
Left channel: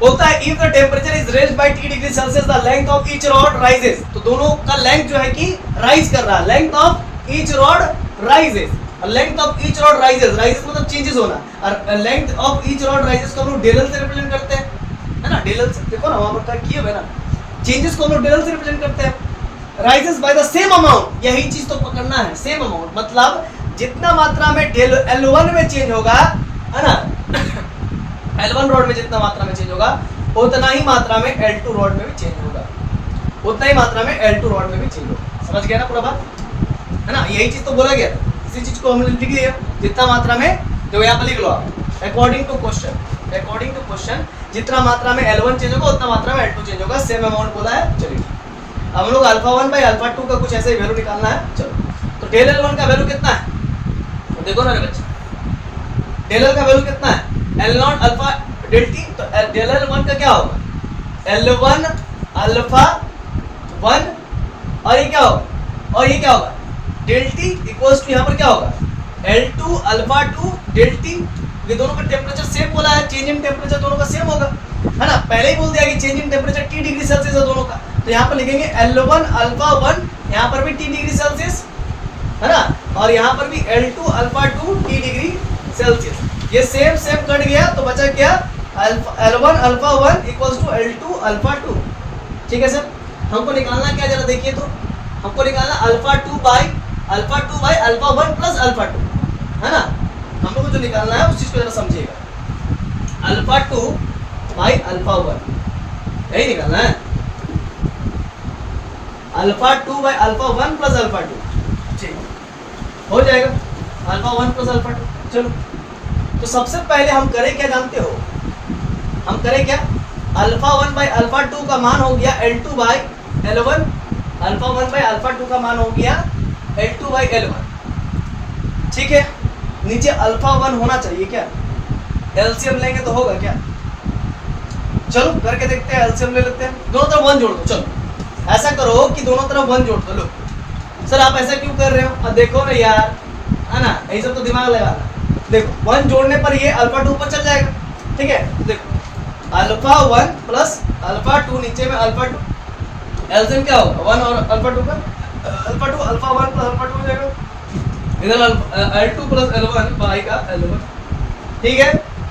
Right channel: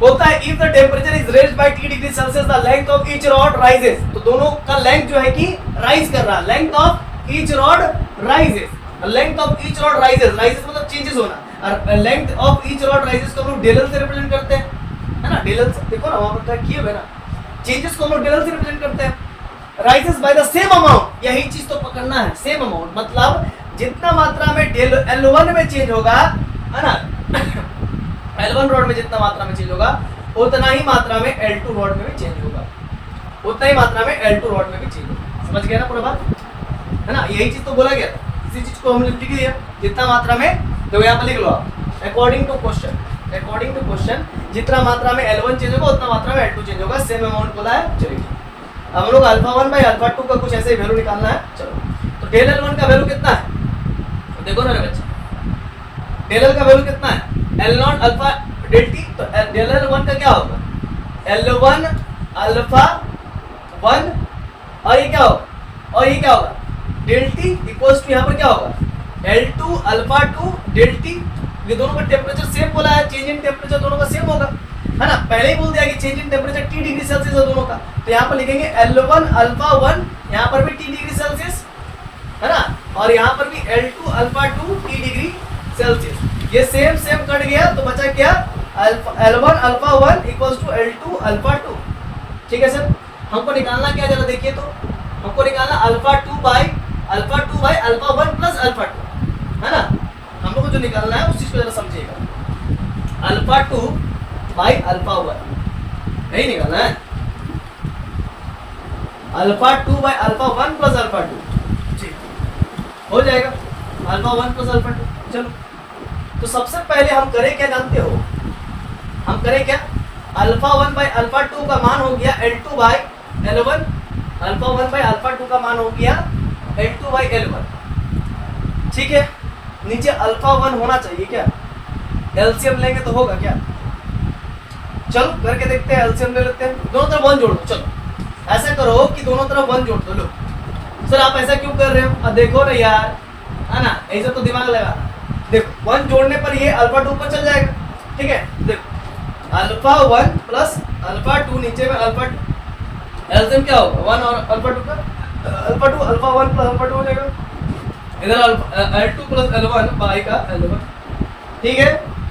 बोलता है if the temperature is raised by T degree Celsius the length of each rod rises, तो दोनों का लेंथ जो है कि राइज कर रहा है, length of each rod rises, length of each rod rises, rises मतलब चेंजेस होना, और length of each rod rises को हम लोग डेल से रिप्रेजेंट करते हैं, है ना। डेल देखो ना वहां पर किए हुए ना, चेंजेस को हम लोग डेल से रिप्रेजेंट करते हैं। Rises by the same amount, यही चीज तो पकड़ना है, सेम अमाउंट मतलब जितना मात्रा में डेल L1 में चेंज होगा, है ना L1 रॉड में जितना मात्रा में चेंज होगा उतना ही मात्रा में L2 रॉड में भी चेंज होगा, उतना ही मात्रा में L2 रॉड में भी चेंज होगा। समझ गया ना पूरा बात, है ना? यही चीज तो बोला गया था, इसी चीज को हमने लिख दिया जितना मात्रा में, तो यहाँ पर लिख लो आप अकॉर्डिंग टू क्वेश्चन जितना मात्रा में L1 चेंज होगा उतना मात्रा में L2 चेंज होगा, सेम अमाउंट बोला है। चलिए हम लोग अल्फा 1 बाई अल्फा 2 का कुछ ऐसे ही वैल्यू निकालना है। चलो तो डेल L1 का वैल्यू कितना है, तो देखो ना बच्चे, डेल L का वैल्यू कितना है, L0 अल्फा डेल टी, तो डेल L1 का क्या होगा, L1 अल्फा 1 और ये क्या होगा, और ये क्या होगा डेल टी इक्वल्स टू यहाँ पर क्या होगा L2 अल्फा 2 डेल टी। ये दोनों का टेम्परेचर सेम बोला है, चेंज इन टेम्परेचर दोनों का सेम होगा, है ना? पहले ही बोल दिया कि change in temperature T degree Celsius है दोनों का, तो यहाँ पर लिखेंगे L1 अल्फा 1, यहाँ पर भी T डिग्री सेल्सियस, है ना? और यहाँ पर भी L2 alpha 2 T degree Celsius. ये सेम सेम कट गया तो बचा क्या, L1 alpha 1 equals to L2 alpha 2। ठीक है सर, हमको निकालना क्या, जरा देखिए तो, हमको निकालना alpha 2 by alpha 1 plus alpha 2, है ना? हम लोग को जो निकालना है उस चीज को जरा समझिएगा, अल्फा 2 बाई अल्फा 1 यही निकालना है, alpha 2 by alpha 1 plus alpha 2, ठीक हो जाएगा, अल्फा 1 प्लस अल्फा 2। चलो तो सबसे पहले हम करें क्या जानते हो, हम करें क्या, अल्फा 1 बाई अल्फा 2 का मान हो गया L2 by L1, alpha 1 by alpha 2 का मान हो गया L2 बाई L1। ठीक है, नीचे अल्फा 1 होना चाहिए क्या, एलसीएम लेंगे तो होगा क्या, चलो करके देखते हैं, एलसीएम ले लेते हैं, दोनों तरफ 1 जोड़ दो। चलो ऐसा करो कि दोनों तरफ 1 जोड़ दो। लो सर आप ऐसा क्यों कर रहे हो, अब देखो ना यार, है ना, ऐसा तो दिमाग लगाना, देखो 1 जोड़ने पर ये अल्फा 2 पर चल जाएगा। ठीक है, देखो अल्फा 1 प्लस अल्फा 2, नीचे में अल्फा 2, एलसीएम क्या होगा 1 और अल्फा 2 का, अल्फा 2 अल्फा 1 प्लस अल्फा 2 हो जाएगा, इधर L2 प्लस L1 बाई का L1। ठीक है,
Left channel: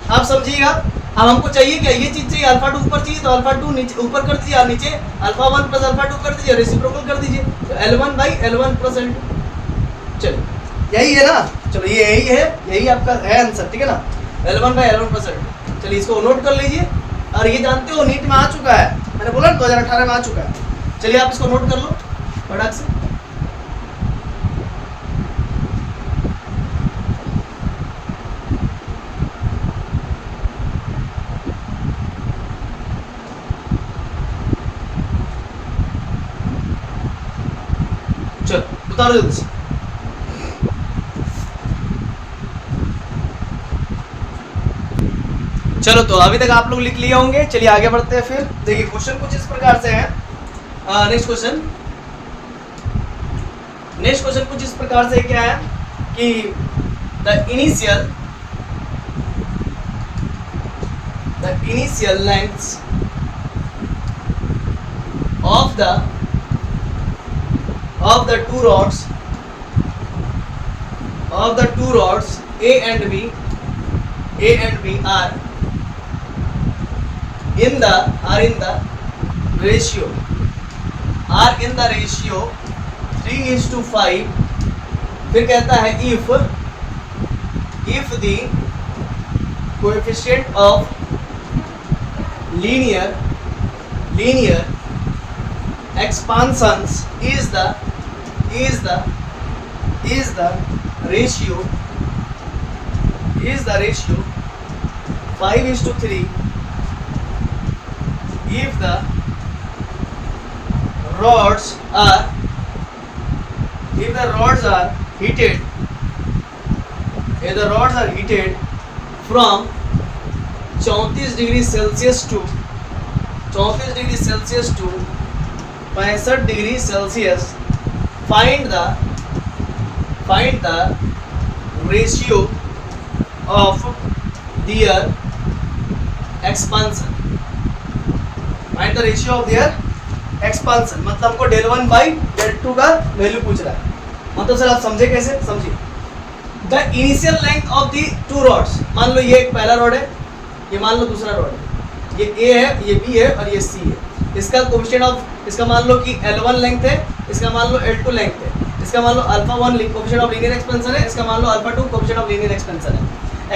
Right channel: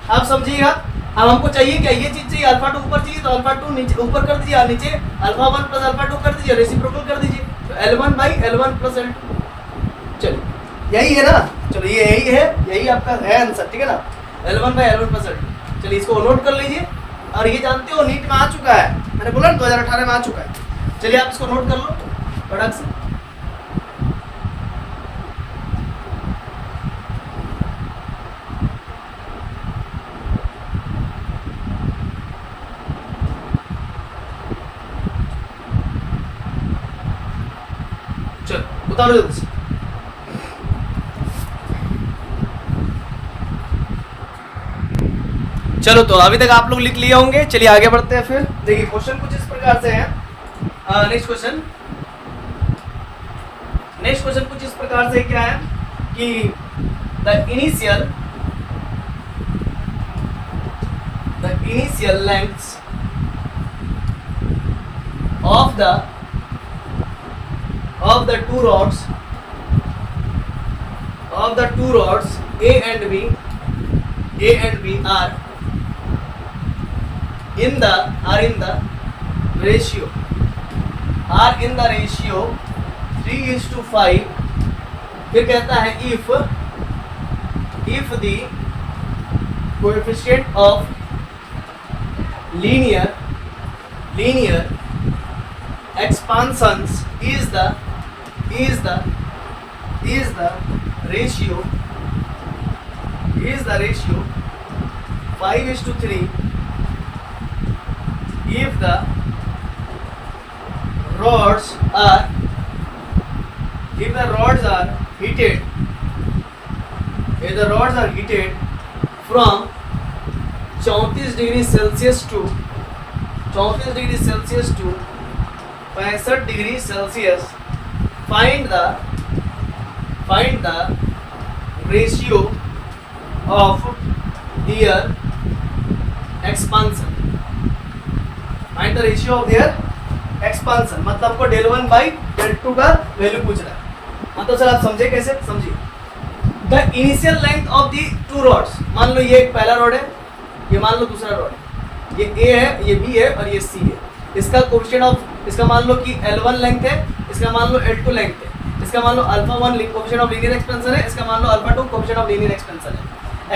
आप समझिएगा। अब हमको चाहिए क्या, ये चीज चाहिए, अल्फा 2 ऊपर चाहिए तो अल्फा 2 नीचे ऊपर कर दीजिए, और नीचे अल्फा 1 प्लस अल्फा 2 कर दीजिए, रेसिप्रोकल कर दीजिए, तो L1 by L1 plus L2। चलिए यही है ना, चलो ये यही है, यही आपका है आंसर। ठीक है ना, L1 by L1 plus L2। चलिए इसको नोट कर लीजिए, और ये जानते हो नीट में आ चुका है, मैंने बोला 2018 में आ चुका है। चलिए आप इसको नोट कर लो फटाक से। चलो उतारो जल्दी से। चलो तो अभी तक आप लोग लिख लिए होंगे, चलिए आगे बढ़ते हैं। फिर देखिए क्वेश्चन कुछ इस प्रकार से है, नेक्स्ट क्वेश्चन कुछ इस प्रकार से क्या है कि the initial lengths of the two rods A and B are in the ratio 3:5। फिर कहता है if the coefficient of linear expansions is the ratio 5:3 if the rods are heated from 34 degree Celsius to 65 degree Celsius, find the ratio of their expansion। find the ratio of their expansion मतलब हमको del 1 by del 2 का value पूछ रहा है। मतलब sir आप समझे कैसे, समझिए the initial length of the two rods, मान लो ये एक पहला रॉड है, ये मान लो दूसरा रॉड है, ये ए है, ये बी है और ये सी है। इसका कोएफिशिएंट ऑफ, इसका मान लो कि L1 लेंथ है, इसका मान लो L2 लेंथ है, इसका मान लो alpha 1 coefficient of linear expansion है, इसका मान लो alpha 2 coefficient of linear expansion है।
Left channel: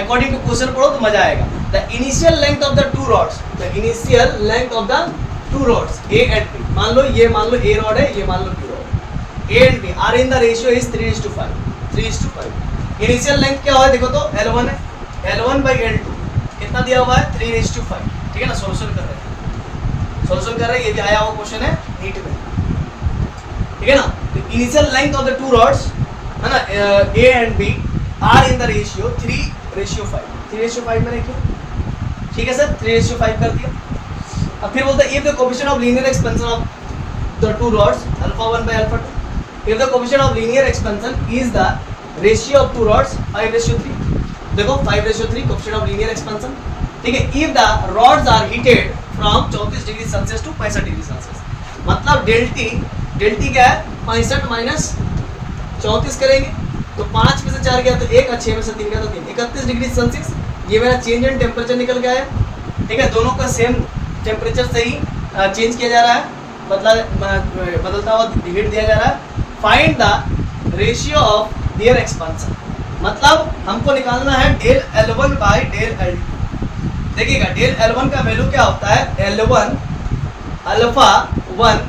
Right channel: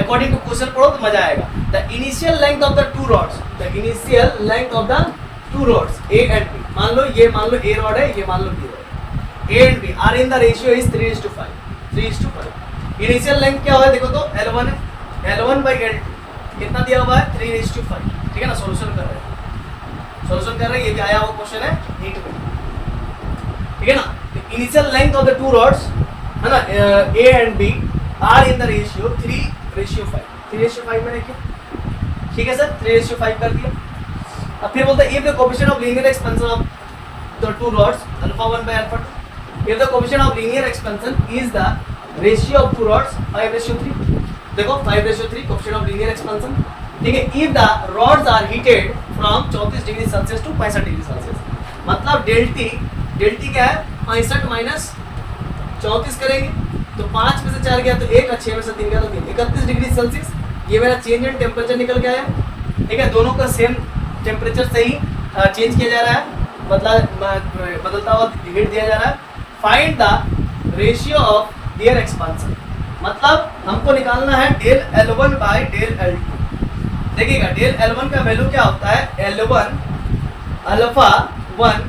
अकॉर्डिंग टू क्वेश्चन पढ़ो तो मजा आएगा। The initial length of the two rods, the initial length of the two rods A and B, मान लो ये मान लो ए रॉड है, ये मान लो B rod, A and B are in the ratio is 3:5, 3:5। Initial length क्या हुआ देखो तो L1 है, L1 by L2 कितना दिया हुआ है 3:5, ठीक है ना। सॉल्यूशन कर रहे हैं, सॉल्यूशन कर रहे हैं, ये भी आया हुआ क्वेश्चन है नीट में, ठीक है ना। Initial length of the two rods है ना, A and B are in the ratio 3:5, 3:5 में रखिए, ठीक है सर, 3:5 कर दिया। अब फिर बोलते हैं if the coefficient of linear expansion of the two rods alpha 1 by alpha 2, if the coefficient of linear expansion is the ratio of two rods 5:3, देखो 5:3 कोएफिशिएंट ऑफ लीनियर एक्सपेंशन, ठीक है। If the rods are heated from 34 degree Celsius to 65 degree Celsius, मतलब del T क्या है 65 minus 34 करेंगे तो 5 में से 4 गया तो 1, 6 में से 3 गया तो 3, 31 डिग्री सेल्सियस ये मेरा चेंज इन टेम्परेचर निकल के आया, ठीक है। दोनों का सेम टेम्परेचर से ही चेंज किया जा रहा है, बदलता हुआ हीट दिया जा रहा है। Find the ratio of their expansion, मतलब हमको निकालना है del L1 bye del L2। देखिएगा डेल L1 का वैल्यू क्या होता है, L1 alpha 1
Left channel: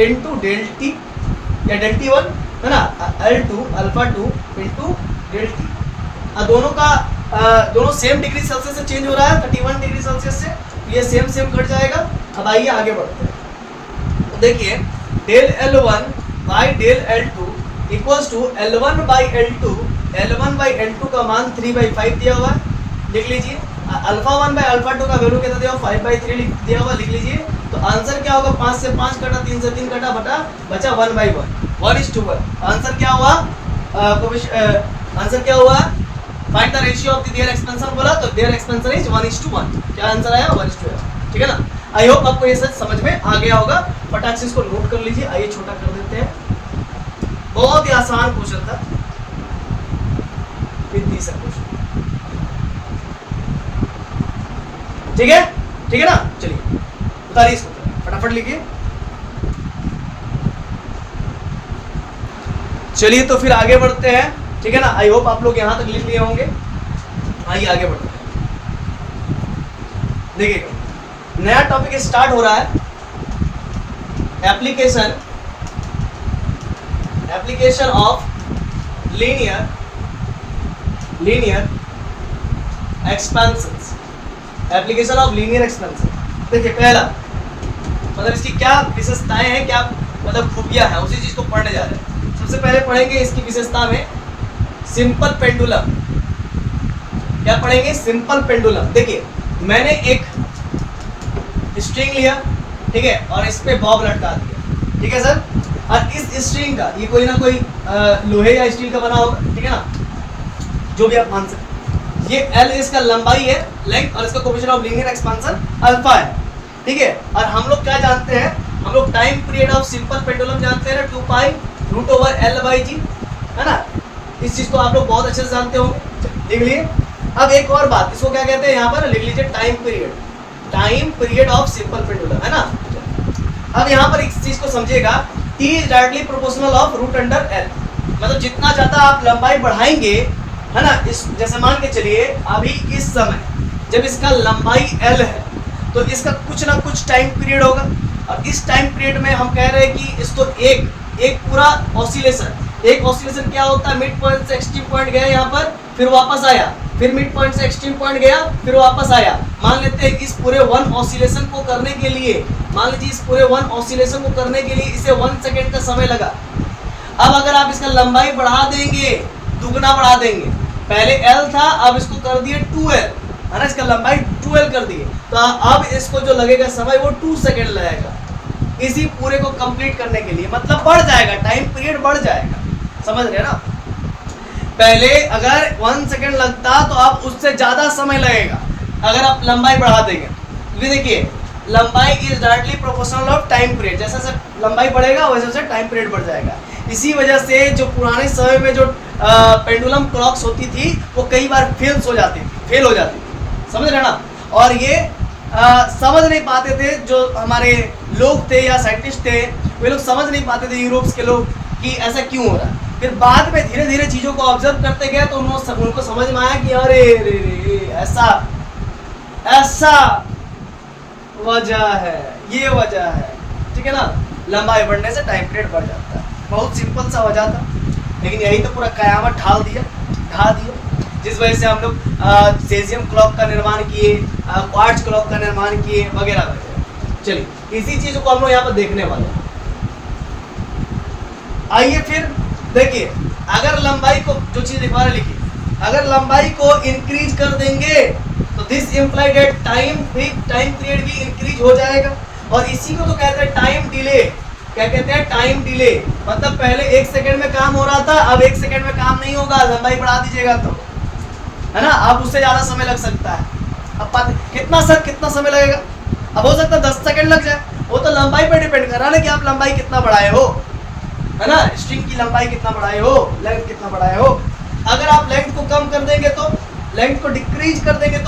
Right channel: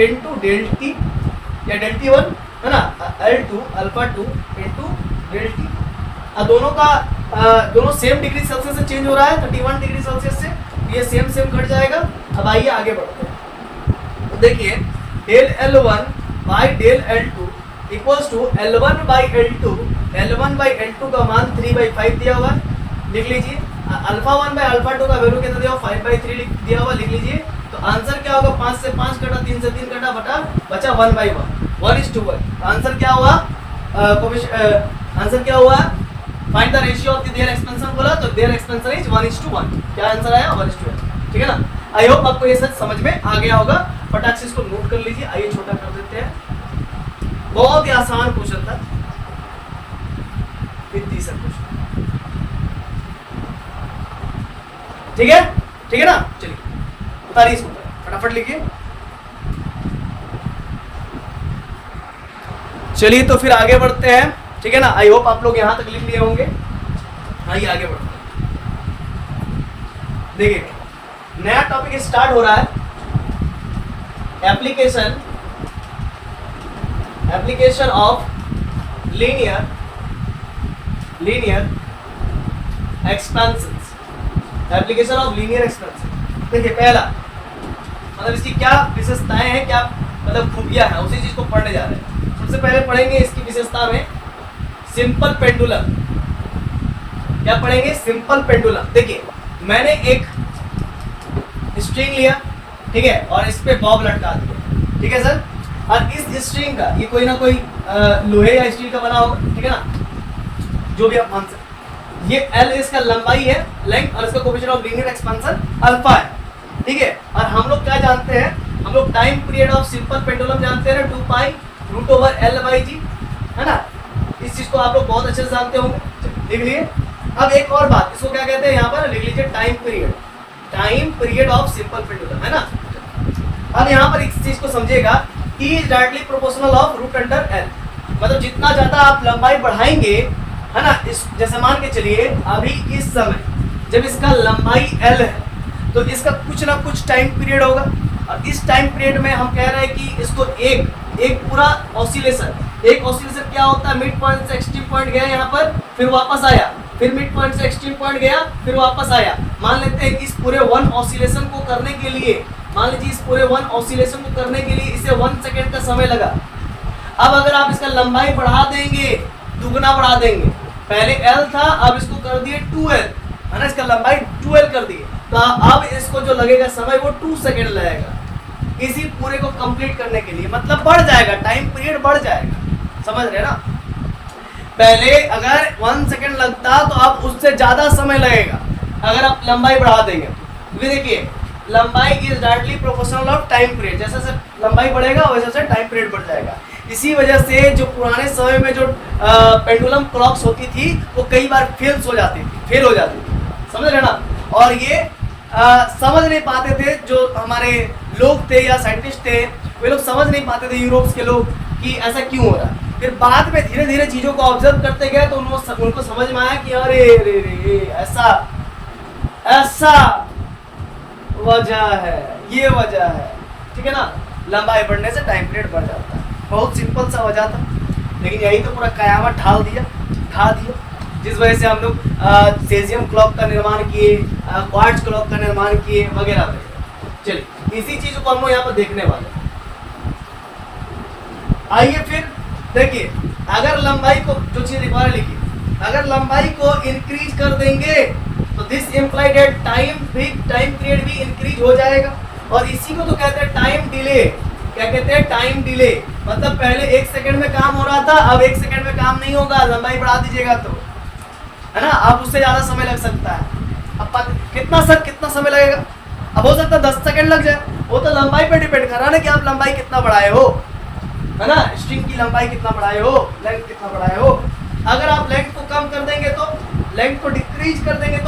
into del T या डेल टी 1 है ना, L2 alpha 2 into del T. दोनों का दोनों सेम डिग्री सेल्सियस से चेंज हो रहा है, 31 डिग्री सेल्सियस से, ये सेम कट जाएगा। अब आइए आगे बढ़ते हैं, तो देखिए del L1 by del L2 equals to L1 by L2, L1 by L2 का मान 3/5 दिया हुआ है, लिख लीजिए। अल्फा 1 बाई अल्फा 2 का वैल्यू कितना दिया हुआ 5/3 दिया हुआ, लिख लीजिए। तो आंसर क्या होगा, 5 से 5 कटा, 3 से 3 कटा, बटा बचा 1/1, 1:1। आंसर क्या हुआ, आंसर क्या हुआ, find the ratio of the their expansion बोला तो देयर एक्सपेंशन इज 1:1। क्या आंसर आया 1:1, ठीक है ना। आई होप आपको ये सब समझ में आ गया होगा, फटाक से इसको नोट कर लीजिए। आइए छोटा कर देते हैं, बहुत ही आसान क्वेश्चन था, हिंदी से क्वेश्चन, ठीक है, ठीक है ना। चलिए उतारिए इसको, फटाफट लिखिए। चलिए तो फिर आगे बढ़ते हैं, ठीक है ना। आई होप आप लोग यहां तक लिख लिए होंगे। आइए आगे बढ़ते हैं, देखिएगा नया टॉपिक स्टार्ट हो रहा है, application of linear expansions, application of linear expansion. देखिए पहला मतलब इसकी क्या विशेषताएं हैं, क्या मतलब खूबियां हैं, उसी चीज को पढ़ने जा रहे हैं। सबसे पहले पढ़ेंगे इसकी विशेषता में सिंपल पेंडुलम। क्या पढ़ेंगे, सिंपल पेंडुलम। देखिए मैंने एक स्ट्रिंग लिया, ठीक है, और इस पे बॉब लटका दिया, ठीक है सर। और इस स्ट्रिंग का ये कोई ना कोई लोहे या स्टील का बना होगा, ठीक है ना, जो भी आप मान सकते। ये L इसका लंबाई है, लेंथ, और इसका coefficient of linear expansion alpha है, ठीक है। और हम लोग क्या जानते हैं, हम लोग time period of simple pendulum जानते हैं ना, 2π√L/g, है ना। इस चीज को आप लोग बहुत अच्छे से जानते होंगे, लिख लिए। अब एक और बात, इसको क्या कहते हैं, यहाँ पर लिख लीजिए time period of simple pendulum, है ना। अब यहाँ पर इस चीज को समझिएगा, T is directly proportional of √L, मतलब जितना ज्यादा आप लंबाई बढ़ाएंगे, है ना, इस जैसे मान के चलिए अभी इस समय जब इसका लंबाई L है तो इसका कुछ ना कुछ टाइम पीरियड होगा, और इस टाइम पीरियड में हम कह रहे हैं कि इसको एक पूरा ऑसिलेशन क्या होता है, मिड पॉइंट से एक्सट्रीम पॉइंट गया यहाँ पर, फिर वापस आया, फिर मिड पॉइंट से एक्सट्रीम पॉइंट गया, फिर वापस आया। मान लेते हैं इस पूरे 1 ऑसिलेशन को करने के लिए, मान लीजिए इस पूरे 1 ऑसिलेशन को करने के लिए इसे 1 सेकेंड का समय लगा। अब अगर आप इसका लंबाई बढ़ा देंगे, दुगना बढ़ा देंगे, पहले L था, अब इसको कर दिए 2L, है ना, इसका लंबाई 2L कर दिए, तो अब इसको जो लगेगा समय वो 2 सेकेंड लगेगा इसी पूरे को कंप्लीट करने के लिए, मतलब बढ़ जाएगा, टाइम पीरियड बढ़ जाएगा, समझ रहे ना। पहले अगर 1 सेकेंड लगता तो अब उससे ज्यादा समय लगेगा अगर आप लंबाई बढ़ा देंगे। क्योंकि देखिए लंबाई is directly proportional of time period, जैसे जैसे लंबाई बढ़ेगा वैसे वैसे टाइम पीरियड बढ़ जाएगा। इसी वजह से जो पुराने समय में जो पेंडुलम क्लॉक्स होती थी वो कई बार फेल हो जाती थी, समझ रहे ना। और ये समझ नहीं पाते थे, जो हमारे लोग थे या साइंटिस्ट थे, वे लोग समझ नहीं पाते थे यूरोप के लोग कि ऐसा क्यों हो रहा। फिर बाद में धीरे धीरे चीज़ों को ऑब्जर्व करते गए तो उनको समझ में आया कि अरे रे रे ऐसा ऐसा वजह है, ये वजह है, ठीक है ना। लंबाई बढ़ने से टाइम पीरियड बढ़ जाता है, बहुत सिंपल सा वजह था, लेकिन यही तो पूरा कयामत ढा दिया, जिस वजह से हम लोग सेजियम क्लॉक का निर्माण किए, क्वार्ट्ज क्लॉक का निर्माण किए, वगैरह वगैरह। चलिए इसी चीज को हम लोग यहाँ पर देखने वाले हैं। आइए फिर देखिए, अगर लंबाई को, जो चीज लिखवा लिखी, अगर लंबाई को इंक्रीज कर देंगे तो this implied that time period भी इंक्रीज हो जाएगा, और इसी को तो कहते हैं टाइम डिले। क्या कहते हैं? Time delay. मतलब पहले 1 सेकंड में काम हो रहा था, अब 1 सेकंड में काम नहीं होगा, लंबाई बढ़ा दीजिएगा तो, है ना, अब उससे ज्यादा समय लग सकता है। अब कितना समय लगेगा? अब हो सकता है 10 सेकंड लग जाए, वो तो लंबाई पर डिपेंड कर रहा है ना कि आप लंबाई कितना बढ़ाए हो, है ना, स्ट्रिंग की लंबाई कितना बढ़ाए हो, लेंथ कितना बढ़ाए हो। अगर आप लेंथ को कम कर देंगे तो, लेंथ को डिक्रीज कर देंगे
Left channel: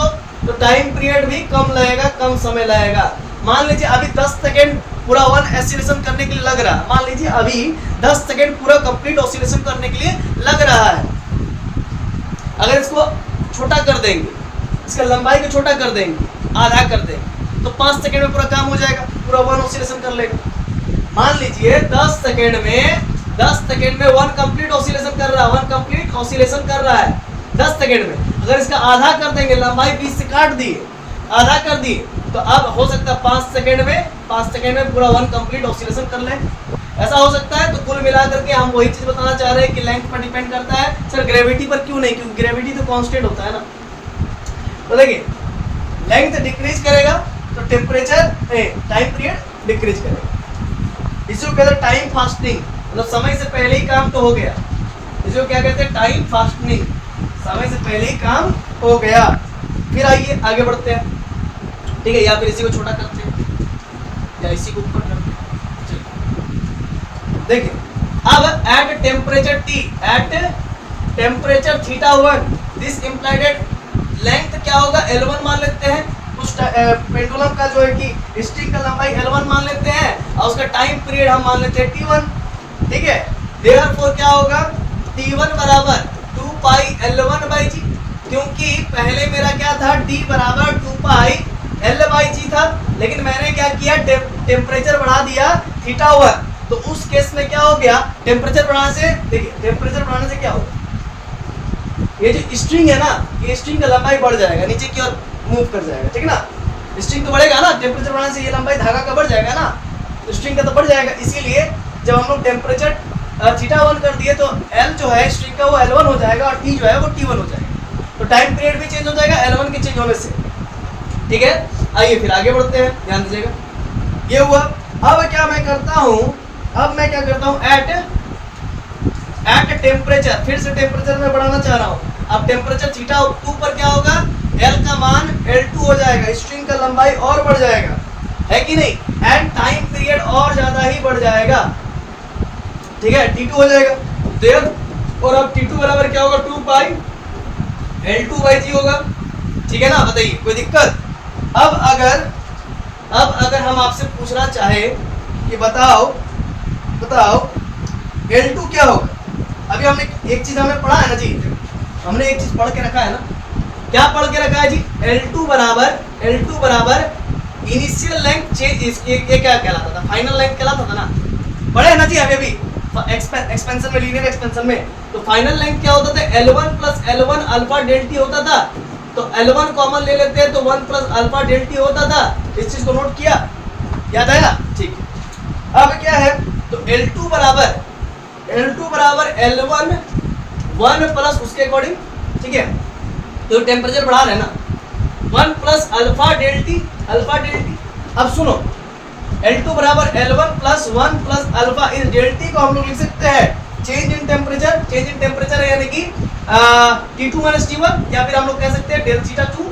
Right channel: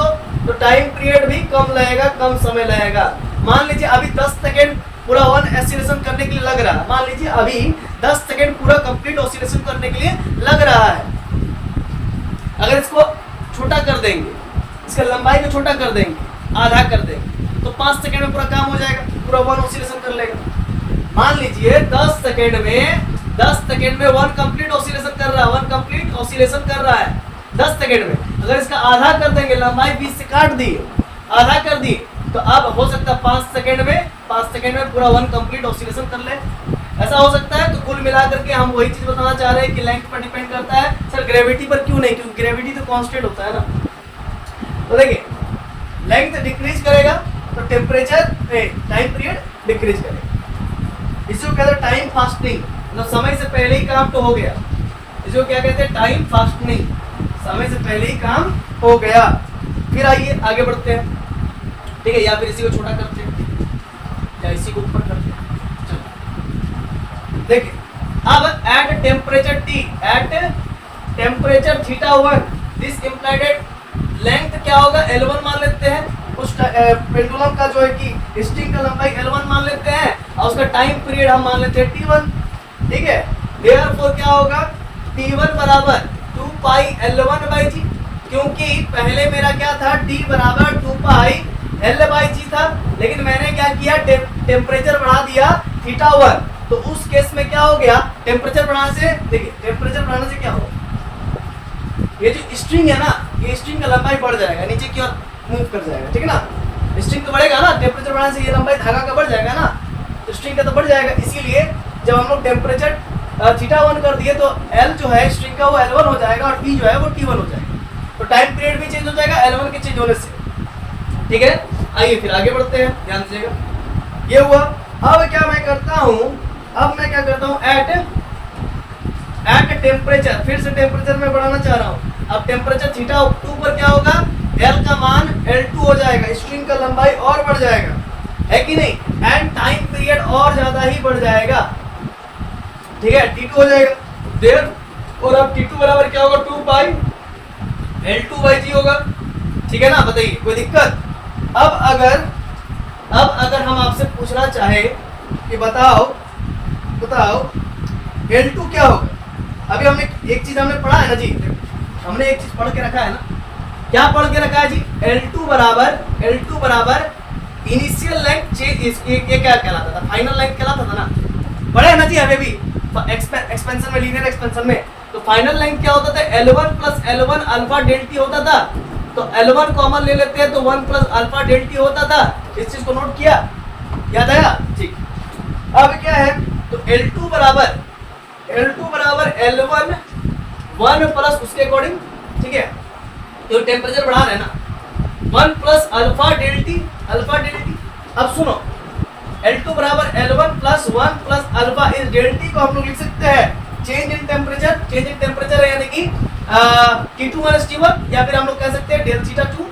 तो टाइम पीरियड भी कम लगेगा, कम समय लगेगा। मान लीजिए अभी 10 सेकंड पूरा 1 ऑसिलेशन करने के लिए लग रहा है, मान लीजिए अभी 10 सेकंड पूरा कंप्लीट ऑसिलेशन करने के लिए लग रहा है। अगर इसको छोटा कर देंगे, इसका लंबाई को छोटा कर देंगे, आधा कर देंगे, तो 5 सेकंड में पूरा काम हो जाएगा, पूरा 1 ऑसिलेशन कर लेगा। मान लीजिए 10 सेकंड में 1 कंप्लीट ऑसिलेशन कर रहा है, 1 कंप्लीट ऑसिलेशन कर रहा है 10 सेकंड में। अगर इसका आधा कर देंगे, लंबाई 20 से काट दिए, आधा कर दिए, तो अब हो सकता है 5 सेकंड में पूरा 1 कंप्लीट ऑसिलेशन कर ले। ऐसा हो सकता है। तो कुल मिलाकर के हम वही चीज बताना चाह रहे हैं कि लेंथ पर डिपेंड करता है। सर ग्रेविटी पर क्यों नहीं? क्योंकि ग्रेविटी तो कांस्टेंट होता है ना। तो देखिए लेंथ डिक्रीज करेगा तो टेम्परेचर टाइम पीरियड डिक्रीज करेगा। इसको कहते हैं टाइम फास्टिंग, मतलब समय से पहले ही काम तो हो गया। इसको क्या कहते हैं? टाइम फास्टिंग, समय से पहले ही काम हो गया। फिर आइए आगे बढ़ते हैं, ठीक है, या फिर इसी को छोटा करते हैं या इसी को ऊपर करते हैं। देखिए अब at temperature T, at temperature θ1, this implied length क्या होगा? L1 मान लेते हैं। उस पेंडुलम का जो है कि स्ट्रिंग का लंबाई L1 मान लेते हैं और उसका टाइम पीरियड हम मान लेते हैं T1, ठीक है। देयरफॉर क्या होगा? T1 बराबर 2 पाई L1/g, क्योंकि पहले मेरा क्या था? D बराबर 2 पाई L/g था, लेकिन मैंने क्या किया? टेम्परेचर बढ़ा दिया θ1, तो उस केस में क्या हो गया? टेम्परेचर बढ़ाने से, देखिए टेम्परेचर बढ़ाने से क्या होगा? ये जो स्ट्रिंग है ना, ये स्ट्रिंग का लंबाई बढ़ जाएगा, नीचे की ओर मूव कर जाएगा, ठीक है ना। स्ट्रिंग तो बढ़ेगा ना, टेम्परेचर बढ़ाने से ये लंबाई धागा का बढ़ जाएगा ना, स्ट्रिंग का तो बढ़ जाएगा। इसीलिए जब हम लोग टेम्परेचर θ1 कर दिए तो L जो है स्ट्रिंग का वो L1 हो जाएगा और T जो है वो T1 हो जाएगा। तो टाइम पीरियड भी चेंज हो जाएगा L1 के चेंज होने से, ठीक है। आइए फिर आगे बढ़ते हैं, ध्यान दीजिएगा। ये हुआ। अब क्या मैं करता हूँ? एट टेम्परेचर, फिर से टेम्परेचर में बढ़ाना चाह रहा हूँ। अब टेम्परेचर θ2 पर क्या होगा? L का मान L2 हो जाएगा, स्ट्रिंग का लंबाई और बढ़ जाएगा, है कि नहीं? एंड टाइम पीरियड और ज्यादा ही बढ़ जाएगा, ठीक है, T2 हो जाएगा देर। और अब T2 बराबर क्या होगा? 2 पाई L2/g होगा, ठीक है ना। बताइए कोई दिक्कत? अब अगर हम आपसे पूछना चाहे कि बताओ L2 क्या होगा? अभी हमने एक चीज हमने पढ़ा है ना जी, हमने एक चीज पढ़ के रखा है ना। क्या पढ़ के रखा है जी? L2 बराबर इनिशियल लेंथ चेंज, ये क्या कहलाता था? फाइनल लेंथ कहलाता था ना, पढ़े है ना जी हमें भी एक्सपेंशन में, लीनियर एक्सपेंशन में। तो फाइनल लेंथ क्या होता था? L1 plus L1 alpha del T होता था। तो L1 कॉमन ले लेते हैं तो 1 प्लस अल्फा डेल टी होता था। इस चीज को नोट किया, याद आया? ठीक। अब क्या है? तो L2 बराबर L1 1 प्लस उसके अकॉर्डिंग, ठीक है, तो टेम्परेचर बढ़ा रहे हैं ना, 1 प्लस अल्फा डेल टी। अब सुनो, L2 बराबर L1 प्लस 1 प्लस अल्फा, इस डेल टी को हम लोग लिख सकते हैं चेंज इन टेम्परेचर है, यानी कि T2 माइनस T1, या फिर हम लोग कह सकते हैं डेल θ2।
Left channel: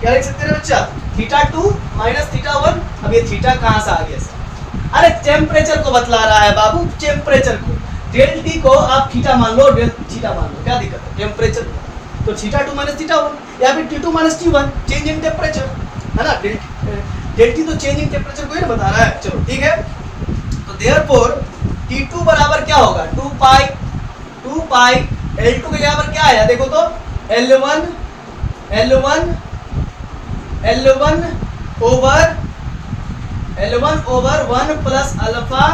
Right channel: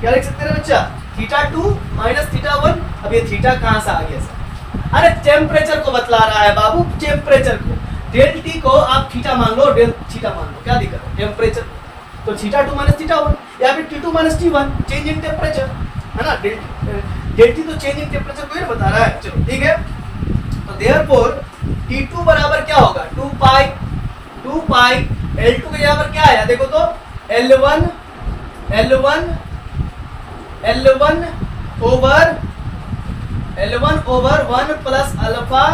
क्या लिख सकते हैं बच्चा? θ2 माइनस θ1। अब ये थीटा कहाँ से आ गया सर? अरे टेम्परेचर को बतला रहा है बाबू, टेम्परेचर को। डेल टी को आप थीटा मान लो, डेल थीटा मान लो, क्या दिक्कत है? टेम्परेचर तो θ2 माइनस θ1 या फिर T2 minus T1, change in temperature, है ना, डेल्टी तो चेंज इन टेम्परेचर को ही ना बता रहा है। चलो ठीक है, तो देयरफॉर T2 बराबर क्या होगा, 2 पाई L2 के यहाँ पर क्या आया देखो तो L1 over 1 plus alpha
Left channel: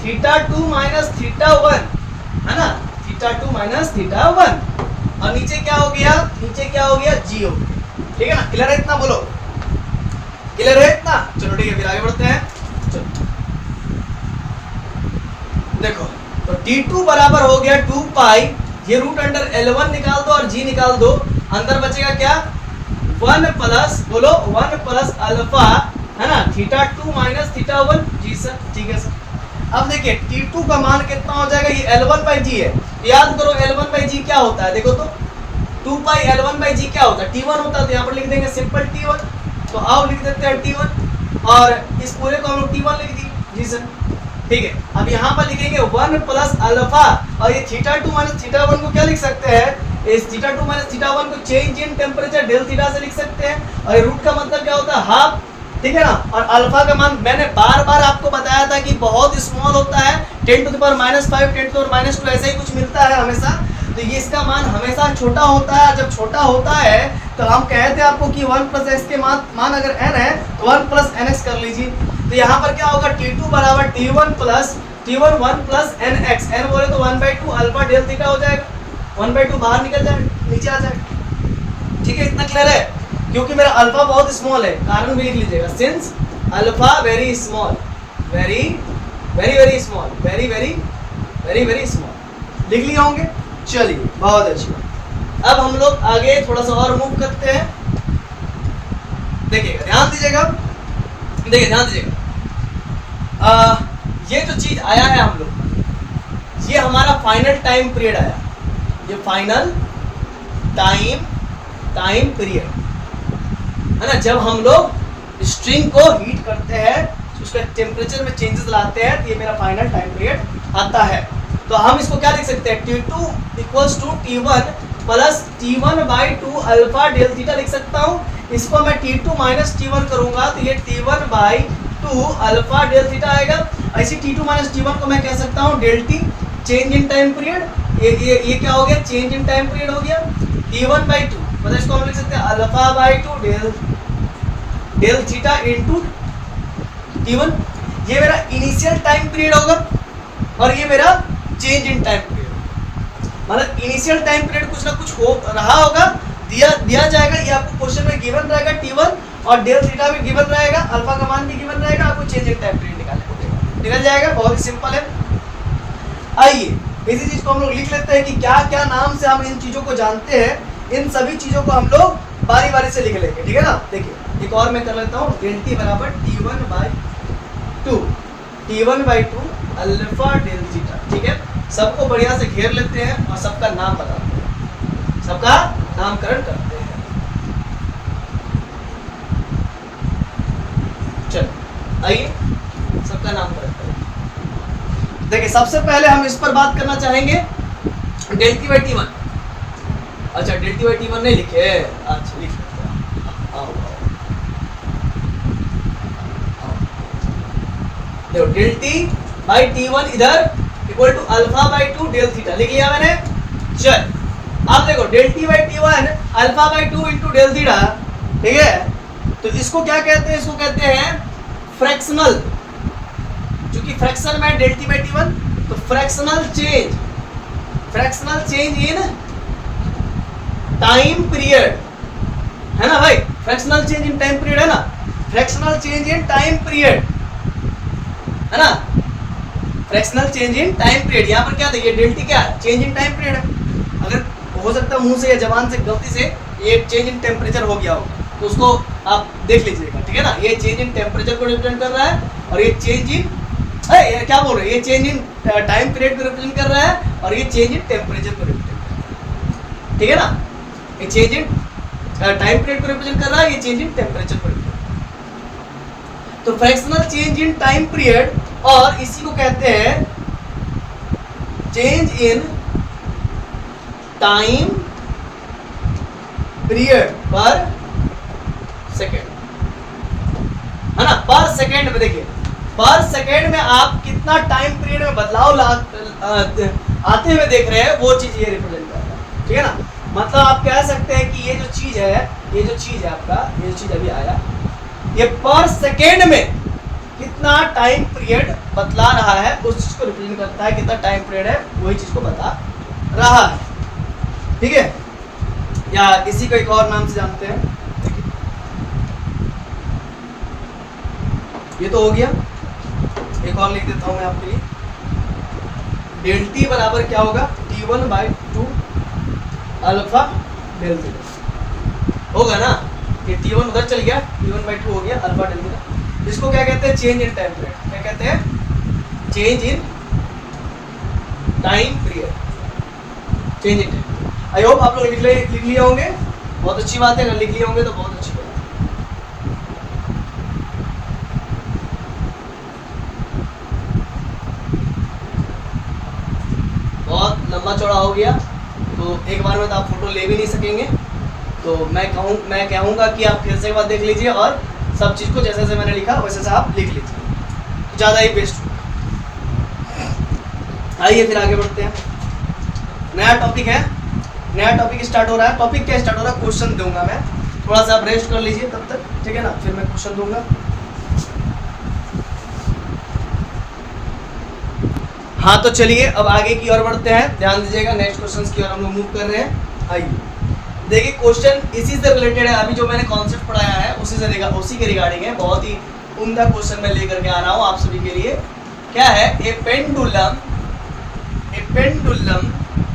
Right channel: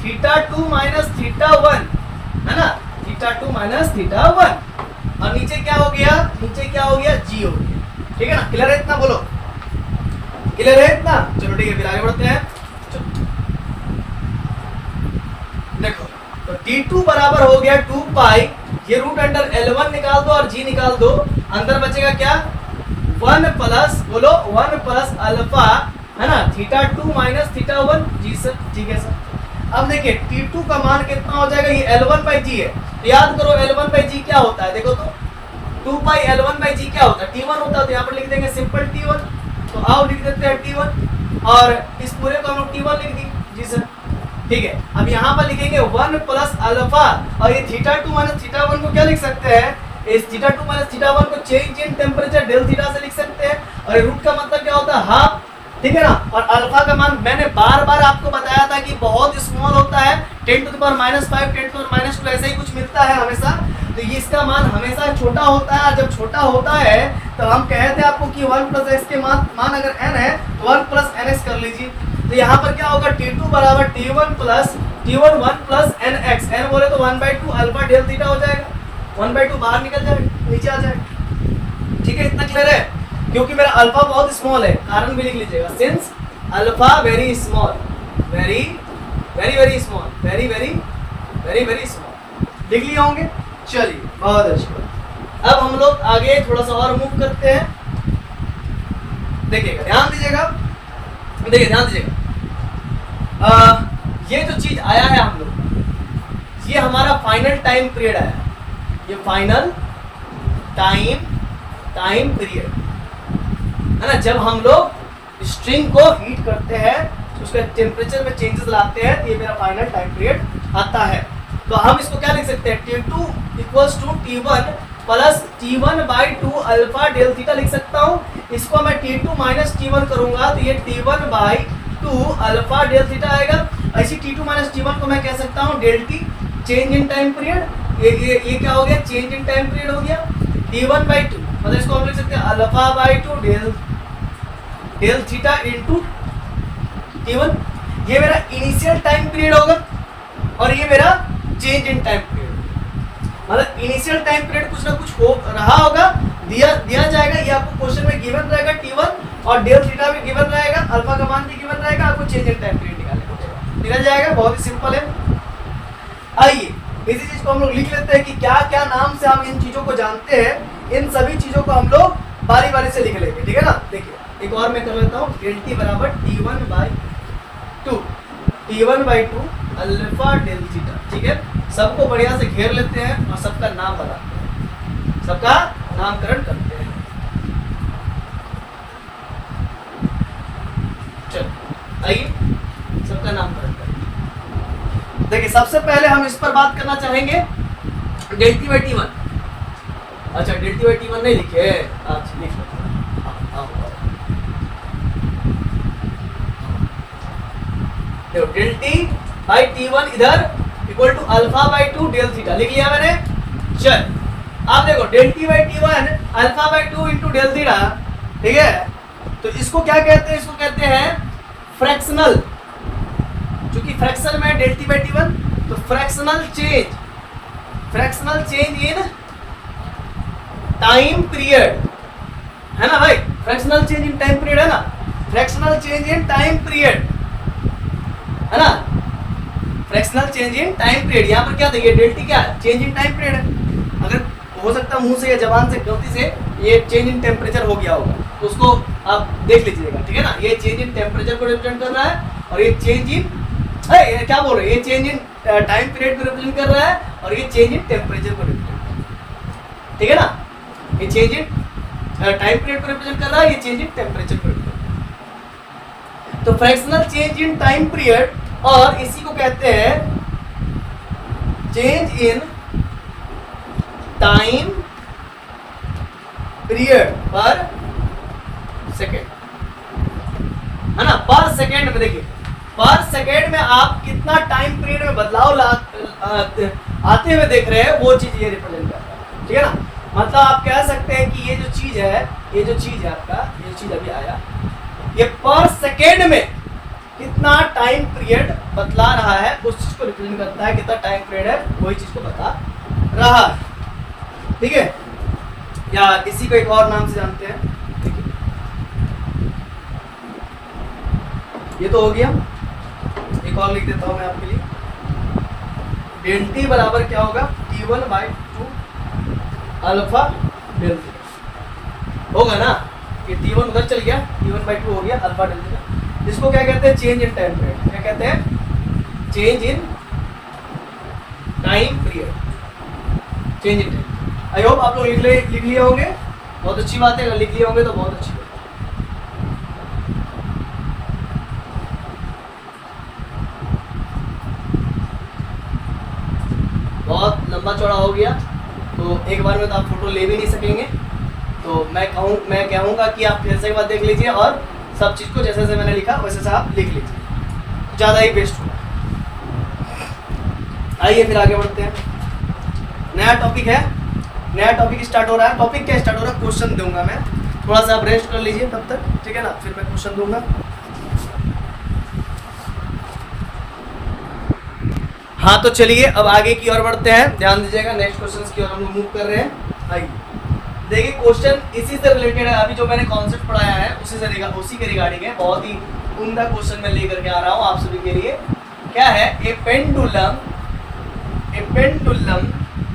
theta 2 minus theta 1, है ना, थीटा 2 माइनस थीटा 1, और नीचे क्या हो गया, जी हो गया। ठीक है ना, क्लियर है इतना, बोलो क्लियर है इतना। चलो ठीक है, फिर आगे बढ़ते हैं। चलो देखो, तो T2 बराबर हो गया 2 पाई, ये रूट अंडर L1 निकाल दो और G निकाल दो, अंदर बचेगा क्या 1 प्लस, बोलो 1 प्लस अल्फा, है ना, थीटा 2 माइनस थीटा 1। जी सर, ठीक है सर। अब देखिए T2 का मान कितना हो जाएगा, ये L1 बाई जी है, याद करो L1 बाई जी क्या होता है, देखो तो 2 पाई L1 बाई जी क्या होता है, T1 होता है, तो यहाँ पर लिख देंगे सिंपल T1, तो आओ लिख देते हैं T1, और इस पूरे को हम लोग T1 लिख दी। जी सर, ठीक है। अब यहाँ पर लिखेंगे 1 प्लस अल्फा, और ये थीटा 2 माइनस थीटा 1 को क्या लिख सकते हैं, इस थीटा 2 माइनस थीटा 1 को change in temperature del theta से लिख सकते हैं, और रूट का मतलब क्या होता है, हाफ। ठीक है ना, और अल्फा का मान मैंने बार बार आपको बताया था कि बहुत स्मॉल होता है, 10 to the power -5, 10 to the power -2 ऐसा ही कुछ मिलता है हमेशा, तो ये इसका मान हमेशा छोटा होता है। जब छोटा होता है तो हम कहते हैं आपको कि 1 प्लस एक्स के मान अगर n है तो 1 प्लस nx कर लीजिए, तो यहाँ पर क्या होगा T2 बराबर T1 1 प्लस nx, n बोले तो 1/2 अल्फा डेल थीटा हो जाएगा, 1/2 बाहर निकल जाएगा, नीचे आ जाएगा। ठीक है, इतना क्लियर है, क्योंकि मेरा अल्फा बहुत स्मॉल है, कारण भी लिख लीजिएगा, since alpha very small, very small, very small, लिख लिए होंगे। चलिए, बहुत अच्छी बात। अब हम लोग आगे थोड़ा सा और मूव करते हैं, देखिएगा, ध्यान दीजिएगा, ये जो चीज आया है हम लोग, ये हमारा फाइनल टाइम पीरियड आया, ये फाइनल टाइम पीरियड है ना, जब हम लोग स्ट्रिंग को हीट करते हैं, उसके टेम्परेचर में चेंजेस लाते हैं, तो ये मेरा फाइनल टाइम पीरियड आता है। तो हम इसको क्या लिख सकते हैं, T2 equals to T1 plus T1/2 alpha del theta लिख सकता हूँ। इसको मैं T2 माइनस T1 करूंगा तो ये T1/2 अल्फा डेल थीटा आएगा। ऐसी T2 माइनस T1 को मैं कह सकता हूँ del T, change in time period. ये क्या हो गया, चेंज इन टाइम पीरियड हो गया। T1/2 मतलब इसको हम लिख सकते हैं अल्फा/2 डेल थीटा इनटू T1। ये मेरा इनिशियल टाइम पीरियड होगा और ये मेरा चेंज इन टाइम पीरियड, मतलब इनिशियल टाइम पीरियड कुछ ना कुछ हो रहा होगा, दिया जाएगा, ये आपको क्वेश्चन में गिवन रहेगा T1 और डेल थीटा भी गिवन रहेगा, अल्फा का मान भी गिवन रहेगा, आपको चेंज इन टाइम पीरियड निकल जाएगा। बहुत ही सिंपल है। आइए इसी चीज को हम लोग लिख लेते हैं कि क्या क्या नाम से हम इन चीजों को जानते हैं, इन सभी चीजों को हम लोग बारी बारी से लिख लेंगे, ठीक है ना। देखिए एक और मैं कर लेता हूँ, डेल टी बराबर T1/2 अल्फा डेल थीटा, ठीक है। सबको बढ़िया से घेर लेते हैं और सबका नाम बताते हैं, सबका नामकरण करते हैं। चलो आइए सबका नामकरण करें। देखिए सबसे पहले हम इस पर बात करना चाहेंगे डेल T/T1। अच्छा डेल T/T1 नहीं लिखे, अच्छा लिख लेते हैं। आओ देखो डेल T/T1 इधर इक्वल टू अल्फा/2 डेल थीटा लिख लिया मैंने। चल अब देखो डेल T/T1 अल्फा/2 इंटू डेल थीटा, ठीक है। तो इसको क्या कहते हैं, इसको कहते हैं फ्रैक्शनल, क्योंकि फ्रैक्शन में डेल T/T1, तो fractional change in time period है ना भाई, fractional change in time period है ना, fractional change in time period है ना, fractional change in time period. यहाँ पर क्या देखिए डेल टी क्या है, चेंज इन टाइम पीरियड है। अगर हो सकता है मुंह से या जबान से गलती से ये चेंज इन टेम्परेचर हो गया होगा तो उसको आप देख लीजिएगा, ठीक है ना। ये चेंज इन टेम्परेचर को रिप्रेजेंट कर रहा है और ये चेंज इन क्या बोल रहे हैं, ये चेंज इन टाइम पीरियड को रिप्रेजेंट कर रहा है और ये चेंज इन टेम्परेचर को रिप्रेजेंट कर रहा है, ठीक है ना। ये चेंज इन टाइम पीरियड को रिप्रेजेंट कर रहा है, ये चेंज इन टेम्परेचर को रिप्रेजेंट कर रहा है। तो fractional change in time period, और इसी को कहते हैं चेंज इन टाइम पीरियड पर सेकेंड, है ना, पर सेकेंड में देखिए, पर सेकेंड में आप कितना टाइम पीरियड में बदलाव आते हुए देख रहे हैं, वो चीज ये रिप्रेजेंट करता है, ठीक है ना। मतलब आप कह सकते हैं कि ये जो चीज है, ये जो चीज है आपका, ये चीज अभी आया, ये पर सेकेंड में कितना टाइम पीरियड बतला रहा है, उस चीज को रिप्रेजेंट करता है, कितना टाइम पीरियड है वही चीज को बता रहा है, ठीक है। या इसी को एक और नाम से जानते हैं, ये तो हो गया, एक और लिख देता हूं मैं आपके लिए, डेल टी बराबर क्या होगा, T1/2 अल्फा डेल थीटा होगा ना, ये T1 उधर चल गया, T1/2 हो गया अल्फा डेल थीटा। इसको क्या कहते हैं, चेंज इन टाइम पीरियड, क्या कहते हैं, change in time period, change in time. I hope आप लोग लिख लिए होंगे, बहुत अच्छी बात है, अगर लिख लिए होंगे तो बहुत अच्छी बात है। बहुत लंबा चौड़ा हो गया तो एक बार में तो आप फोटो ले भी नहीं सकेंगे, तो मैं कहूँगा कि आप फिर से एक बार देख लीजिए और सब चीज़ को जैसे जैसे मैंने लिखा वैसे से आप लिख लीजिए, ज़्यादा ही बेस्ट होगा। आइए फिर आगे बढ़ते हैं, नया टॉपिक है, नया टॉपिक स्टार्ट हो रहा है। टॉपिक क्या स्टार्ट हो रहा है, क्वेश्चन दूंगा मैं, थोड़ा सा आप रेस्ट कर लीजिए तब तक, ठीक है ना, फिर मैं क्वेश्चन दूंगा। हाँ तो चलिए अब आगे की ओर बढ़ते हैं, ध्यान दीजिएगा, नेक्स्ट क्वेश्चन की ओर हम लोग मूव कर रहे हैं। आइए देखिए, क्वेश्चन इसी से रिलेटेड है, अभी जो मैंने कॉन्सेप्ट पढ़ाया है उसी के रिगार्डिंग है, बहुत ही उम्दा क्वेश्चन मैं लेकर के आ रहा हूँ आप सभी के लिए। क्या है, ए पेंडुलम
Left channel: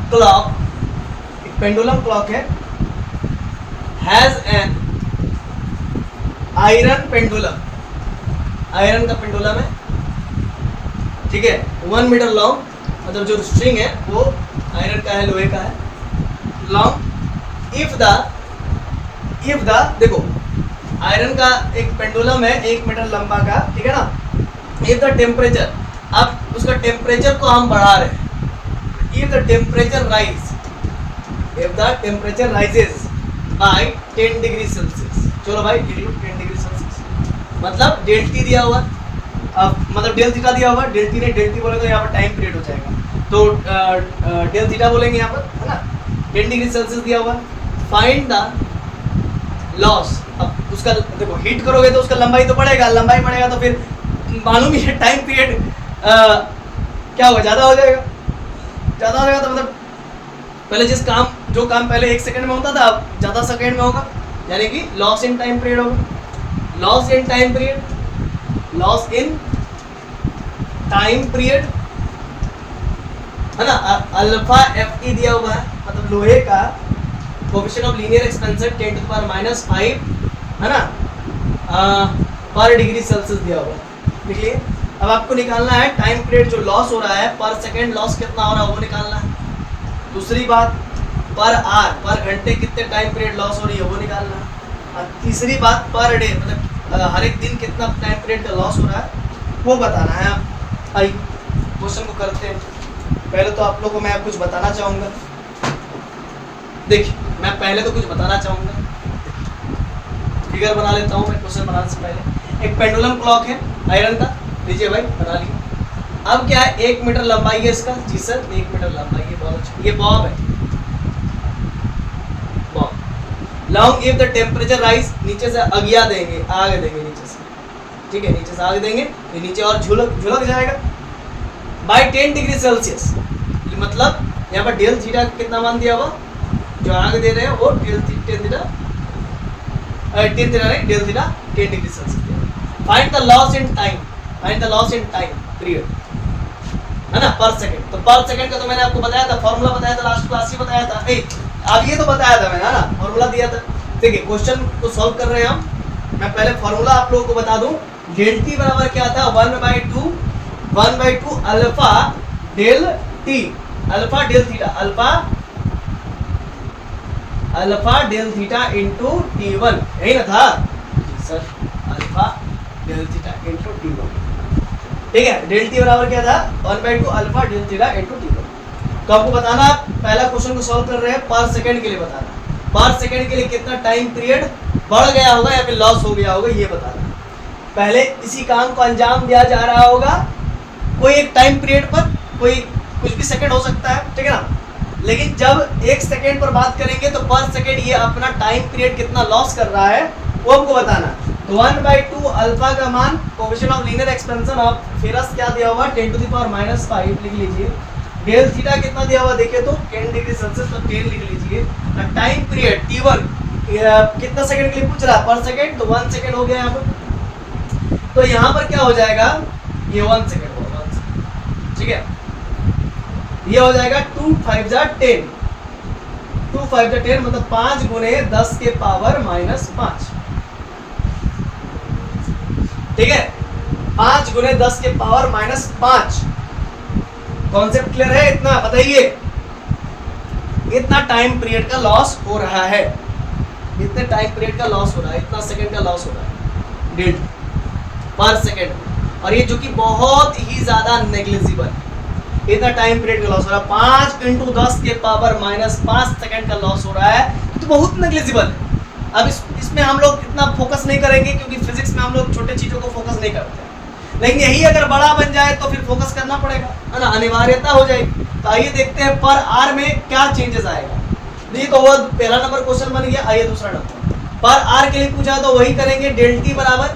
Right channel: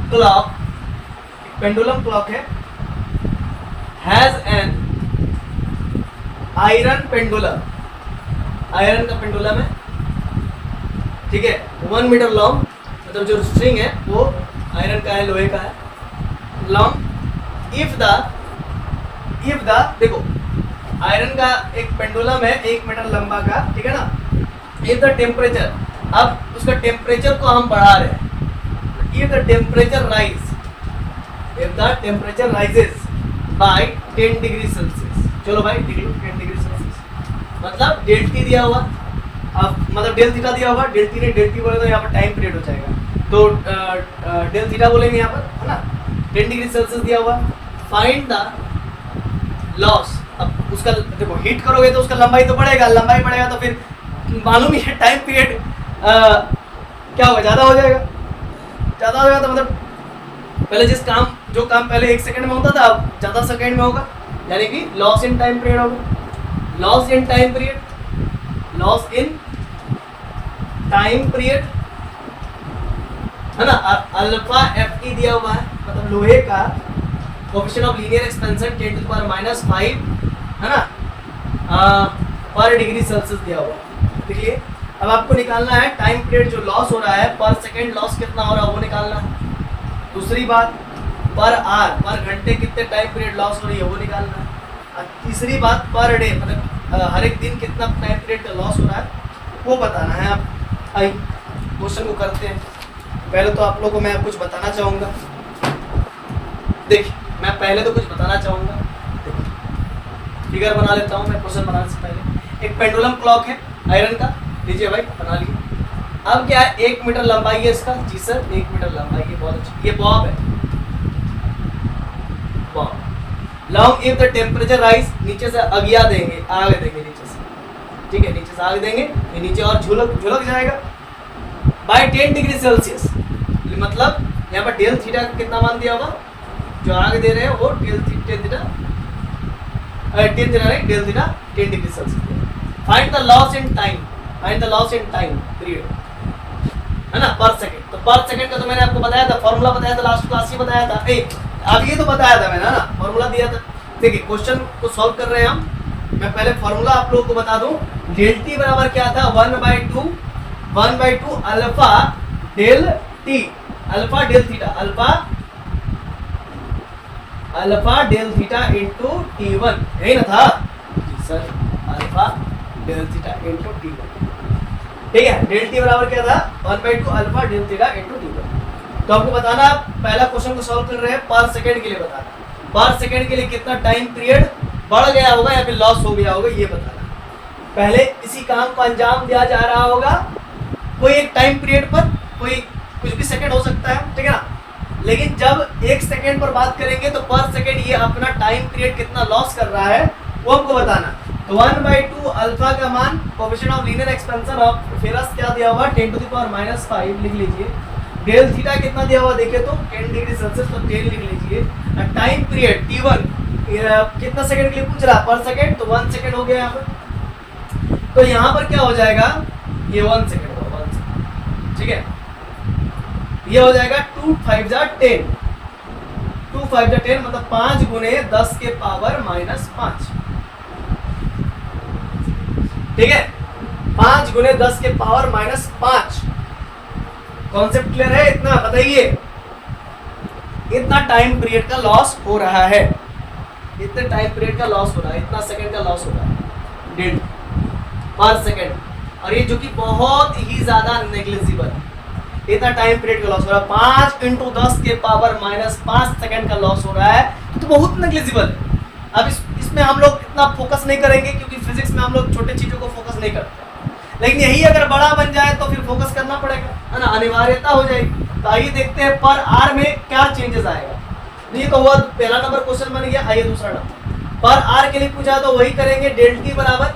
क्लॉक, एक पेंडुलम क्लॉक है, has an iron pendulum, iron का पेंडुलम है, ठीक है, 1 मीटर लॉन्ग, मतलब जो स्ट्रिंग है वो आयरन का है, लोहे का है, लॉन्ग। इफ द देखो, आयरन का एक पेंडुलम है 1 मीटर लंबा का, ठीक है ना। इफ द टेम्परेचर, अब उसका टेम्परेचर को हम बढ़ा रहे हैं, if the temperature rises by 10 degree Celsius, चलो भाई लिख लो 10 डिग्री सेल्सियस, मतलब डेल टी दिया हुआ, अब मतलब डेल थीटा दिया हुआ, डेल टी नहीं, डेल टी बोले तो यहाँ पर टाइम पीरियड हो जाएगा, तो डेल थीटा बोलेंगे यहाँ पर, है ना। 10 डिग्री सेल्सियस दिया हुआ, फाइंड द लॉस। अब उसका देखो, हीट करोगे तो उसका लंबाई तो बढ़ेगा, लंबाई बढ़ेगा तो फिर मालूम ही टाइम पीरियड क्या होगा, ज़्यादा हो जाएगा, ज़्यादा हो जाएगा तो मतलब पहले जो काम पहले 1 सेकंड में होता था अब ज़्यादा सेकंड में होगा, यानी कि लॉस इन टाइम पीरियड होगा, लॉस इन टाइम पीरियड, है ना। अल्फा एफ ई दिया हुआ है, मतलब लोहे का कोएफिशिएंट ऑफ लीनियर एक्सपेंशन 10⁻⁵ है ना, पर डिग्री सेल्सियस दिया हुआ है, लिख लिए। अब आपको निकालना है टाइम पीरियड जो लॉस हो रहा है, पर सेकंड लॉस कितना हो रहा है वो निकालना है। दूसरी बात, पर आवर, पर घंटे कितने टाइम पीरियड लॉस हो रही है वो निकालना है। और तीसरी बात, पर डे, मतलब हर एक दिन कितना टाइम पीरियड लॉस हो रहा है वो बताना है। आप आइए क्वेश्चन को करते हैं। पहले तो आप लोगों को मैं कुछ बताना चाहूँगा, देखिए मैं पहले तो कुछ बताना चाहूँगा, फिगर बना लेता हूँ मैं क्वेश्चन बनाने से पहले। एक पेंडुलम क्लॉक है आयरन का, लीजिए भाई बना लीजिए। अब क्या है, 1 मीटर लंबाई है इसका, जी सर 1 मीटर लंबाई है, बहुत अच्छी, ये बॉब है, Bob. Long if the temperature rise, नीचे से अगिया देंगे, आग देंगे नीचे से, ठीक है, नीचे से आग देंगे तो नीचे और झुलक जाएगा बाय 10 डिग्री सेल्सियस, मतलब यहाँ पर डेल थीटा कितना मान दिया हुआ, जो आग दे रहे हैं वो del theta 10 degree Celsius. Find the loss in time period, है ना, पर सेकंड। तो पर सेकंड का तो मैंने आपको बताया था, फॉर्मूला बताया था, लास्ट क्लास ही बताया था, अब ये तो बताया था मैंने, है ना, फॉर्मूला दिया था। देखिए क्वेश्चन को सॉल्व कर रहे हैं हम, मैं पहले फॉर्मूला आप लोगों को बता दूं। डेल टी बराबर क्या था, 1/2 alpha del T, alpha del theta into T1, यही ना था जी sir, alpha del theta into T1, ठीक है। डेल टी बराबर क्या था, 1/2 alpha del theta into T1। तो आपको बताना, पहला क्वेश्चन को सॉल्व कर रहे हैं, पर सेकंड के लिए बताना, पर सेकंड के लिए कितना टाइम पीरियड बढ़ गया होगा या फिर लॉस हो गया होगा ये बताना। पहले इसी काम को अंजाम दिया जा रहा होगा कोई एक टाइम पीरियड पर, कोई कुछ भी सेकंड हो सकता है, ठीक है ना। लेकिन जब एक सेकंड पर बात करेंगे तो पर सेकंड ये अपना टाइम पीरियड कितना लॉस कर रहा है वो हमको बताना। तो 1/2 अल्फा का मान coefficient of linear expansion of ferrous क्या दिया हुआ 10⁻⁻5 लिख लीजिए। डेल थीटा कितना दिया हुआ देखिए तो 10 डिग्री सेल्सियस, तो 10 लिख लीजिए। टाइम पीरियड t1 कितना सेकंड के लिए पूछ रहा है पर सेकंड, तो 1 सेकंड हो गया यहाँ पर। तो यहाँ पर क्या हो जाएगा ये 1 सेकंड होगा, 1 सेकंड, ठीक है। ये हो जाएगा 2 5 जा 10, 2 5 जा 10 मतलब 5 गुने 10 के पावर -5, ठीक है। 5 गुने 10 के पावर -5। कॉन्सेप्ट क्लियर है? इतना बताइए, इतना टाइम पीरियड का लॉस हो रहा है, इतने टाइम पीरियड का लॉस हो रहा है, इतना सेकंड का लॉस हो रहा है डेढ़ पर सेकंड। और ये जो कि बहुत ही ज्यादा नेग्लिजिबल, इतना टाइम पीरियड का लॉस हो रहा है, 5 × 10 के पावर -5 सेकंड का लॉस हो रहा है, तो बहुत नेग्लिजिबल है। अब इसमें हम लोग इतना फोकस नहीं करेंगे क्योंकि फिजिक्स में हम लोग छोटे चीजों को फोकस नहीं करते, लेकिन यही अगर बड़ा बन जाए तो फिर फोकस करना पड़ेगा, है ना, अनिवार्यता हो जाएगी। तो आइए देखते हैं पर आर में क्या चेंजेस आएगा। ये तो वो पहला नंबर क्वेश्चन बन गया। आइए दूसरा नंबर पर आर के लिए पूछा तो वही करेंगे, डेल टी बराबर,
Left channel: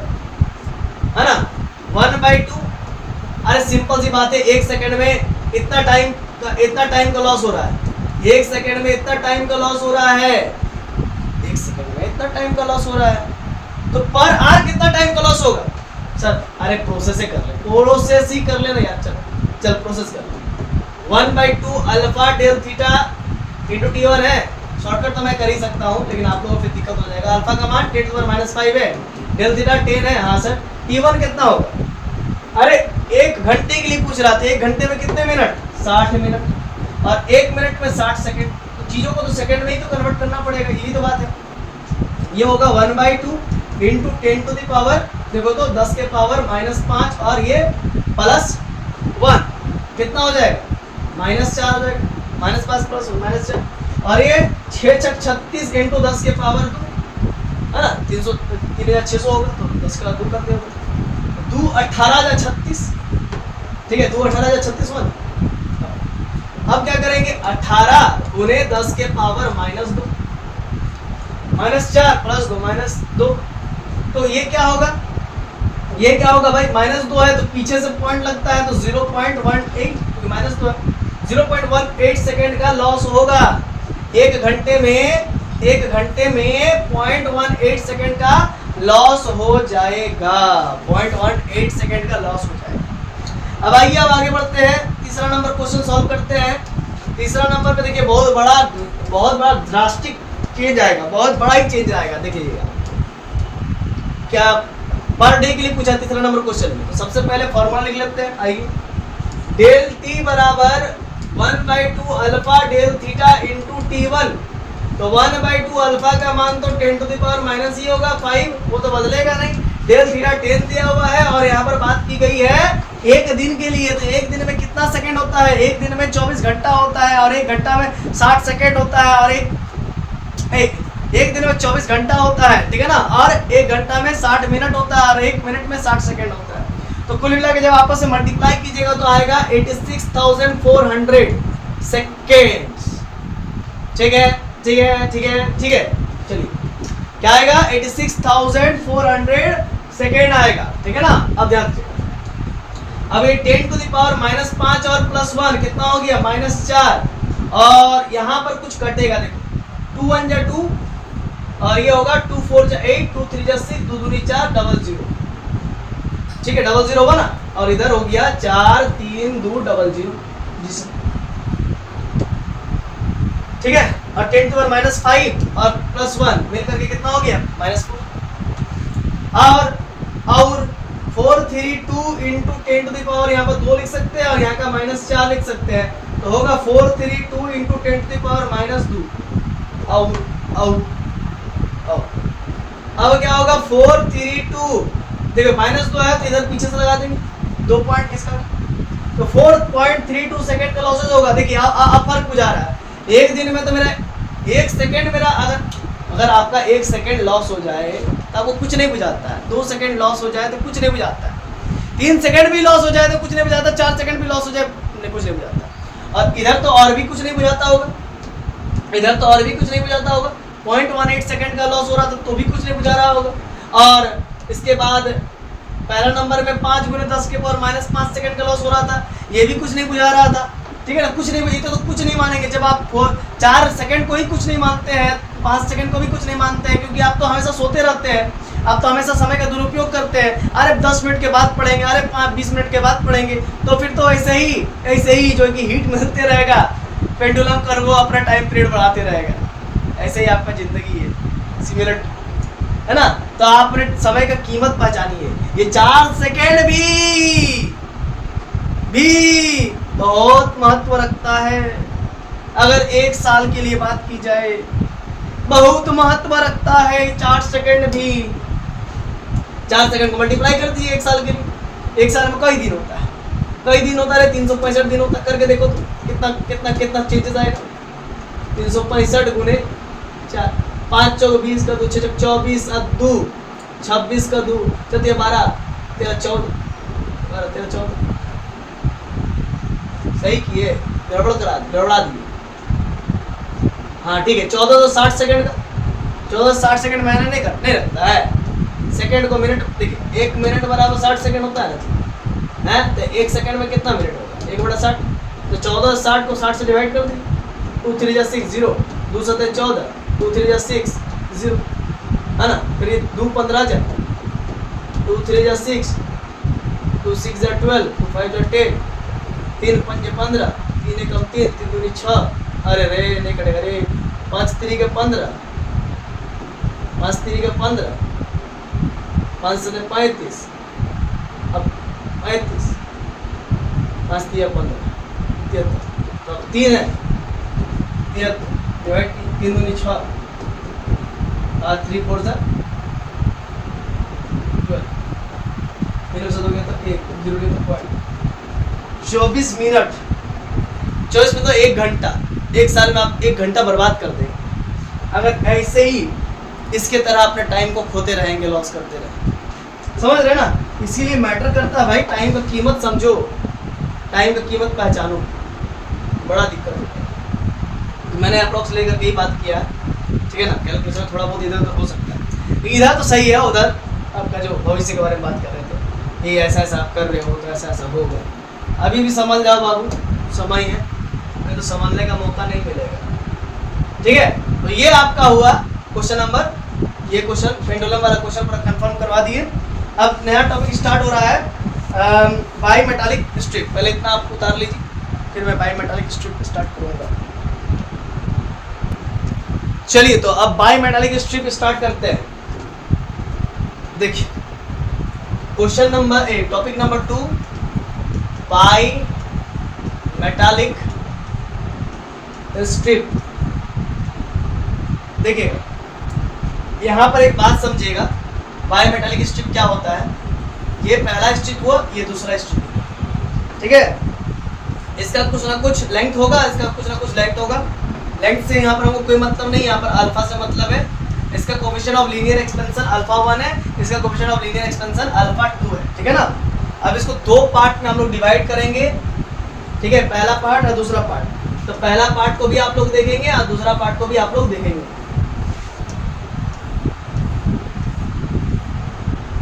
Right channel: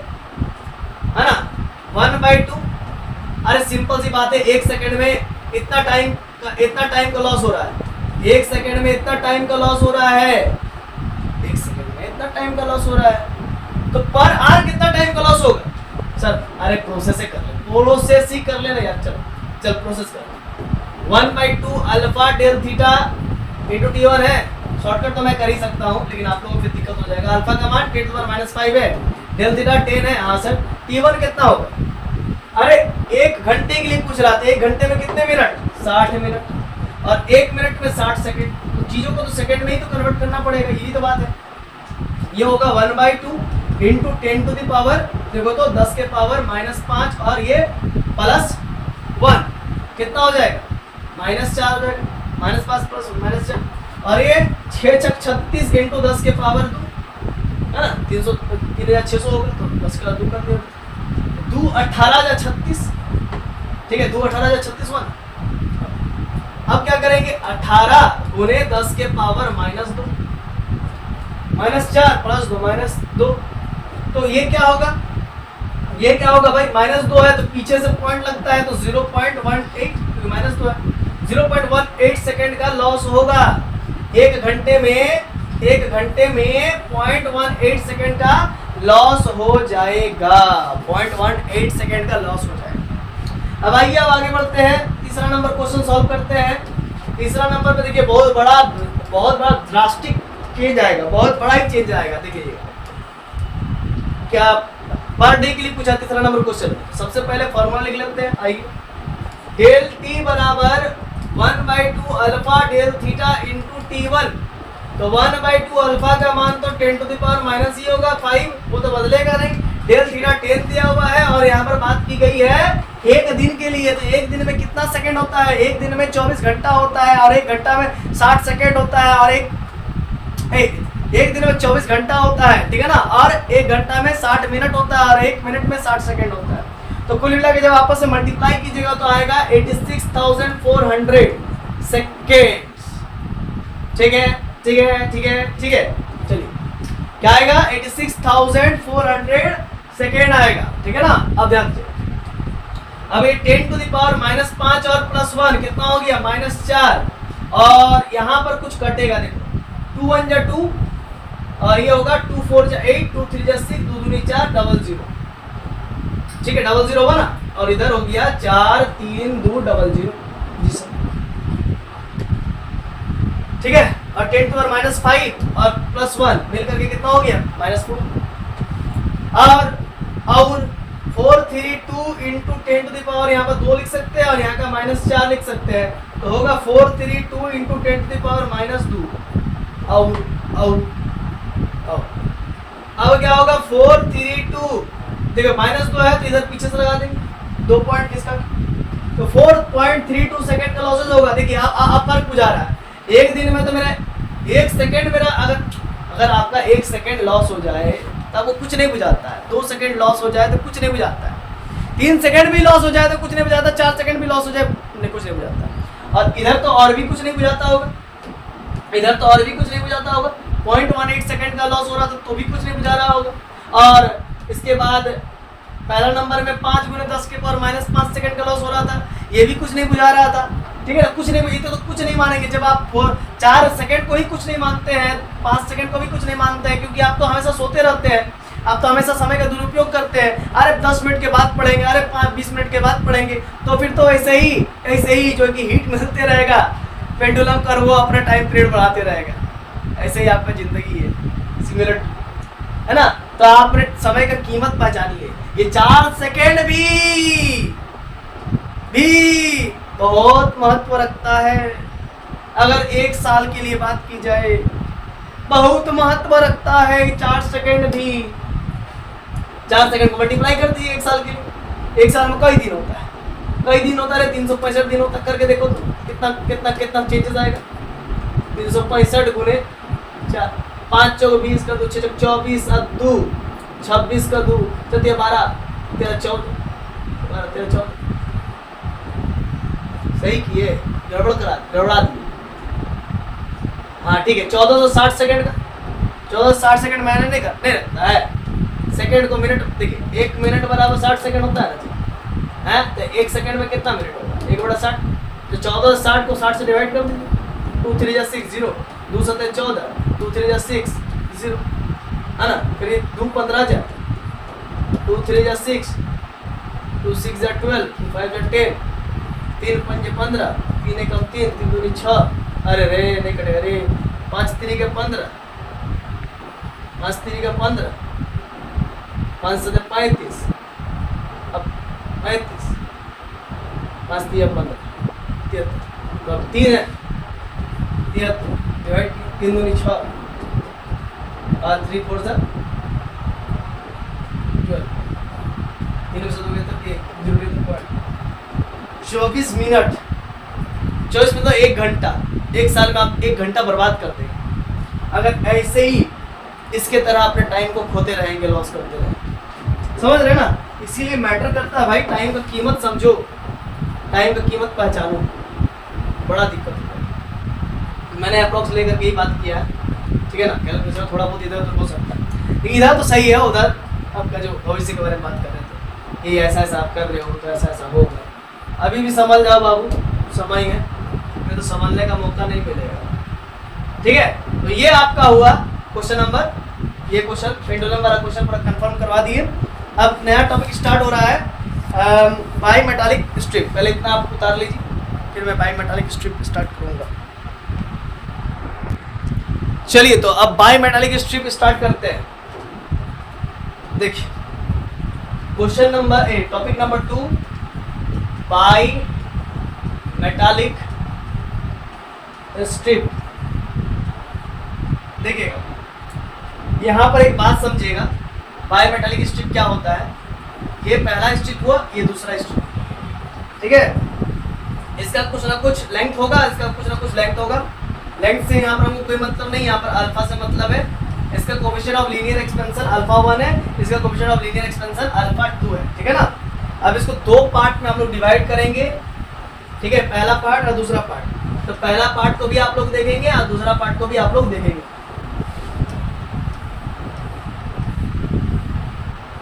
है ना, 1/2। अरे सिंपल सी बात है, एक सेकंड में इतना टाइम का लॉस हो रहा है, एक सेकंड में इतना टाइम का लॉस हो रहा है, एक सेकंड में इतना टाइम का लॉस हो रहा है, तो पर आर कितना टाइम का लॉस होगा सर? अरे प्रोसेस ही कर ले, प्रोसेस ही कर लेना यार, चल प्रोसेस कर ले। 1/2 alpha del theta into t1 है, शॉर्टकट तो मैं कर ही सकता हूँ लेकिन आप लोगों को फिर दिक्कत हो जाएगा। अल्फा का मान 10⁻⁵ है, डेल थीटा 10 है, हाँ सर। t1 कितना होगा? अरे एक घंटे के लिए पूछ रहा था, एक घंटे में कितने मिनट? 60 मिनट, और एक मिनट में 60 सेकंड, तो चीजों को तो सेकंड में ही तो कन्वर्ट करना पड़ेगा, यही तो बात है। ये होगा 1/2 इंटू 10 टू द पावर, देखो तो 10 के पावर -5, और ये +1 कितना हो जाएगा? -4 हो जाएगा, -5 + -4, और ये 6 × 36 इंटू 10 के पावर 2, है ना, 300 होगा, तो 10 का 2 कर दिया, 2 18 जा 36, ठीक है, 2 18 जा 36 1। अब क्या करेंगे? 18 गुने 10 के पावर -2, -4 + 2 -2, तो ये क्या होगा? ये क्या होगा भाई? -2 है तो पीछे से पॉइंट लगता है तो 0.18, -2 है, 0.18 सेकंड का लॉस होगा एक घंटे में 0.18 सेकंड का लॉस हो जाएगा, 0.18 सेकंड का लॉस हो जाएगा। अब आइए अब आगे बढ़ते हैं, तीसरा नंबर क्वेश्चन सॉल्व करते हैं। तीसरा नंबर पे देखिए बहुत बड़ा ड्रास्टिक चेंज आएगा, बहुत बड़ा ही चेंज आएगा, देखिएगा क्या पर डे के लिए पूछा तीसरा नंबर क्वेश्चन में। तो सबसे पहले फॉर्मूला लिख लेते हैं, आइए, डेल टी बराबर 1/2 alpha del theta into t1, तो 1/2 अल्फा का मान तो 10 टू द पावर ही होगा 5, वो तो बदलेगा नहीं। डेल थीटा 10 दिया हुआ है, और यहाँ पर बात की गई है एक दिन के लिए, तो एक दिन में कितना सेकंड होता है? एक दिन में 24 घंटा होता है, और एक घंटा में 60 सेकंड होता है, और एक दिन में 24 घंटा होता है, ठीक है ना, और एक घंटा में 60 मिनट होता है, और एक मिनट में 60 सेकंड होता है। तो कुल मिला के जब आपस में मल्टीप्लाई कीजिएगा तो आएगा 86,400 सेकेंड्स, ठीक है, ठीक है, ठीक है, ठीक है। चलिए क्या आएगा? 86,400 सेकेंड आएगा, ठीक है ना। अब ध्यान दीजिए, अब ये 10 टू द पावर -5 और +1 कितना हो गया? -4, और यहाँ पर कुछ कटेगा, देखो 2 1 जा 2, और ये होगा 2 4 जा 8, 2 3 जा 6, 2 दूनी 4, 00, ठीक है, 00 होगा ना, और इधर हो गया 4 3 2 00, जी सर, ठीक है। और 10 टू पावर -5 और +1 मिलकर के कितना हो गया? -4, और 432 इंटू 10 टू द पावर यहाँ पर 2 लिख सकते हैं, और यहाँ का -4 लिख सकते हैं, तो होगा 432 इंटू 10 टू द पावर -2, और अब क्या होगा? 432, देखो -2 है तो इधर पीछे से लगा देंगे 2 पॉइंट इसका, तो 4.32 सेकंड का लॉसेज होगा। देखिए अब फर्क बुझा रहा है, एक दिन में तो मेरा एक सेकंड, मेरा अगर आपका एक सेकंड लॉस हो जाए तब वो कुछ नहीं बुझाता है। 2 सेकंड लॉस हो जाए तो कुछ नहीं बुझाता है, 3 सेकंड भी लॉस हो जाए तो कुछ नहीं बुझाता, 4 सेकंड भी लॉस हो जाए कुछ नहीं बुझाता। और इधर तो और भी कुछ नहीं बुझाता होगा, इधर तो और भी कुछ नहीं बुझाता होगा। 0.18 सेकंड का लॉस हो रहा था तो भी कुछ नहीं बुझा रहा होगा। और इसके बाद पहला नंबर में 5 × 10 के पावर -5 सेकंड का लॉस हो रहा था, ये भी कुछ नहीं बुझा रहा था। ठीक है ना, कुछ नहीं, ये तो कुछ नहीं मानेंगे। जब आप 4 सेकंड को ही कुछ नहीं मानते हैं, 5 सेकंड को भी कुछ नहीं मानते हैं, क्योंकि आप तो हमेशा सोते रहते हैं, आप तो हमेशा समय का दुरुपयोग करते हैं। अरे 10 मिनट के बाद पढ़ेंगे, अरे 20 मिनट के बाद पढ़ेंगे, तो फिर तो ऐसे ही जो कि हीट मिलते रहेगा, पेंडुलम कर वो अपना टाइम पीरियड बढ़ाते रहेगा। ऐसे ही आपका जिंदगी है, सिमिलर है ना। तो आपने समय का कीमत पहचानी है। ये 4 सेकेंड भी बहुत महत्व रखता है। अगर 1 साल के लिए बात की जाए, बहुत महत्व रखता है 4 सेकेंड भी। 4 सेकेंड को मल्टीप्लाई कर दीजिए 1 साल के लिए। 1 साल में कई दिन होता है, कई दिन होता है, 365 दिन होता है। करके देखो तो कितना कितना कितना चेंजेस आएगा। 365 गुने 4, 5 चौक 20 का 2, 6 चौक 24 और 2 26 का 2 चौथिया 12 13 14 13 14। सही किए, गड़बड़ा दिए। हाँ ठीक है, 1460 सेकंड का 1460 सेकंड मैंने नहीं रहता है। सेकंड को मिनट देखिए, 1 मिनट बराबर 60 सेकंड होता है ना है। तो 1 सेकंड में कितना मिनट होगा? 1/60। तो 1460 को 60 से डिवाइड कर दीजिए। 2 3 6 0, 2 7 14, 2 3 6 0 है ना। फिर ये 2 15 जा, 2 3 6, 2 6 12, 2 5 10, 3 5 15, 3 1 3, 3 2 6। अरे रे नहीं कटेगा रे। 5 3 के 15, 5 3 के 15, 5 7 35, अब 35, 5 3 15 73। तो अब 3 है 73 डिवाइड 3 2 6 और 3 4 12। 3 से 2 के तक 1 0 के तक 24 मिनट। 24 मिनट 1 घंटा। 1 साल में आप 1 घंटा बर्बाद कर देंगे अगर ऐसे ही इसके तरह अपने टाइम को खोते रहेंगे, लॉस करते रहेंगे। समझ रहे ना। इसीलिए मैटर करता है भाई, टाइम का कीमत समझो, टाइम का कीमत पहचानो। बड़ा दिक्कत होता है। मैंने अप्रोक्स लेकर के ही बात किया है, ठीक है ना। कैलकुलेशन थोड़ा बहुत इधर उधर हो सकता है, लेकिन इधर तो सही है। उधर आपका जो भविष्य के बारे में बात कर रहे थे, ये ऐसा ऐसा आप कर रहे हो तो ऐसा ऐसा होगा। अभी भी समझ जाओ बाबू, समय है, हमें तो समझने का मौका नहीं मिलेगा। ठीक है, तो ये आपका हुआ क्वेश्चन नंबर, ये क्वेश्चन पेंडुलम वाला क्वेश्चन पूरा कंफर्म करवा दिए। अब नया टॉपिक स्टार्ट हो रहा है, बाई मेटालिक स्ट्रिप। पहले इतना आप उतार लीजिए, फिर मैं बाई मेटालिक स्ट्रिप स्टार्ट करूँगा। चलिए, तो अब बाई मेटालिक स्ट्रिप स्टार्ट करते हैं। देखिए question number topic number 2, by metallic strip. देखिए यहाँ पर एक बात समझिएगा, बाई मेटालिक स्ट्रिप क्या होता है। ये पहला स्ट्रिप हुआ, ये दूसरा स्ट्रिप, ठीक है। इसका कुछ ना कुछ लेंथ होगा, इसका कुछ ना कुछ लेंथ होगा। लेंथ से यहाँ पर हमको कोई मतलब नहीं, यहाँ पर अल्फा से मतलब है। इसका coefficient of linear expansion alpha 1 है, इसका coefficient of linear expansion alpha 2 है, ठीक है ना। अब इसको 2 पार्ट में हम लोग डिवाइड करेंगे, ठीक है, पहला पार्ट और दूसरा पार्ट। तो पहला पार्ट को भी आप लोग देखेंगे और दूसरा पार्ट को भी आप लोग देखेंगे।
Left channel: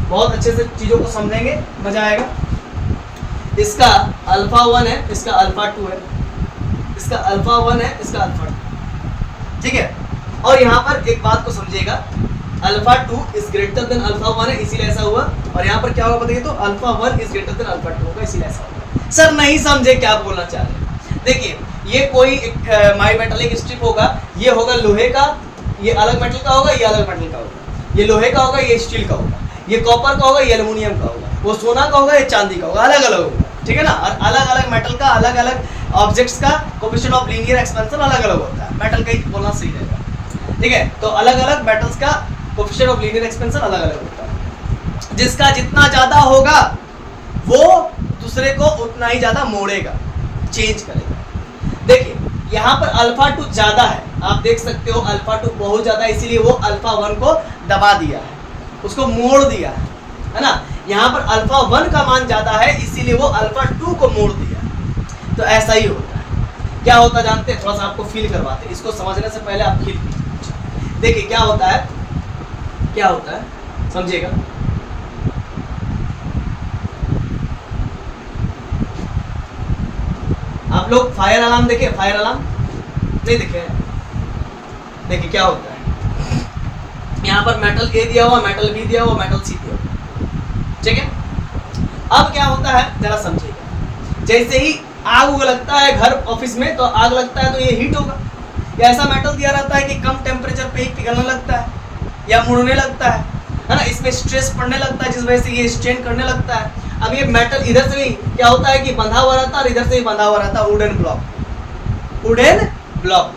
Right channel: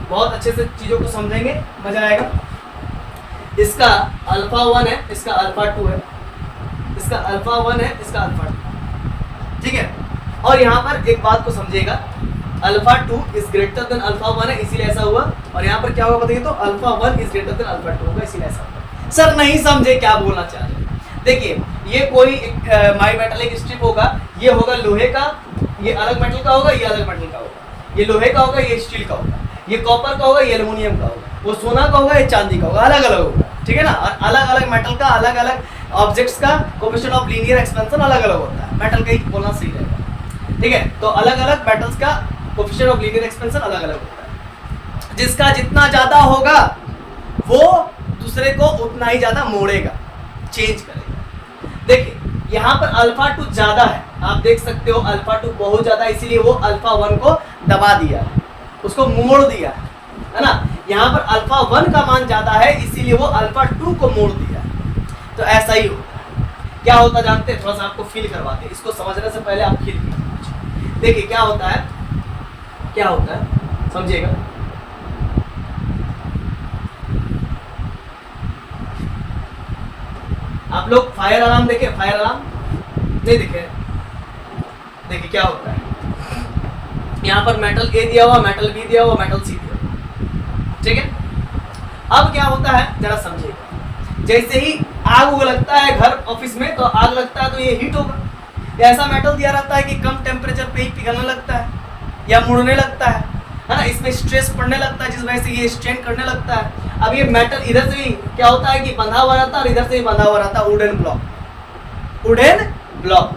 बहुत अच्छे से चीजों को समझेंगे, मजा आएगा। इसका अल्फा 1 है, इसका अल्फा 2 है, इसका अल्फा 1 है, इसका अल्फा 2, ठीक है। और यहाँ पर एक बात को समझिएगा, alpha 2 is greater than alpha 1 है, इसीलिए ऐसा हुआ। और यहाँ पर क्या होगा बताइए, तो alpha 1 is greater than alpha 2 होगा, इसीलिए ऐसा होगा। सर नहीं समझे क्या बोलना चाह रहे हैं। देखिए ये कोई माई मेटालिक स्ट्रिप होगा, ये होगा लोहे का, ये अलग मेटल का होगा, ये अलग मेटल का होगा, ये लोहे का होगा, ये स्टील का होगा, ये कॉपर का होगा, ये एल्युमिनियम का होगा, वो सोना का होगा, ये चांदी का होगा, अलग अलग होगा, ठीक है ना। और अलग अलग मेटल का, अलग अलग ऑब्जेक्ट्स का कोएफिशिएंट ऑफ लीनियर एक्सपेंशन अलग अलग होता है। मेटल का ही बोलना सही रहेगा, ठीक है। तो अलग अलग मेटल्स का कोएफिशिएंट ऑफ लीनियर एक्सपेंशन अलग अलग होता है। जिसका जितना ज्यादा होगा वो दूसरे को उतना ही ज्यादा मोड़ेगा, चेंज करेगा। देखिए यहाँ पर अल्फा 2 ज्यादा है, आप देख सकते हो अल्फा 2 बहुत ज्यादा, इसीलिए वो अल्फा 1 को दबा दिया है, उसको मोड़ दिया है ना। यहाँ पर अल्फा 1 का मान ज्यादा है इसीलिए वो अल्फा 2 को मोड़ दिया। तो ऐसा ही होता है। क्या होता है जानते हैं, थोड़ा सा आपको फील करवाते हैं, इसको समझने से पहले आप फील कीजिए। देखिए क्या होता है, क्या होता है समझिएगा। आप लोग फायर अलार्म देखे, फायर अलार्म नहीं देखे? देखिए क्या होता है, यहाँ पर मेटल ए दिया हुआ, मेटल बी दिया हुआ, मेटल सी दिया हुआ, ठीक है। अब क्या होता है जरा समझिएगा, जैसे ही आग लगता है घर ऑफिस में, तो आग लगता है तो ये हीट होगा। या ऐसा मेटल दिया रहता है कि कम टेम्परेचर पे ही पिघलने लगता है या मुड़ने लगता है ना, इसमें स्ट्रेस पड़ने लगता है जिस वजह से ये स्ट्रेन करने लगता है। अब ये मेटल इधर से भी क्या होता है कि बंधा हुआ रहता है और इधर से भी बंधा हुआ रहता है, वुडन ब्लॉक, वुडन ब्लॉक।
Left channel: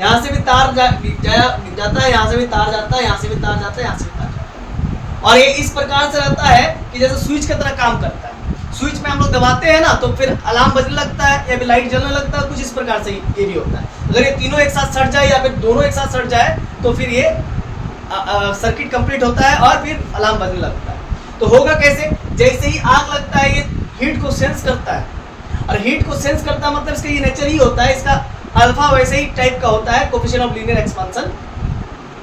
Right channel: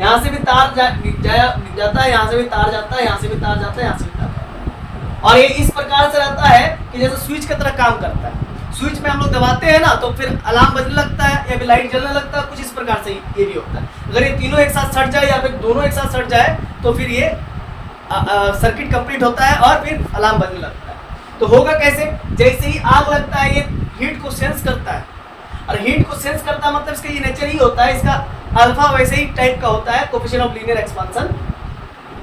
यहाँ से भी तार जाता है, यहाँ से भी तार जाता है, यहाँ से भी तार जाता है, यहाँ से भी तार जाता है। और ये इस प्रकार से रहता है कि जैसे स्विच की तरह काम करता है। स्विच में हम लोग दबाते हैं ना तो फिर अलार्म बजने लगता है या फिर लाइट जलने लगता है, कुछ इस प्रकार से ये भी होता है। अगर ये तीनों एक साथ सट जाए या फिर दोनों एक साथ सट जाए तो फिर ये सर्किट कंप्लीट होता है और फिर अलार्म बजने लगता है। तो होगा कैसे, जैसे ही आग लगता है ये हीट को सेंस करता है, और हीट को सेंस करता है मतलब इसका ये नेचर ही होता है, इसका अल्फा वैसे ही टाइप का होता है, कोफिशिएंट ऑफ लीनियर एक्सपेंशन,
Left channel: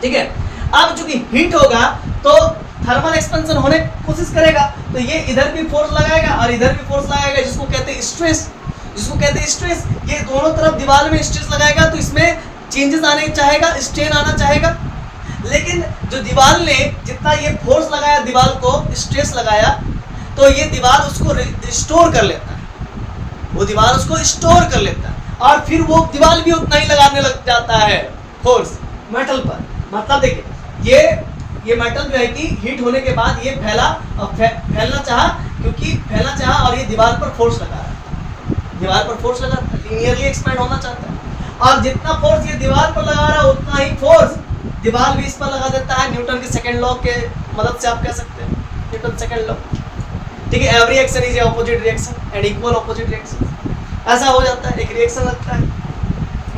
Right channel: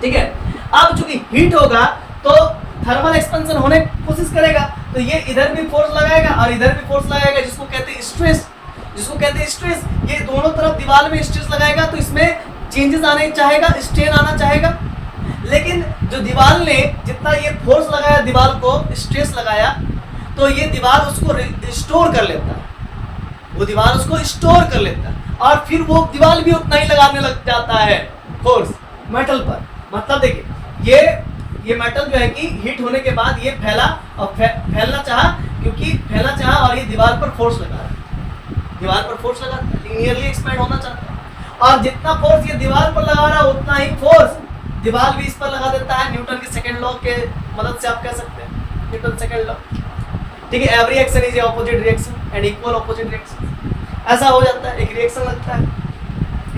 ठीक है। अब चूंकि हीट होगा तो थर्मल एक्सपेंशन होने की कोशिश करेगा, तो ये इधर भी फोर्स लगाएगा और इधर भी फोर्स लगाएगा, जिसको कहते हैं स्ट्रेस, जिसको कहते हैं स्ट्रेस। ये दोनों तरफ दीवार में स्ट्रेस लगाएगा तो इसमें चेंजेस आने चाहेगा, स्ट्रेन आना चाहेगा। लेकिन जो दीवार ने जितना ये फोर्स लगाया, दीवार को स्ट्रेस लगाया, तो ये दीवार उसको स्टोर कर लेता है, वो दीवार उसको स्टोर कर लेता है और फिर वो दीवार भी उतना ही लगाने लग जाता है फोर्स मेटल पर। मतलब देखिए ये मेटल जो है कि हीट होने के बाद ये फैला और फैलना चाहा, क्योंकि फैलना चाहा और ये दीवार पर फोर्स लगा रहा है, दीवार पर फोर्स लगा लीनियरली एक्सपैंड होना चाहता है, और जितना फोर्स ये दीवार पर लगा रहा है उतना ही फोर्स दीवार भी इस पर लगा देता है। न्यूटन के सेकंड लॉ के मदद से आप कह सकते हैं, न्यूटन सेकंड लॉ, ठीक है। Every action is opposite reaction and equal opposite reaction, ऐसा हो जाता है, एक रिएक्शन लगता है,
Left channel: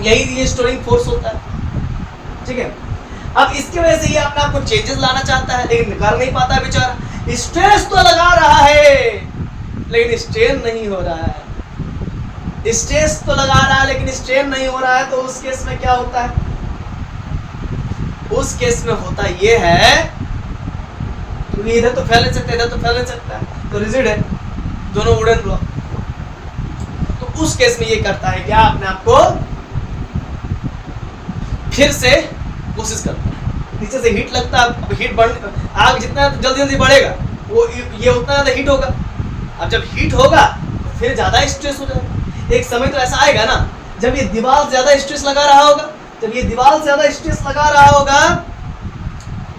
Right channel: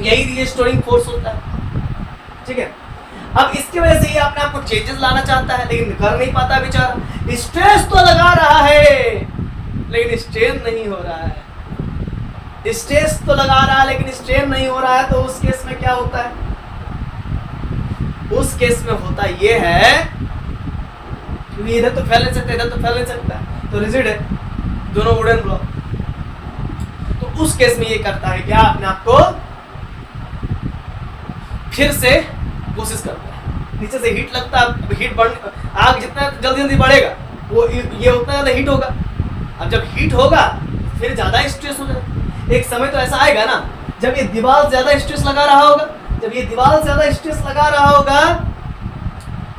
यही ये स्टोरिंग फोर्स होता है, ठीक है। अब इसकी वजह से ये अपने आप को चेंजेस लाना चाहता है लेकिन कर नहीं पाता बेचारा। स्ट्रेस तो लगा रहा है लेकिन स्ट्रेन नहीं हो रहा है, स्ट्रेस तो लगा रहा है लेकिन स्ट्रेन नहीं हो रहा है। तो उस केस में क्या होता है, उस केस में होता ये है क्योंकि इधर तो फैल नहीं सकता, इधर तो फैल नहीं सकता, तो रिजिड है दोनों वुडन ब्लॉक। तो उस केस में ये करता है क्या, अपने आप को फिर से कोशिश करता है, नीचे से हीट लगता है, हीट बढ़, आग जितना जल्दी जल्दी बढ़ेगा वो ये उतना ज्यादा हीट होगा। अब जब हीट होगा तो फिर ज्यादा स्ट्रेस हो जाएगा। एक समय तो ऐसा आएगा ना जब ये दीवार ज्यादा स्ट्रेस लगा रहा होगा, जब ये दीवार ज्यादा स्ट्रेस लगा रहा होगा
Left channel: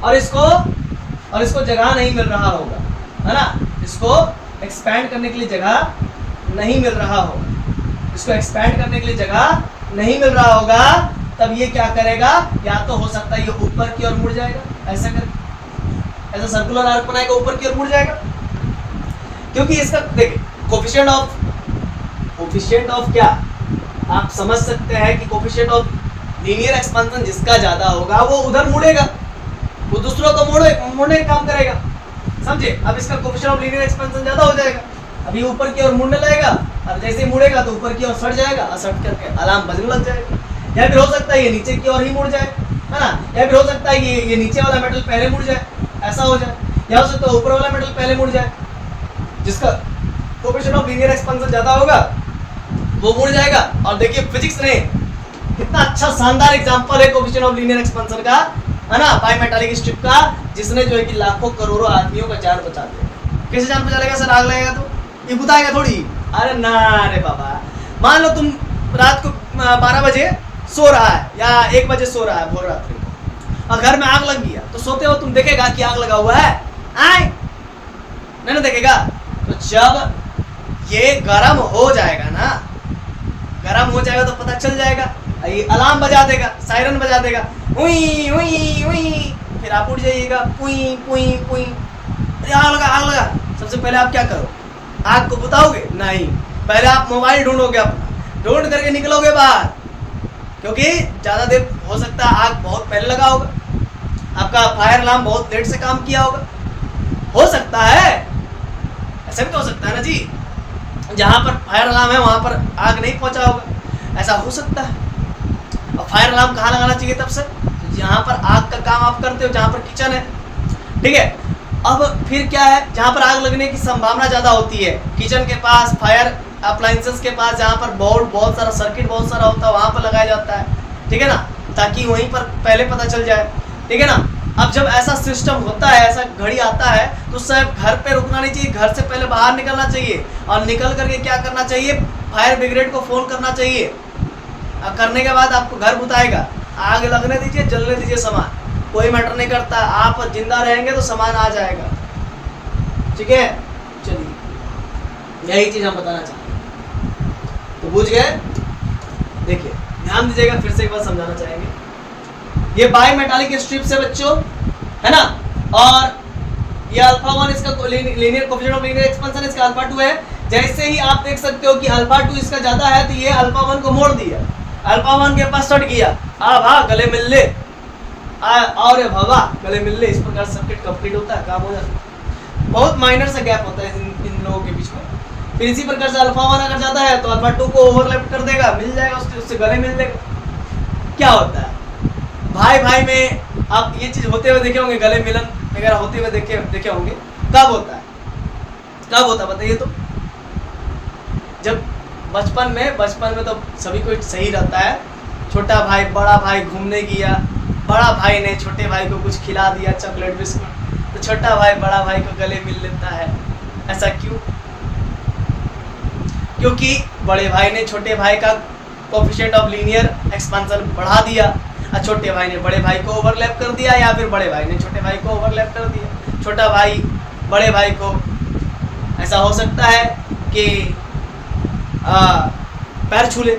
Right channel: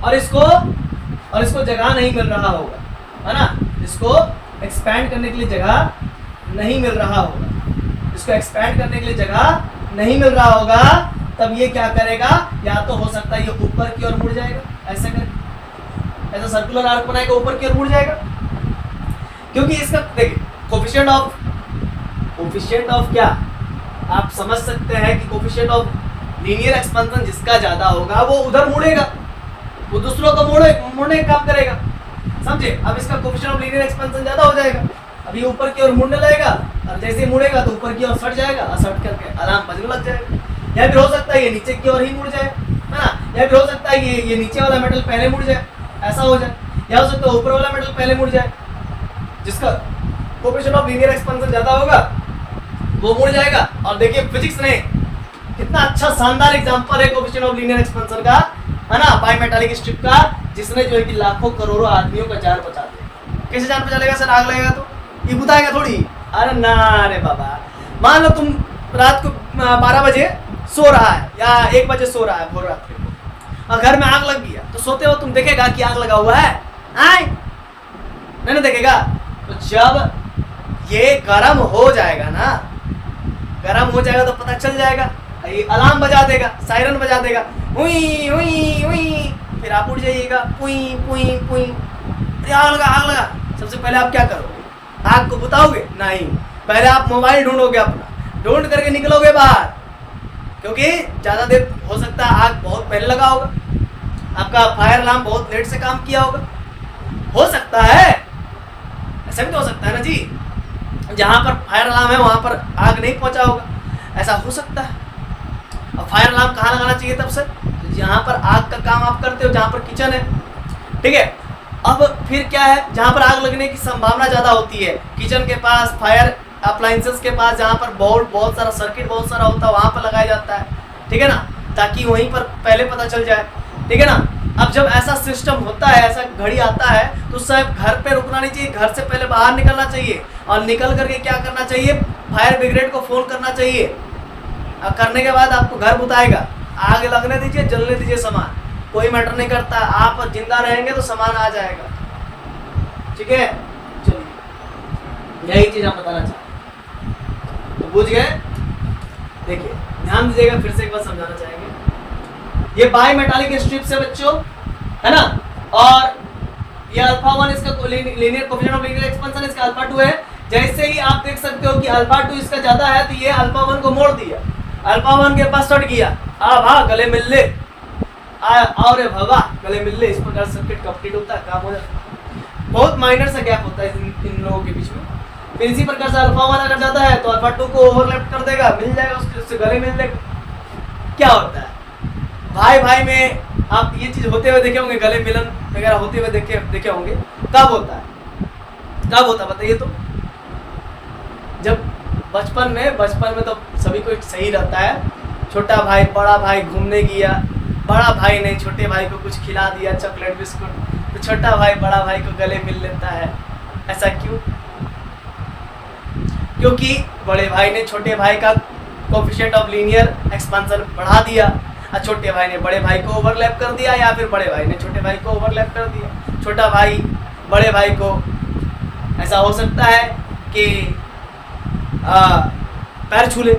और इसको जगह नहीं मिल रहा होगा, है ना, इसको एक्सपैंड करने के लिए जगह नहीं मिल रहा होगा, इसको एक्सपैंड करने के लिए जगह नहीं मिल रहा होगा, तब ये क्या करेगा, या तो हो सकता है ये ऊपर की ओर मुड़ जाएगा, ऐसा करके ऐसा सर्कुलर आर्क बनाएगा, ऊपर की ओर मुड़ जाएगा। क्योंकि इसका देखिए कोफिशिएंट ऑफ क्या आप समझ सकते हैं कि कोफिशिएंट ऑफ लीनियर एक्सपेंशन जिसका ज्यादा होगा वो उधर मुड़ेगा, वो दूसरों को मुड़ने का काम करेगा, समझे। अब इसका कोफिशिएंट ऑफ लीनियर एक्सपेंशन ज्यादा हो जाएगा, अभी ऊपर की ओर मुड़ने लगेगा और जैसे ही मुड़ेगा तो ऊपर की ओर सट जाएगा और सट करके अलार्म बजने लग जाएगा। या फिर हो सकता है ये नीचे की ओर ही मुड़ जाए, है ना, या फिर हो सकता है ये नीचे वाला मेटल पहले मुड़ जाए, ऐसा हो जाए, या हो सकता है ऊपर वाला मेटल पहले मुड़ जाए, जिसका कोफिशिएंट ऑफ लीनियर एक्सपेंशन ज्यादा होगा वो मुड़ जाएगा। और देखिए फिजिक्स ने कितना अच्छा शानदार एग्जांपल है कोफिशिएंट ऑफ लीनियर एक्सपेंशन का, है ना, बायमेटालिक स्ट्रिप का, जिसने जो है कि लाखों करोड़ों आदमियों का जान बचा दिया। कैसे जान बचा लेगा सर, आग लगेगा तो ये बुताएगा थोड़ी, अरे ना रे बाबा। मान लो तुम रात को 12 बजे सो रहा है या 1 बजे सो रहा है भोर रात्रि को, और घर में आग लग गया, तो सोते हो तुम देखेगा कि आग लगा हुआ है, आए नहीं देखेगा। तो जब ये गर्म हो जाएगा ना, गर्म हो जाएगा तो पता चल जाएगा, ये अलार्म बजा देगा, सायरन बजा देगा, उई उई उई, फिर आप उठ जाइएगा, पुई पुई पुई, आग लगा आग लगा। सबसे पहले आप क्या करो, आग को बुताओगे नहीं, पहले आप मोबाइल ढूंढोगे, अपना ढूंढ करके निकलोगे बाहर, क्योंकि ज्यादा देर हो सकता है आग बहुत पहले लगा होगा। आपका फायर अलार्म बहुत लेट से काम किया होगा, हो सकता है, ऐसा भी तो हो सकता है ना जी, जहां पर फायर अलार्म है वहां पर आग नहीं पहुंचा होगा, ऐसा हो सकता है। और फायर अलार्म कहाँ लगाना चाहिए तब सर? जहां पर आग का काम आप करते हो, जहां पर किचन है, ठीक है। अब फिर क्या है, जहां पर आग लगने की संभावना ज्यादा होती है, किचन के पास, फायर अप्लायंसेस के पास, जहां पर बोर्ड बहुत सारा, सर्किट बहुत सारा होता है, वहां पर लगाया जाता है, ठीक है ना, ताकि वहीं पर पहले पता चल जाए, ठीक है ना। अब जब ऐसा सिस्टम होता है, ऐसा घड़ी आता है, तो साहब घर पे रुकना नहीं चाहिए, घर से पहले बाहर निकलना चाहिए, और निकल करके क्या करना चाहिए, फायर ब्रिगेड को फोन करना चाहिए। करने के बाद आपको घर बुताएगा, आग लगने दीजिए, जलने दीजिए सामान, कोई मैटर नहीं करता, आप जिंदा रहेंगे तो सामान आ जाएगा, ठीक है। चलिए यही चीज हम बताना चाहते हैं, तो बुझ गए। देखिए ध्यान दीजिएगा, फिर से एक बार समझाना चाहेंगे। ये बाई मेटालिक स्ट्रिप से बच्चों, है ना, और ये अल्फा 1 इसका linear coefficient of linear expansion, इसका अल्फा 2 है। जैसे ही आप देख सकते हो कि अल्फा 2 इसका ज्यादा है, तो ये अल्फा 1 को मोड़ दिया, अल्फा 1 के पास सट गया, आ भा गले मिल ले, और भवा गले मिल ले, इस प्रकार सर्किट कंप्लीट होता है, काम हो जाता है। बहुत माइनर सा गैप होता है इन लोगों के बीच में। फिर इसी प्रकार से अल्फा 1 अगर ज्यादा है तो अल्फा 2 को ओवरलैप कर देगा, मिल जाएगा, उससे गले मिल जाएगा। क्या होता है भाई भाई में, आप ये चीज होते हुए देखे होंगे, गले मिलन वगैरह होते हुए देखे होंगे। कब होता है, कब होता है बताइए तो? जब बचपन में तो सभी को सही रहता है, छोटा भाई बड़ा भाई घूमने गया, बड़ा भाई ने छोटे भाई को कुछ खिला दिया, चॉकलेट बिस्कुट, तो छोटा भाई बड़ा भाई को गले मिल लेता है। ऐसा क्यों? क्योंकि बड़े भाई ने छोटे भाई का कोएफिशिएंट ऑफ लीनियर एक्सपेंशन बढ़ा दिया, और छोटे भाई ने बड़े भाई को ओवरलैप कर दिया, या फिर बड़े भाई ने छोटे भाई को ओवरलैप कर दिया। छोटा भाई बड़े भाई को, ऐसा हो सकता है कि पैर छू ले,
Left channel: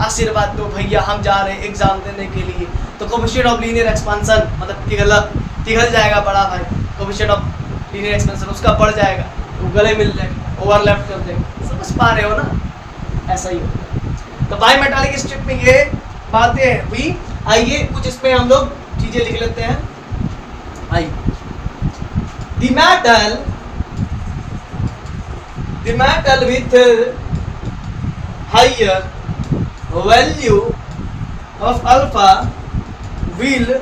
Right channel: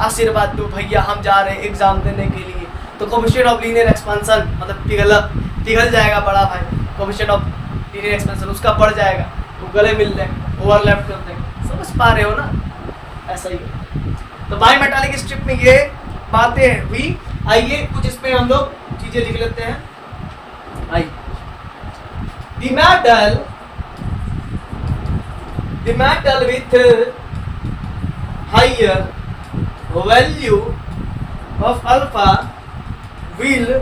आशीर्वाद दो भैया हम जा रहे हैं एग्जाम देने के लिए, तो कोएफिशिएंट ऑफ लीनियर एक्सपेंशन मतलब पिघल जाएगा, बड़ा भाई कोएफिशिएंट ऑफ लीनियर एक्सपेंशन उसका बढ़ जाएगा, तो गले मिल जाएगा, ओवरलैप कर देंगे। समझ पा रहे हो ना? ऐसा ही होता है। तो बाई मेटालिक स्ट्रिप में ये बातें हुई। आइए कुछ इस पे हम लोग चीजें लिख लेते हैं। आइए, the metal with higher value of alpha will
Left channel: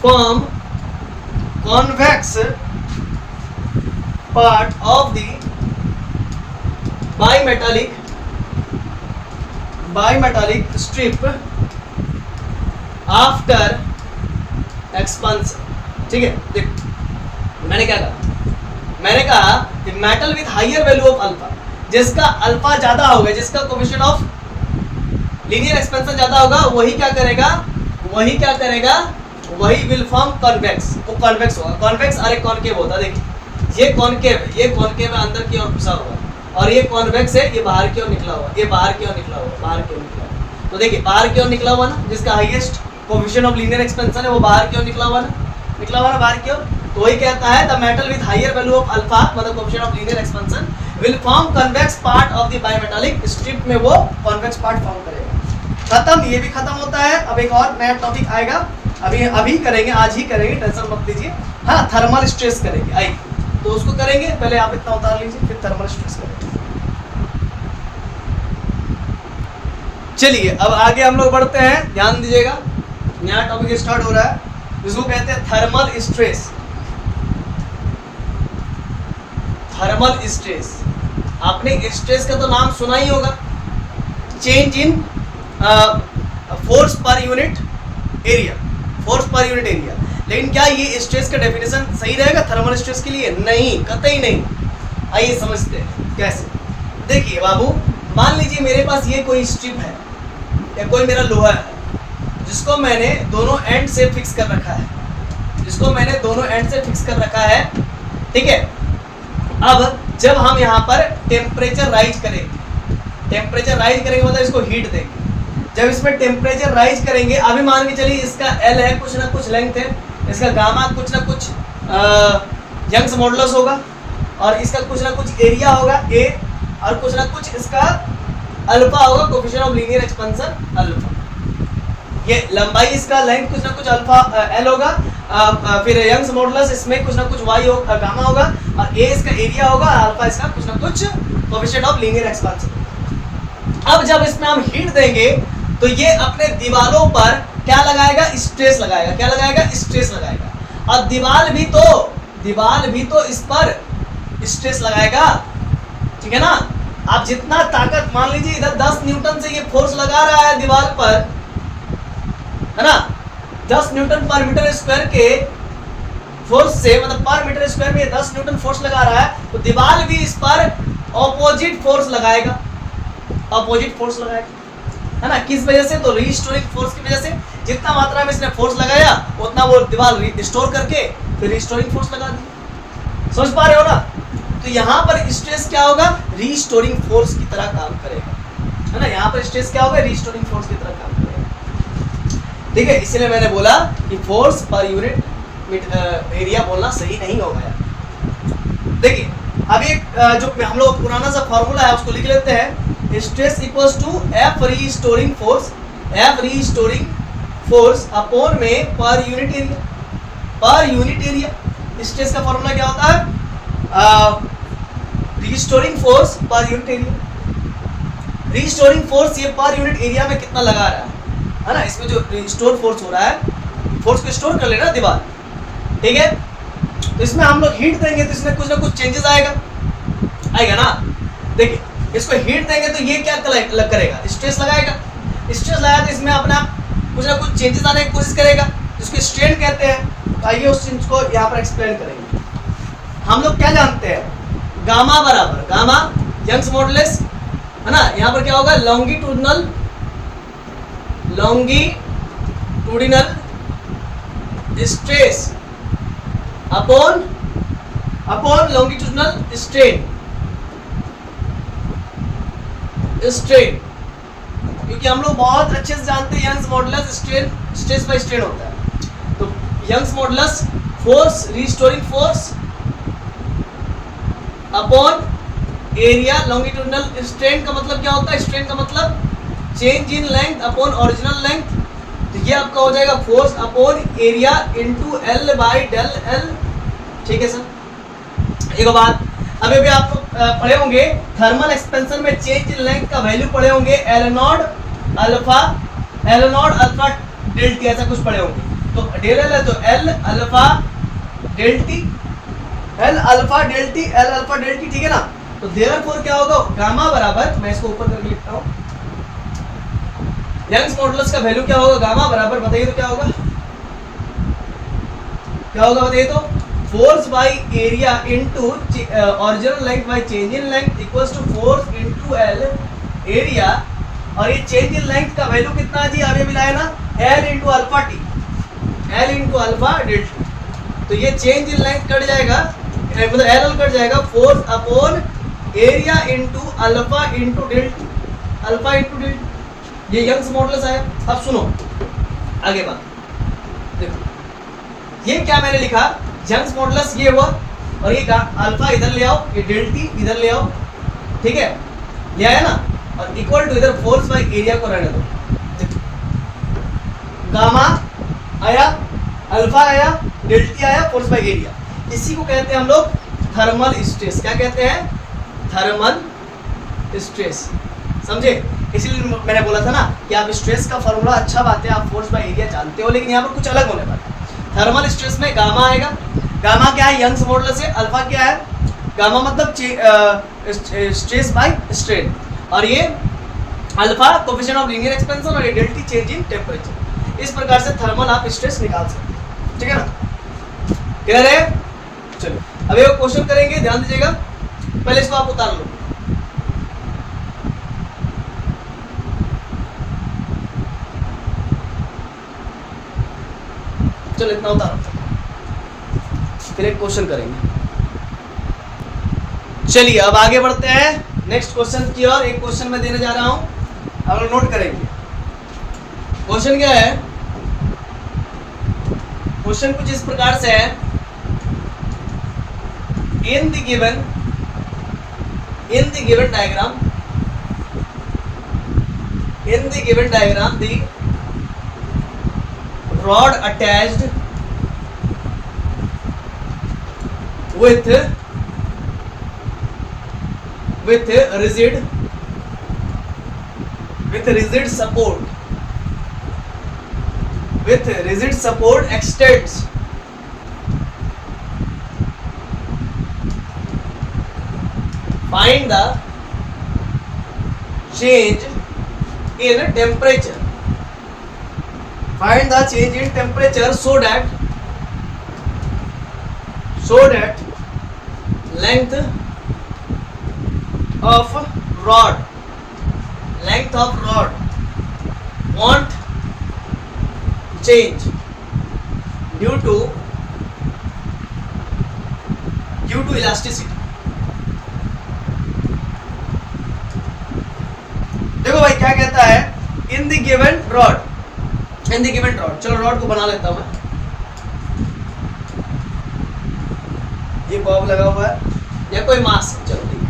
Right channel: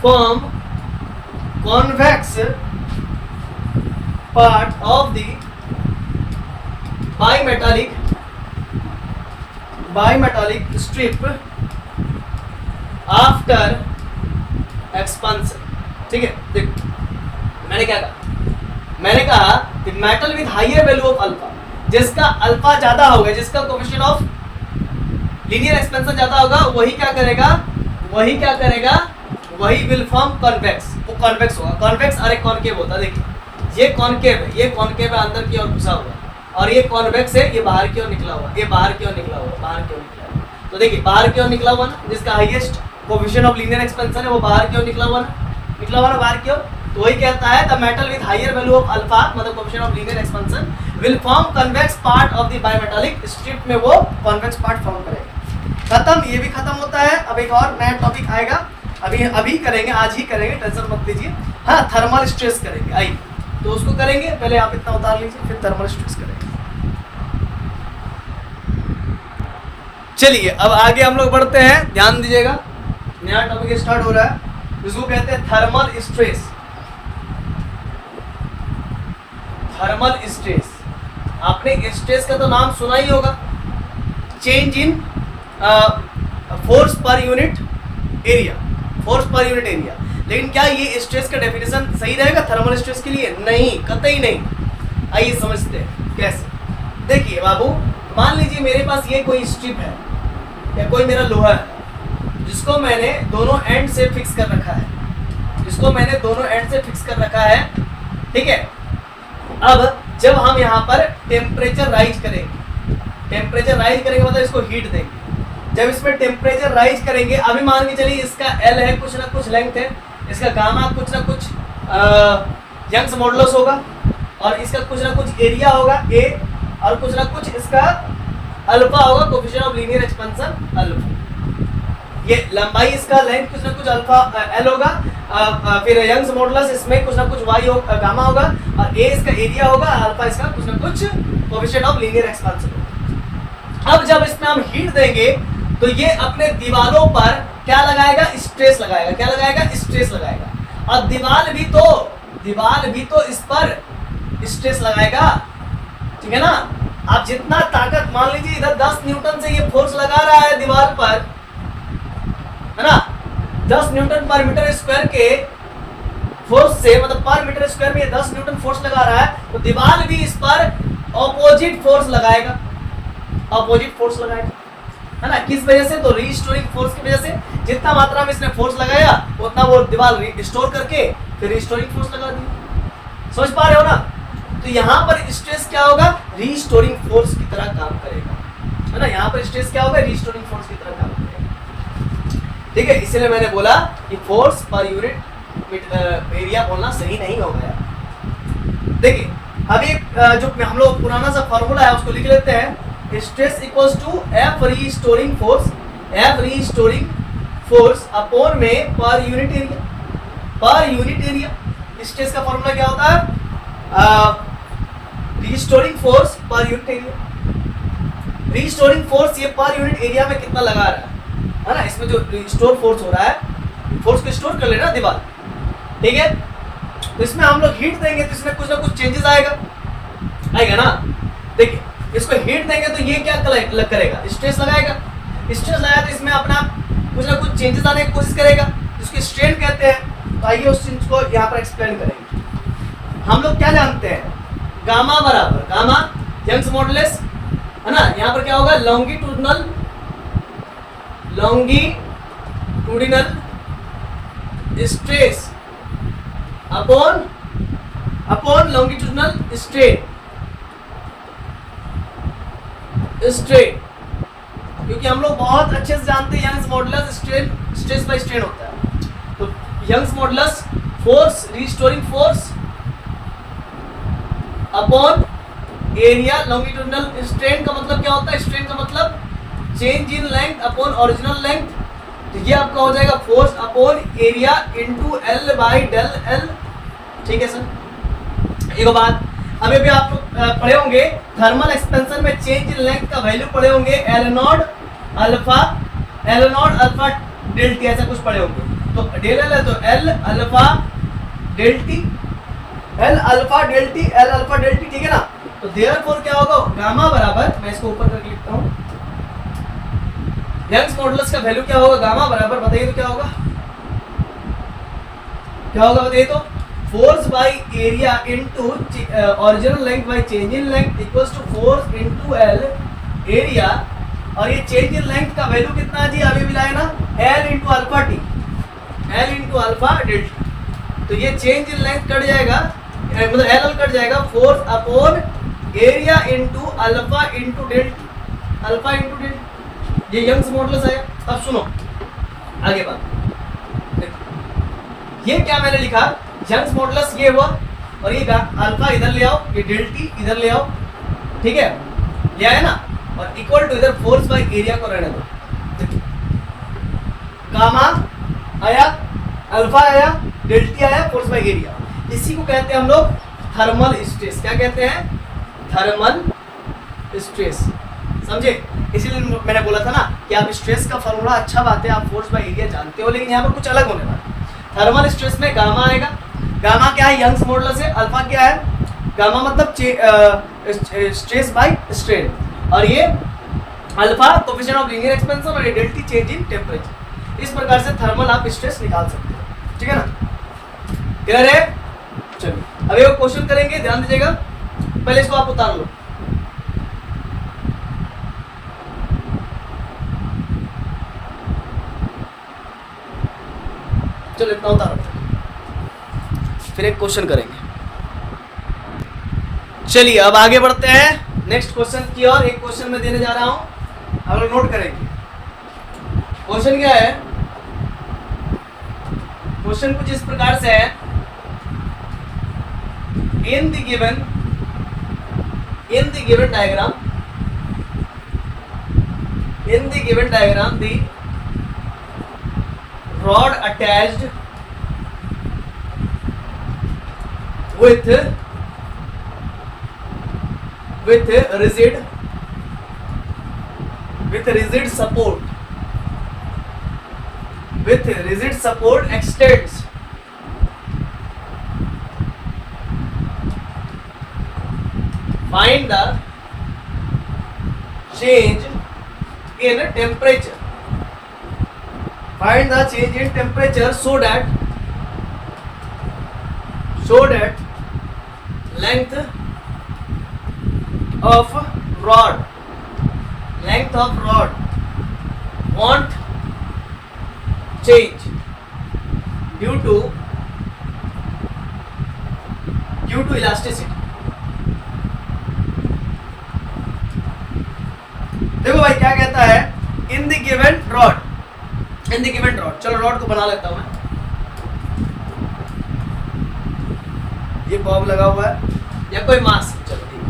form convex part of the bimetallic strip after expansion। ठीक है, देख मैंने क्या कहा, मैंने कहा कि metal with higher value of alpha, जिसका अल्फा ज्यादा होगा, जिसका कोएफिशिएंट ऑफ लीनियर एक्सपेंशन ज्यादा होगा, वही क्या करेगा, वही विल फॉर्म कॉन्वेक्स, वो कॉन्वेक्स होगा। कॉन्वेक्स और एक कॉनकेव होता है। देखिए ये कॉनकेव है, ये कॉनकेव है, अंदर की ओर घुसा हुआ, और ये कॉन्वेक्स है, ये बाहर की ओर निकला हुआ, ये बाहर की ओर निकला हुआ। तो देखिए बाहर की ओर निकला हुआ ना, जिसका highest coefficient of linear expansion है, वो बाहर की ओर निकला हुआ ना बाहर की ओर। तो वही कहता है the metal with higher value of alpha मतलब coefficient of linear expansion will form convex part of the bimetallic strip, में वो कन्वेक्स पार्ट फॉर्म करेगा। खत्म, ये भी खत्म होता है। अब एक और नया टॉपिक आएगा, अभी करेंगे, आज ही करेंगे, टेंशन मत लीजिए। हाँ, थर्मल स्ट्रेस करेंगे, आइए तो उसको करेंगे। पहले आप इतना उतार लीजिए, फिर थर्मल स्ट्रेस करेंगे। चलिए अब आगे हम लोग बढ़ते हैं, ध्यान दीजिएगा, नया टॉपिक स्टार्ट हो रहा है, जिसको कहते हैं थर्मल स्ट्रेस। थर्मल स्ट्रेस, आपने स्ट्रेस का तो नाम सुना ही होगा, change in force per unit area, लेकिन क्या ये स्ट्रेस का डेफिनेशन सही रहेगा थर्मल स्ट्रेस के लिए? नहीं, कतई नहीं। आइए समझते हैं कैसे। देखिए बाबू, मान लीजिए मेरे पास ये कोई स्ट्रिप है या कोई मेरा लोहा है, जिसको मैंने दोनों एंड से फिक्स कर रखा है, ठीक है। अब जब हम यहाँ पर टेम्परेचर राइज करेंगे मतलब इसको हीट देंगे। जब इसमें टेम्परेचर राइज करेंगे, अभी मान के चलिए इसका एल है, कुछ ना कुछ लेंथ है, इसका गामा कुछ ना कुछ यंग्स मॉडुलस होगा, और इसका कुछ ना कुछ एरिया होगा ए, और कुछ ना कुछ इसका अल्फा होगा, coefficient of linear expansion alpha. ये लंबाई इसका लेंथ कुछ ना कुछ अल्फा एल होगा, फिर यंग्स मॉडुलस इसमें कुछ ना कुछ वाई होगा, गामा होगा, और ए इसका एरिया होगा, अल्फा इसका कुछ ना कुछ कोएफिशिएंट ऑफ लीनियर एक्सपेंशन। अब जब इसमें हम हीट देंगे तो ये अपने दीवारों पर क्या लगाएगा, स्ट्रेस लगाएगा। क्या लगाएगा, स्ट्रेस लगाएगा। और दीवार भी तो इस पर स्ट्रेस लगाएगा, ठीक है ना। आप जितना ताकत, मान लीजिए इधर 10 न्यूटन से ये फोर्स लगा रहा है दीवार पर, है ना, 10 न्यूटन पर मीटर स्क्वायर के फोर्स से, मतलब पर मीटर स्क्वायर में 10 न्यूटन फोर्स लगा रहा है, तो दीवार भी इस पर ऑपोजिट फोर्स लगाएगा, है ना। किस वजह से, तो रीस्टोरिंग फोर्स की वजह से। जितना मात्रा में इसने फोर्स लगाया उतना वो दीवार रिस्टोर करके फिर रिस्टोरिंग फोर्स लगा दी। समझ पा रहे हो ना। तो यहाँ पर स्ट्रेस क्या होगा, रीस्टोरिंग फोर्स की तरह काम करेगा, है ना। यहाँ पर स्ट्रेस क्या होगा, रीस्टोरिंग फोर्स की तरह काम करेगा, ठीक है। इसलिए मैंने बोला कि फोर्स पर यूनिट एरिया बोलना सही नहीं होगा यार। देखिए अब एक जो हम लोग पुराना सा फॉर्मूला है उसको लिख लेते हैं। Stress equals to F restoring force upon में पर यूनिट एरिया। स्ट्रेस का फॉर्मूला क्या होता है, restoring force per unit area. Restoring force ये पर यूनिट एरिया में कितना लगा रहा है ना। इसमें जो रिस्टोर फोर्स हो रहा है, फोर्स को स्टोर कर लेना दीवार, ठीक है। तो इसमें हम लोग हीट देंगे तो इसमें कुछ ना कुछ चेंजेस आएगा ना। देखिए इसको हीट देंगे तो ये क्या करेगा, स्ट्रेस लगाएगा। स्ट्रेस लगाया तो इसमें अपना कुछ ना कुछ चेंजेस आने की कोशिश करेगा, जिसको स्ट्रेन कहते हैं। तो आइए उस चीज को यहाँ पर एक्सप्लेन करेंगे। हम लोग क्या जानते हैं, गामा बराबर गामा यंग्स मॉडुलस, है ना। यहाँ पर क्या होगा, longitudinal stress upon longitudinal strain. क्योंकि हम लोग बहुत अच्छे से जानते हैं Young's modulus stress by strain होता है। तो Young's modulus force, restoring force upon area longitudinal strain का मतलब क्या होता है, स्ट्रेन का मतलब change in length upon original length. तो ये आपका हो जाएगा force upon area into L by del L, ठीक है सर। एक बात अभी भी आप पढ़े होंगे थर्मल एक्सपेंशन में चेंज इन लेंथ का वैल्यू पढ़े होंगे, L naught alpha del T, ऐसा कुछ पढ़े होंगे। तो डेल एल है तो एल अल्फा डेल टी, ठीक है ना। तो देयरफॉर क्या होगा, गामा बराबर, मैं इसको ऊपर करके लिखता हूँ, यंग्स मॉडुलस का वैल्यू क्या होगा, गामा बराबर, बताइए तो क्या होगा बताइए तो, force by area into original length by change in length equals to force into L area. और ये चेंज इन लेंथ का वैल्यू कितना है जी, अभी मिलाया ना, L into alpha T, L into alpha del T. तो ये चेंज इन लेंथ कट जाएगा, मतलब एल कट जाएगा, force upon area into alpha into del T, alpha into del T. ये यंग्स मॉडुलस आया। अब सुनो आगे बात, देखो ये क्या मैंने लिखा, यंग्स मॉडुलस ये हुआ, और ये अल्फा इधर ले आओ, ये डेल टी इधर ले आओ, ठीक है, ले आया ना। और इक्वल टू इधर फोर्स बाय एरिया को रहने दो। गामा आया, अल्फा आया, डेल टी आया, फोर्स बाय एरिया। इसी को कहते हैं हम लोग थर्मल स्ट्रेस। क्या कहते हैं, थर्मल स्ट्रेस, समझे। इसीलिए मैंने बोला था ना कि आप स्ट्रेस का फॉर्मूला, अच्छा बात है, आप फोर्स बाय एरिया जानते हो, लेकिन यहाँ पर कुछ अलग होने वाला है। थर्मल स्ट्रेस में गामा आएगा। गामा क्या है, यंग्स मॉडुलस है। अल्फा क्या है, गामा मतलब स्ट्रेस बाय स्ट्रेन, और ये alpha coefficient of linear expansion, और ये del T change in temperature. इस प्रकार से थर्मल आप स्ट्रेस निकाल सकते हो, ठीक है ना। क्लियर है। चलो अब एक क्वेश्चन करेंगे, ध्यान दीजिएगा, पहले इसको आप उतार लो। चलो इतना उतारो, फिर एक क्वेश्चन करेंगे। चलिए अब आगे बढ़ते हैं नेक्स्ट क्वेश्चन की ओर। एक क्वेश्चन मैं देने जा रहा हूं, आप लोग नोट करेंगे। क्वेश्चन क्या है, क्वेश्चन कुछ इस प्रकार से है, in the given diagram rod attached with rigid support extends find the change in temperature. Find the change in temperature so that length of rod won't change due to elasticity. देखो भाई क्या कहता है, इन द गिवन रॉड, चलो rod को बना लेता हूं मैं, ये बॉब लगा हुआ है या कोई मास, चलो ठीक है,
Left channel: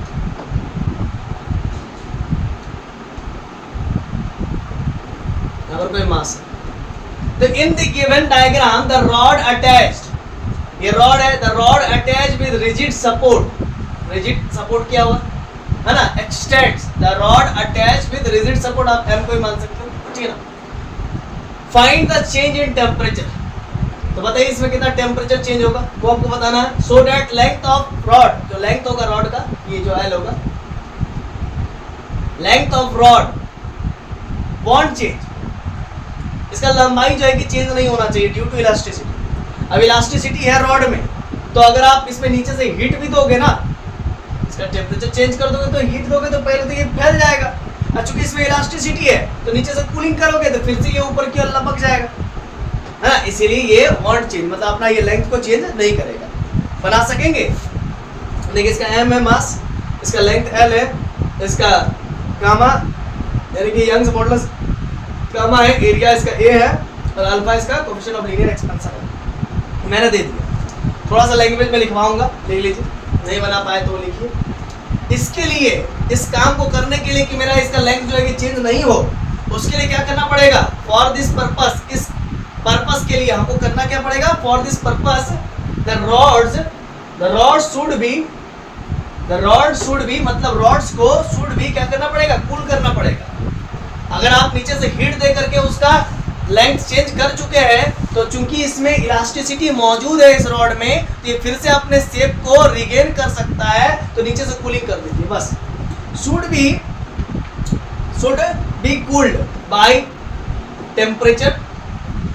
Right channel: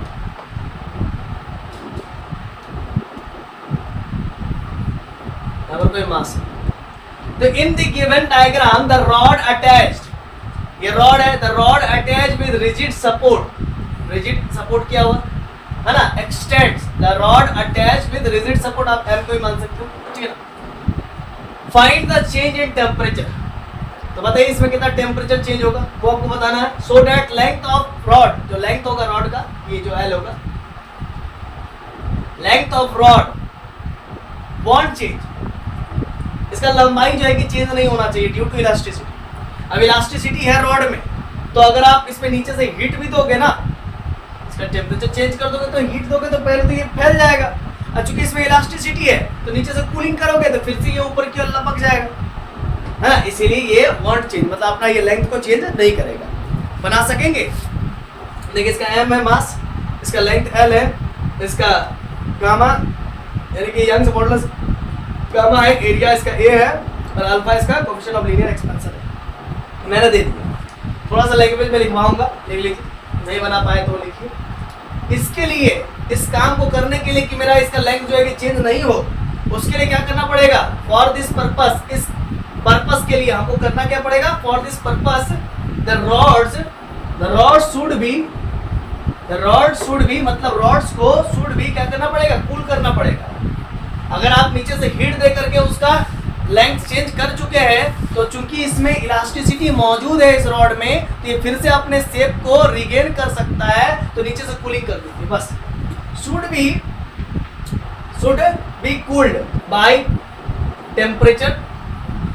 यहाँ पर कोई मास है। तो in the given diagram the rod attached, ये रॉड है, the rod attached with rigid support क्या हुआ है ना, x tends, the rod attached with rigid support, आप एम को ही मान सकते हो, ठीक है ना। Find the change in temperature, तो बताइए इसमें कितना टेम्परेचर चेंज होगा वो आपको बताना है। So that length of rod, जो लेंथ होगा रॉड का, ये जो एल होगा, length of rod want change, इसका लंबाई जो है कि चेंज नहीं होना चाहिए ड्यू टू इलास्टिसिटी। अब इलास्टिसिटी है रॉड में, तो अगर आप इसमें नीचे से हीट भी दोगे ना, इसका टेम्परेचर चेंज कर दोगे तो हीट दोगे तो पहले तो ये फैल जाएगा, और चूंकि इसमें इलास्टिसिटी है तो नीचे से कूलिंग करोगे तो फिर से ये ऊपर की ओर लपक जाएगा, है ना, इसीलिए ये वॉन्ट चेंज, मतलब अपना ये लेंथ को चेंज नहीं करेगा। बना सकेंगे, देखिए इसका एम है मास, इसका लेंथ एल है, इसका गामा यानी कि यंग्स मॉडुलस गामा है, एरिया इसका ए है, और अल्फा इसका कोएफिशिएंट ऑफ लीनियर एक्सपेंशन है। मैंने दे दिया, थोड़ा सा लैंग्वेज में लिखवाऊंगा, देख लीजिए, नहीं बना पाए तो लिखिए। इसके लिए, इस काम को करने के लिए कि मेरा इसका लेंथ जो है कि चेंज नहीं हो, उसके लिए क्या करना पड़ेगा, फॉर दिस पर्पस, इस पर्पस के लिए हमको करना क्या पड़ेगा, for this purpose the rod should be मतलब रॉड्स को शुड भी क्या करना पड़ेगा, कूल करना पड़ेगा। अगर आप नीचे से हीट दे करके उसका लेंथ चेंज कर चुके हैं, तो चूंकि इसमें इलास्टिसिटी मौजूद है इस रॉड में, तो ये फिर से अपने शेप को रिगेन कर सकता है, तो नीचे से कूलिंग कर दीजिए बस। Should be cooled by temperature,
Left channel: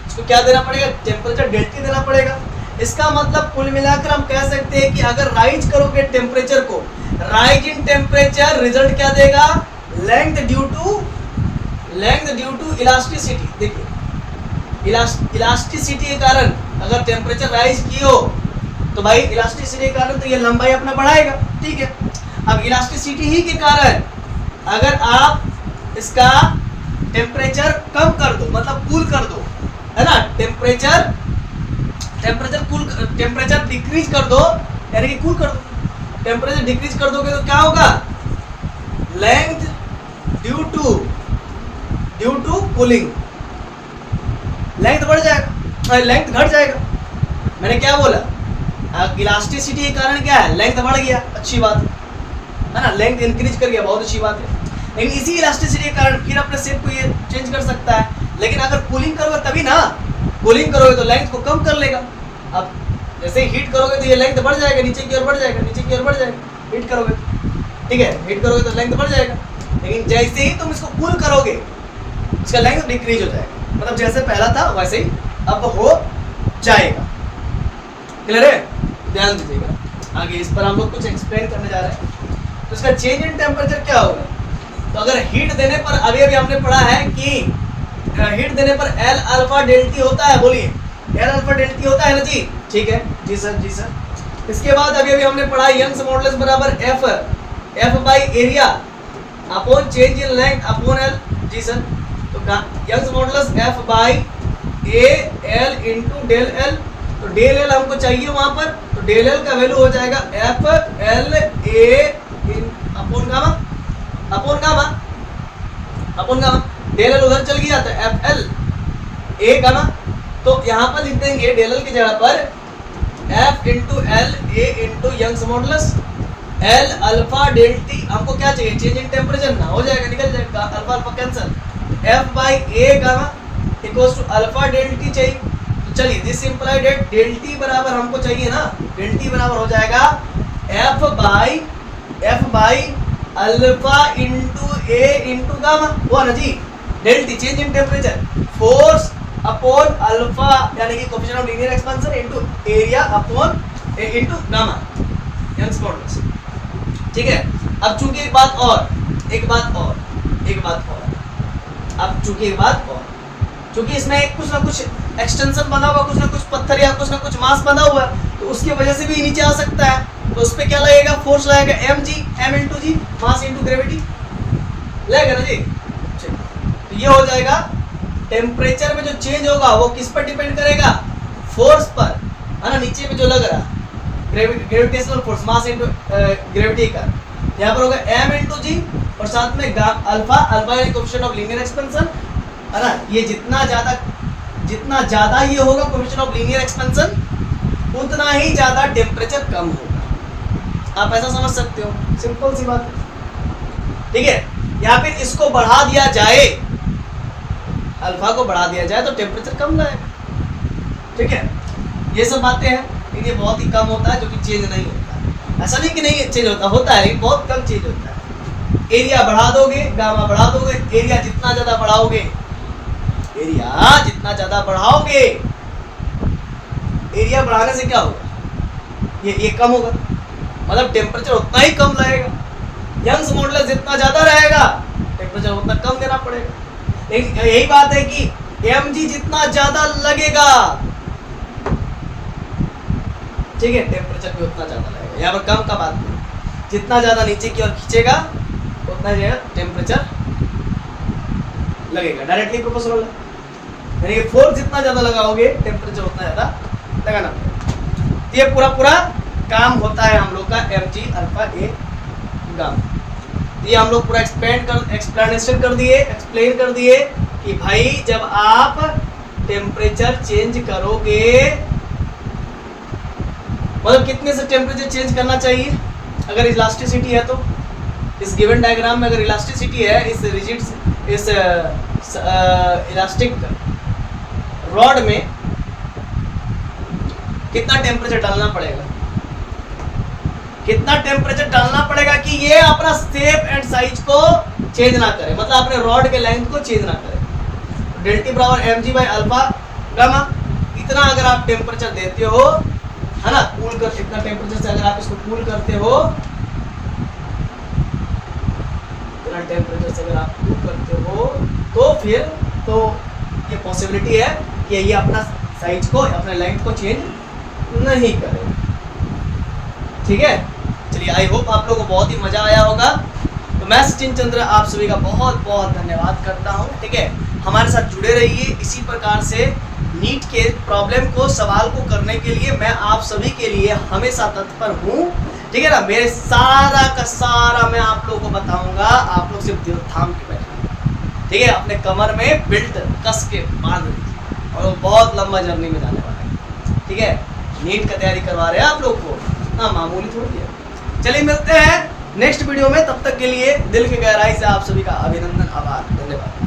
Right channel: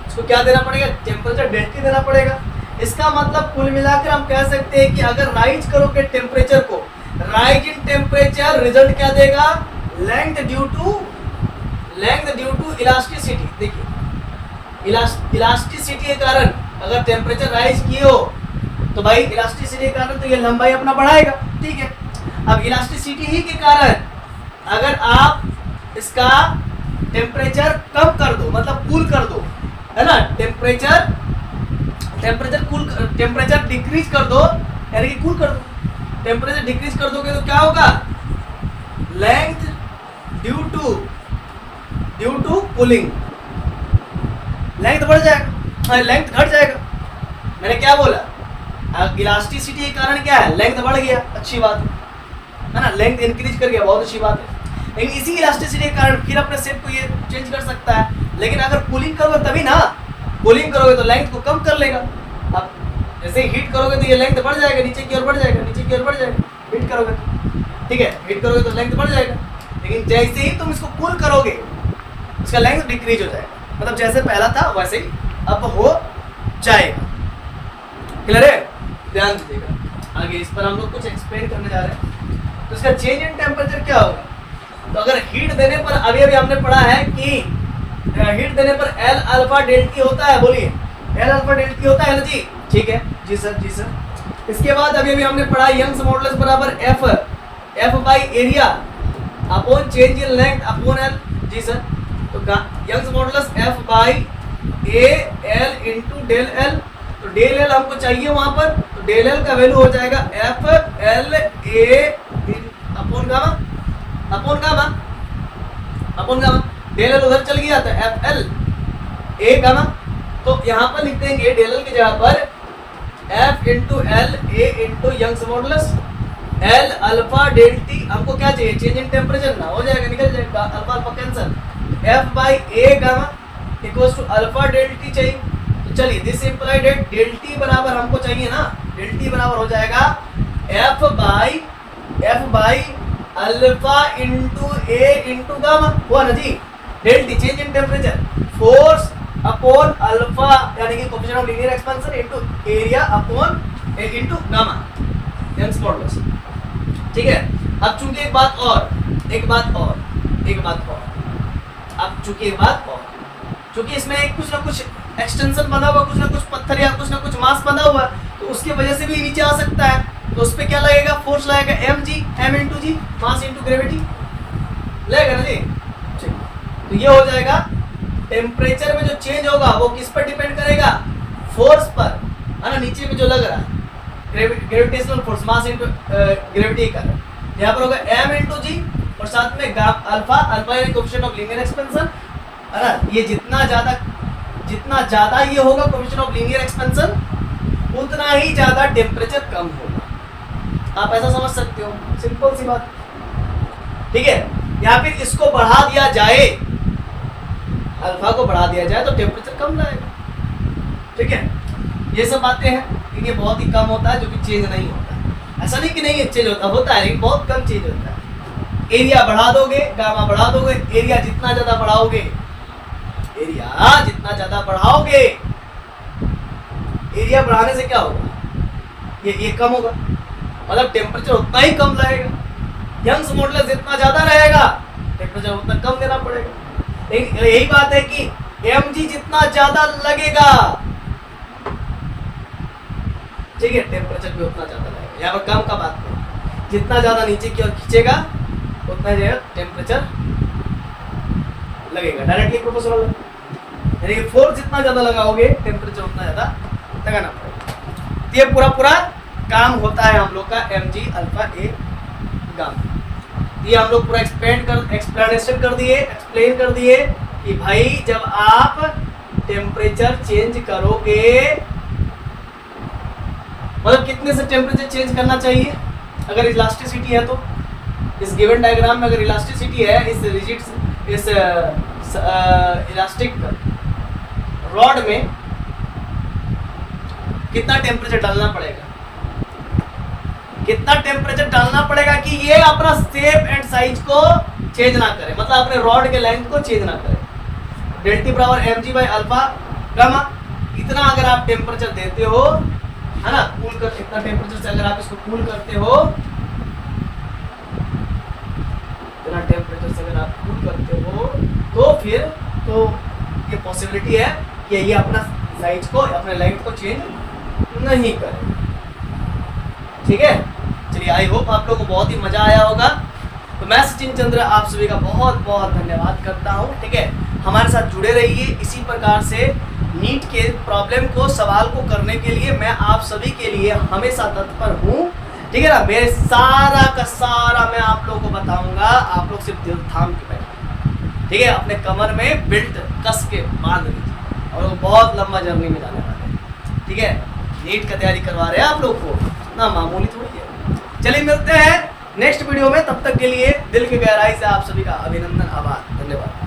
इसको क्या देना पड़ेगा, टेम्परेचर डेल्टा देना पड़ेगा। इसका मतलब कुल मिलाकर हम कह सकते हैं कि अगर राइज करोगे टेम्परेचर को, राइज इन टेम्परेचर रिजल्ट क्या देगा, लेंथ ड्यू टू इलास्टिसिटी। देखिए इलास्टिसिटी के कारण अगर टेम्परेचर राइज किए हो तो भाई इलास्टिसिटी के कारण तो ये लंबाई अपना बढ़ाएगा, ठीक है। अब इलास्टिसिटी ही के कारण अगर आप इसका टेम्परेचर कम कर दो, मतलब कूल कर दो, है ना, टेम्परेचर डिक्रीज कर दो, यानी कि कूल कर दो, टेम्परेचर डिक्रीज कर दोगे तो क्या होगा, length due to cooling, length बढ़ जाएगा, लेंथ घट जाएगा। मैंने क्या बोला, इलास्टिसिटी के कारण क्या है, लेंथ बढ़ गया, अच्छी बात है ना, लेंथ इंक्रीज कर गया, बहुत अच्छी बात है। लेकिन इसी इलास्टिसिटी के कारण फिर अपने शेप को ये चेंज कर सकता है, लेकिन अगर कूलिंग करोगे तभी ना, कूलिंग करोगे तो लेंथ को कम कर लेगा। अब जैसे ही हीट करोगे तो ये लेंथ बढ़ जाएगा, नीचे की ओर बढ़ जाएगा, हीट करोगे, ठीक है, हीट करोगे तो लेंथ बढ़ जाएगा। लेकिन जैसे ही तुम इसको कूल करोगे इसका लेंथ डिक्रीज हो जाएगा, मतलब जैसे पहला था वैसे ही अब हो जाएगा। क्लियर है, ध्यान दीजिएगा। आगे इस पर हम लोग कुछ एक्सप्लेन करने जा रहे हैं। तो इसका चेंज इन टेम्परेचर क्या होगा, तो अगर हीट देने पर, अभी हमने पढ़ा है कि हीट देने पर एल अल्फा डेल्टी होता है, बोलिए एल अल्फा डेल्टी होता है ना जी, ठीक है, जी सर। इसके बाद अभी हमने पढ़ा यंग्स मॉडुलस बराबर F by area upon change in length upon L, जी सर। तो Young's modulus F by A L into del L, तो डेल एल हमको चाहिए वहां पर, तो डेल एल का वैल्यू हो जाएगा F L A upon gamma, del L उधर चल गया था, एफ एल ए गामा तो यहाँ पर लिख देंगे डेल एल की जगह पर F into L A into Young's modulus L alpha del T. हमको क्या चाहिए, चेंज इन टेम्परेचर ना, हो जाएगा, निकल जाएगा, alpha alpha cancel, F by A gamma equals to alpha del T चाहिए। तो चलिए this imply that del T बराबर हमको चाहिए ना, डेल टी बराबर हो जाएगा F by alpha into A into gamma, हुआ ना जी, del T change in temperature, force upon alpha यानी कि coefficient of linear expansion into area upon A into gamma Young's modulus. ठीक है। अब चूंकि एक बात और अब चूंकि एक बात और, चूंकि इसमें एक कुछ ना कुछ एक्सटेंशन बना हुआ, कुछ ना कुछ पत्थर या कुछ ना कुछ मास बना हुआ है, तो उसकी वजह से भी नीचे आ सकता है। तो उस पर क्या लगेगा, फोर्स लगेगा एम इंटू जी, मास इंटू ग्रेविटी लगेगा ना जी। तो ये हो जाएगा, टेम्परेचर में जो चेंज होगा वो किस पर डिपेंड करेगा, फोर्स पर, है ना, नीचे में जो लग रहा है gravitational force, mass into gravity का। यहाँ पर होगा m इंटू जी और साथ में अल्फा यानी कोएफिशिएंट ऑफ लीनियर एक्सपेंशन, है ना। ये जितना ज्यादा ये होगा कोएफिशिएंट ऑफ लीनियर एक्सपेंशन, उतना ही ज्यादा टेम्परेचर कम होगा। आप ऐसा समझ सकते हो, सिंपल सी बात, ठीक है। या फिर इसको बढ़ा दिया जाए, अल्फा को बढ़ा दिया जाए तो टेम्परेचर कम जाएगा, ठीक है। ये सब बातें हैं, लेकिन ये बहुत ही कम होता है, जो कि चेंज नहीं होता। ऐसा नहीं कि नहीं चेंज होता है, लेकिन बहुत कम चेंज होता है। एरिया बढ़ा दोगे, गामा बढ़ा दोगे, एरिया जितना ज्यादा बढ़ाओगे, एरिया बढ़ाने से क्या होगा, ये कम होगा, मतलब टेम्परेचर उतना ही कम लगेगा। यंग्स मॉडुलस जितना ज्यादा रहेगा, टेम्परेचर उतना कम देना पड़ेगा। लेकिन यही बात है कि mg जितना ज्यादा लगेगा, ठीक है, टेम्परेचर भी उतना ज्यादा लगेगा। यहाँ पर कम का बात नहीं, जितना ज्यादा नीचे की ओर खींचेगा उतना ज्यादा टेम्परेचर लगेगा, डायरेक्टली प्रोपोर्शनल है। यानी कि फोर्स जितना ज्यादा लगाओगे टेम्परेचर उतना ज्यादा लगाना पड़ेगा। ये पूरा काम होता है हम लोग का mg अल्फा ए गामा। ये हम लोग पूरा एक्सप्लेनेशन एक्सप्लेन कर दिए कि भाई जब आप टेम्परेचर चेंज करोगे, मतलब कितने से टेम्परेचर चेंज करना चाहिए। अगर इलास्टिसिटी है तो इस गिवन डायग्राम में अगर इलास्टिसिटी है, इस इलास्टिक रॉड में कितना टेम्परेचर डालना पड़ेगा, कि ये अपना शेप एंड साइज को चेंज ना करे, मतलब अपने रॉड के लेंथ को चेंज ना करे। डेल्टी बराबर mg बाई अल्फा गामा, इतना अगर आप टेम्परेचर देते हो, है ना, कूल कर, इतना टेम्परेचर से अगर आप इसको कूल करते हो, इतना टेम्परेचर से अगर आप कूल करते हो, तो फिर तो ये पॉसिबिलिटी है कि ये अपना साइज को, अपने लेंथ को चेंज नहीं करेगा, ठीक है। चलिए, आई होप आप लोगों को बहुत ही मजा आया होगा। तो मैं सचिन चंद्र आप सभी का बहुत बहुत धन्यवाद करता हूँ, ठीक है। हमारे साथ जुड़े रहिए, इसी प्रकार से नीट के प्रॉब्लम को, सवाल को करने के लिए मैं आप सभी के लिए हमेशा तत्पर हूँ, ठीक है ना। मेरे सारा का सारा मैं आप लोगों को बताऊंगा, आप लोग सिर्फ दिल थाम के बैठे, ठीक है, अपने कमर में बेल्ट कस के बांध लीजिए, और वो बहुत लंबा जर्नी में जाने वाले हैं, ठीक है। नीट का तैयारी करवा रहे हैं आप लोग को, ना मामूली थोड़ी है। चलिए मिलते हैं नेक्स्ट वीडियो में, तब तक के लिए दिल की गहराई से आप सभी का अभिनंदन, आभार, धन्यवाद।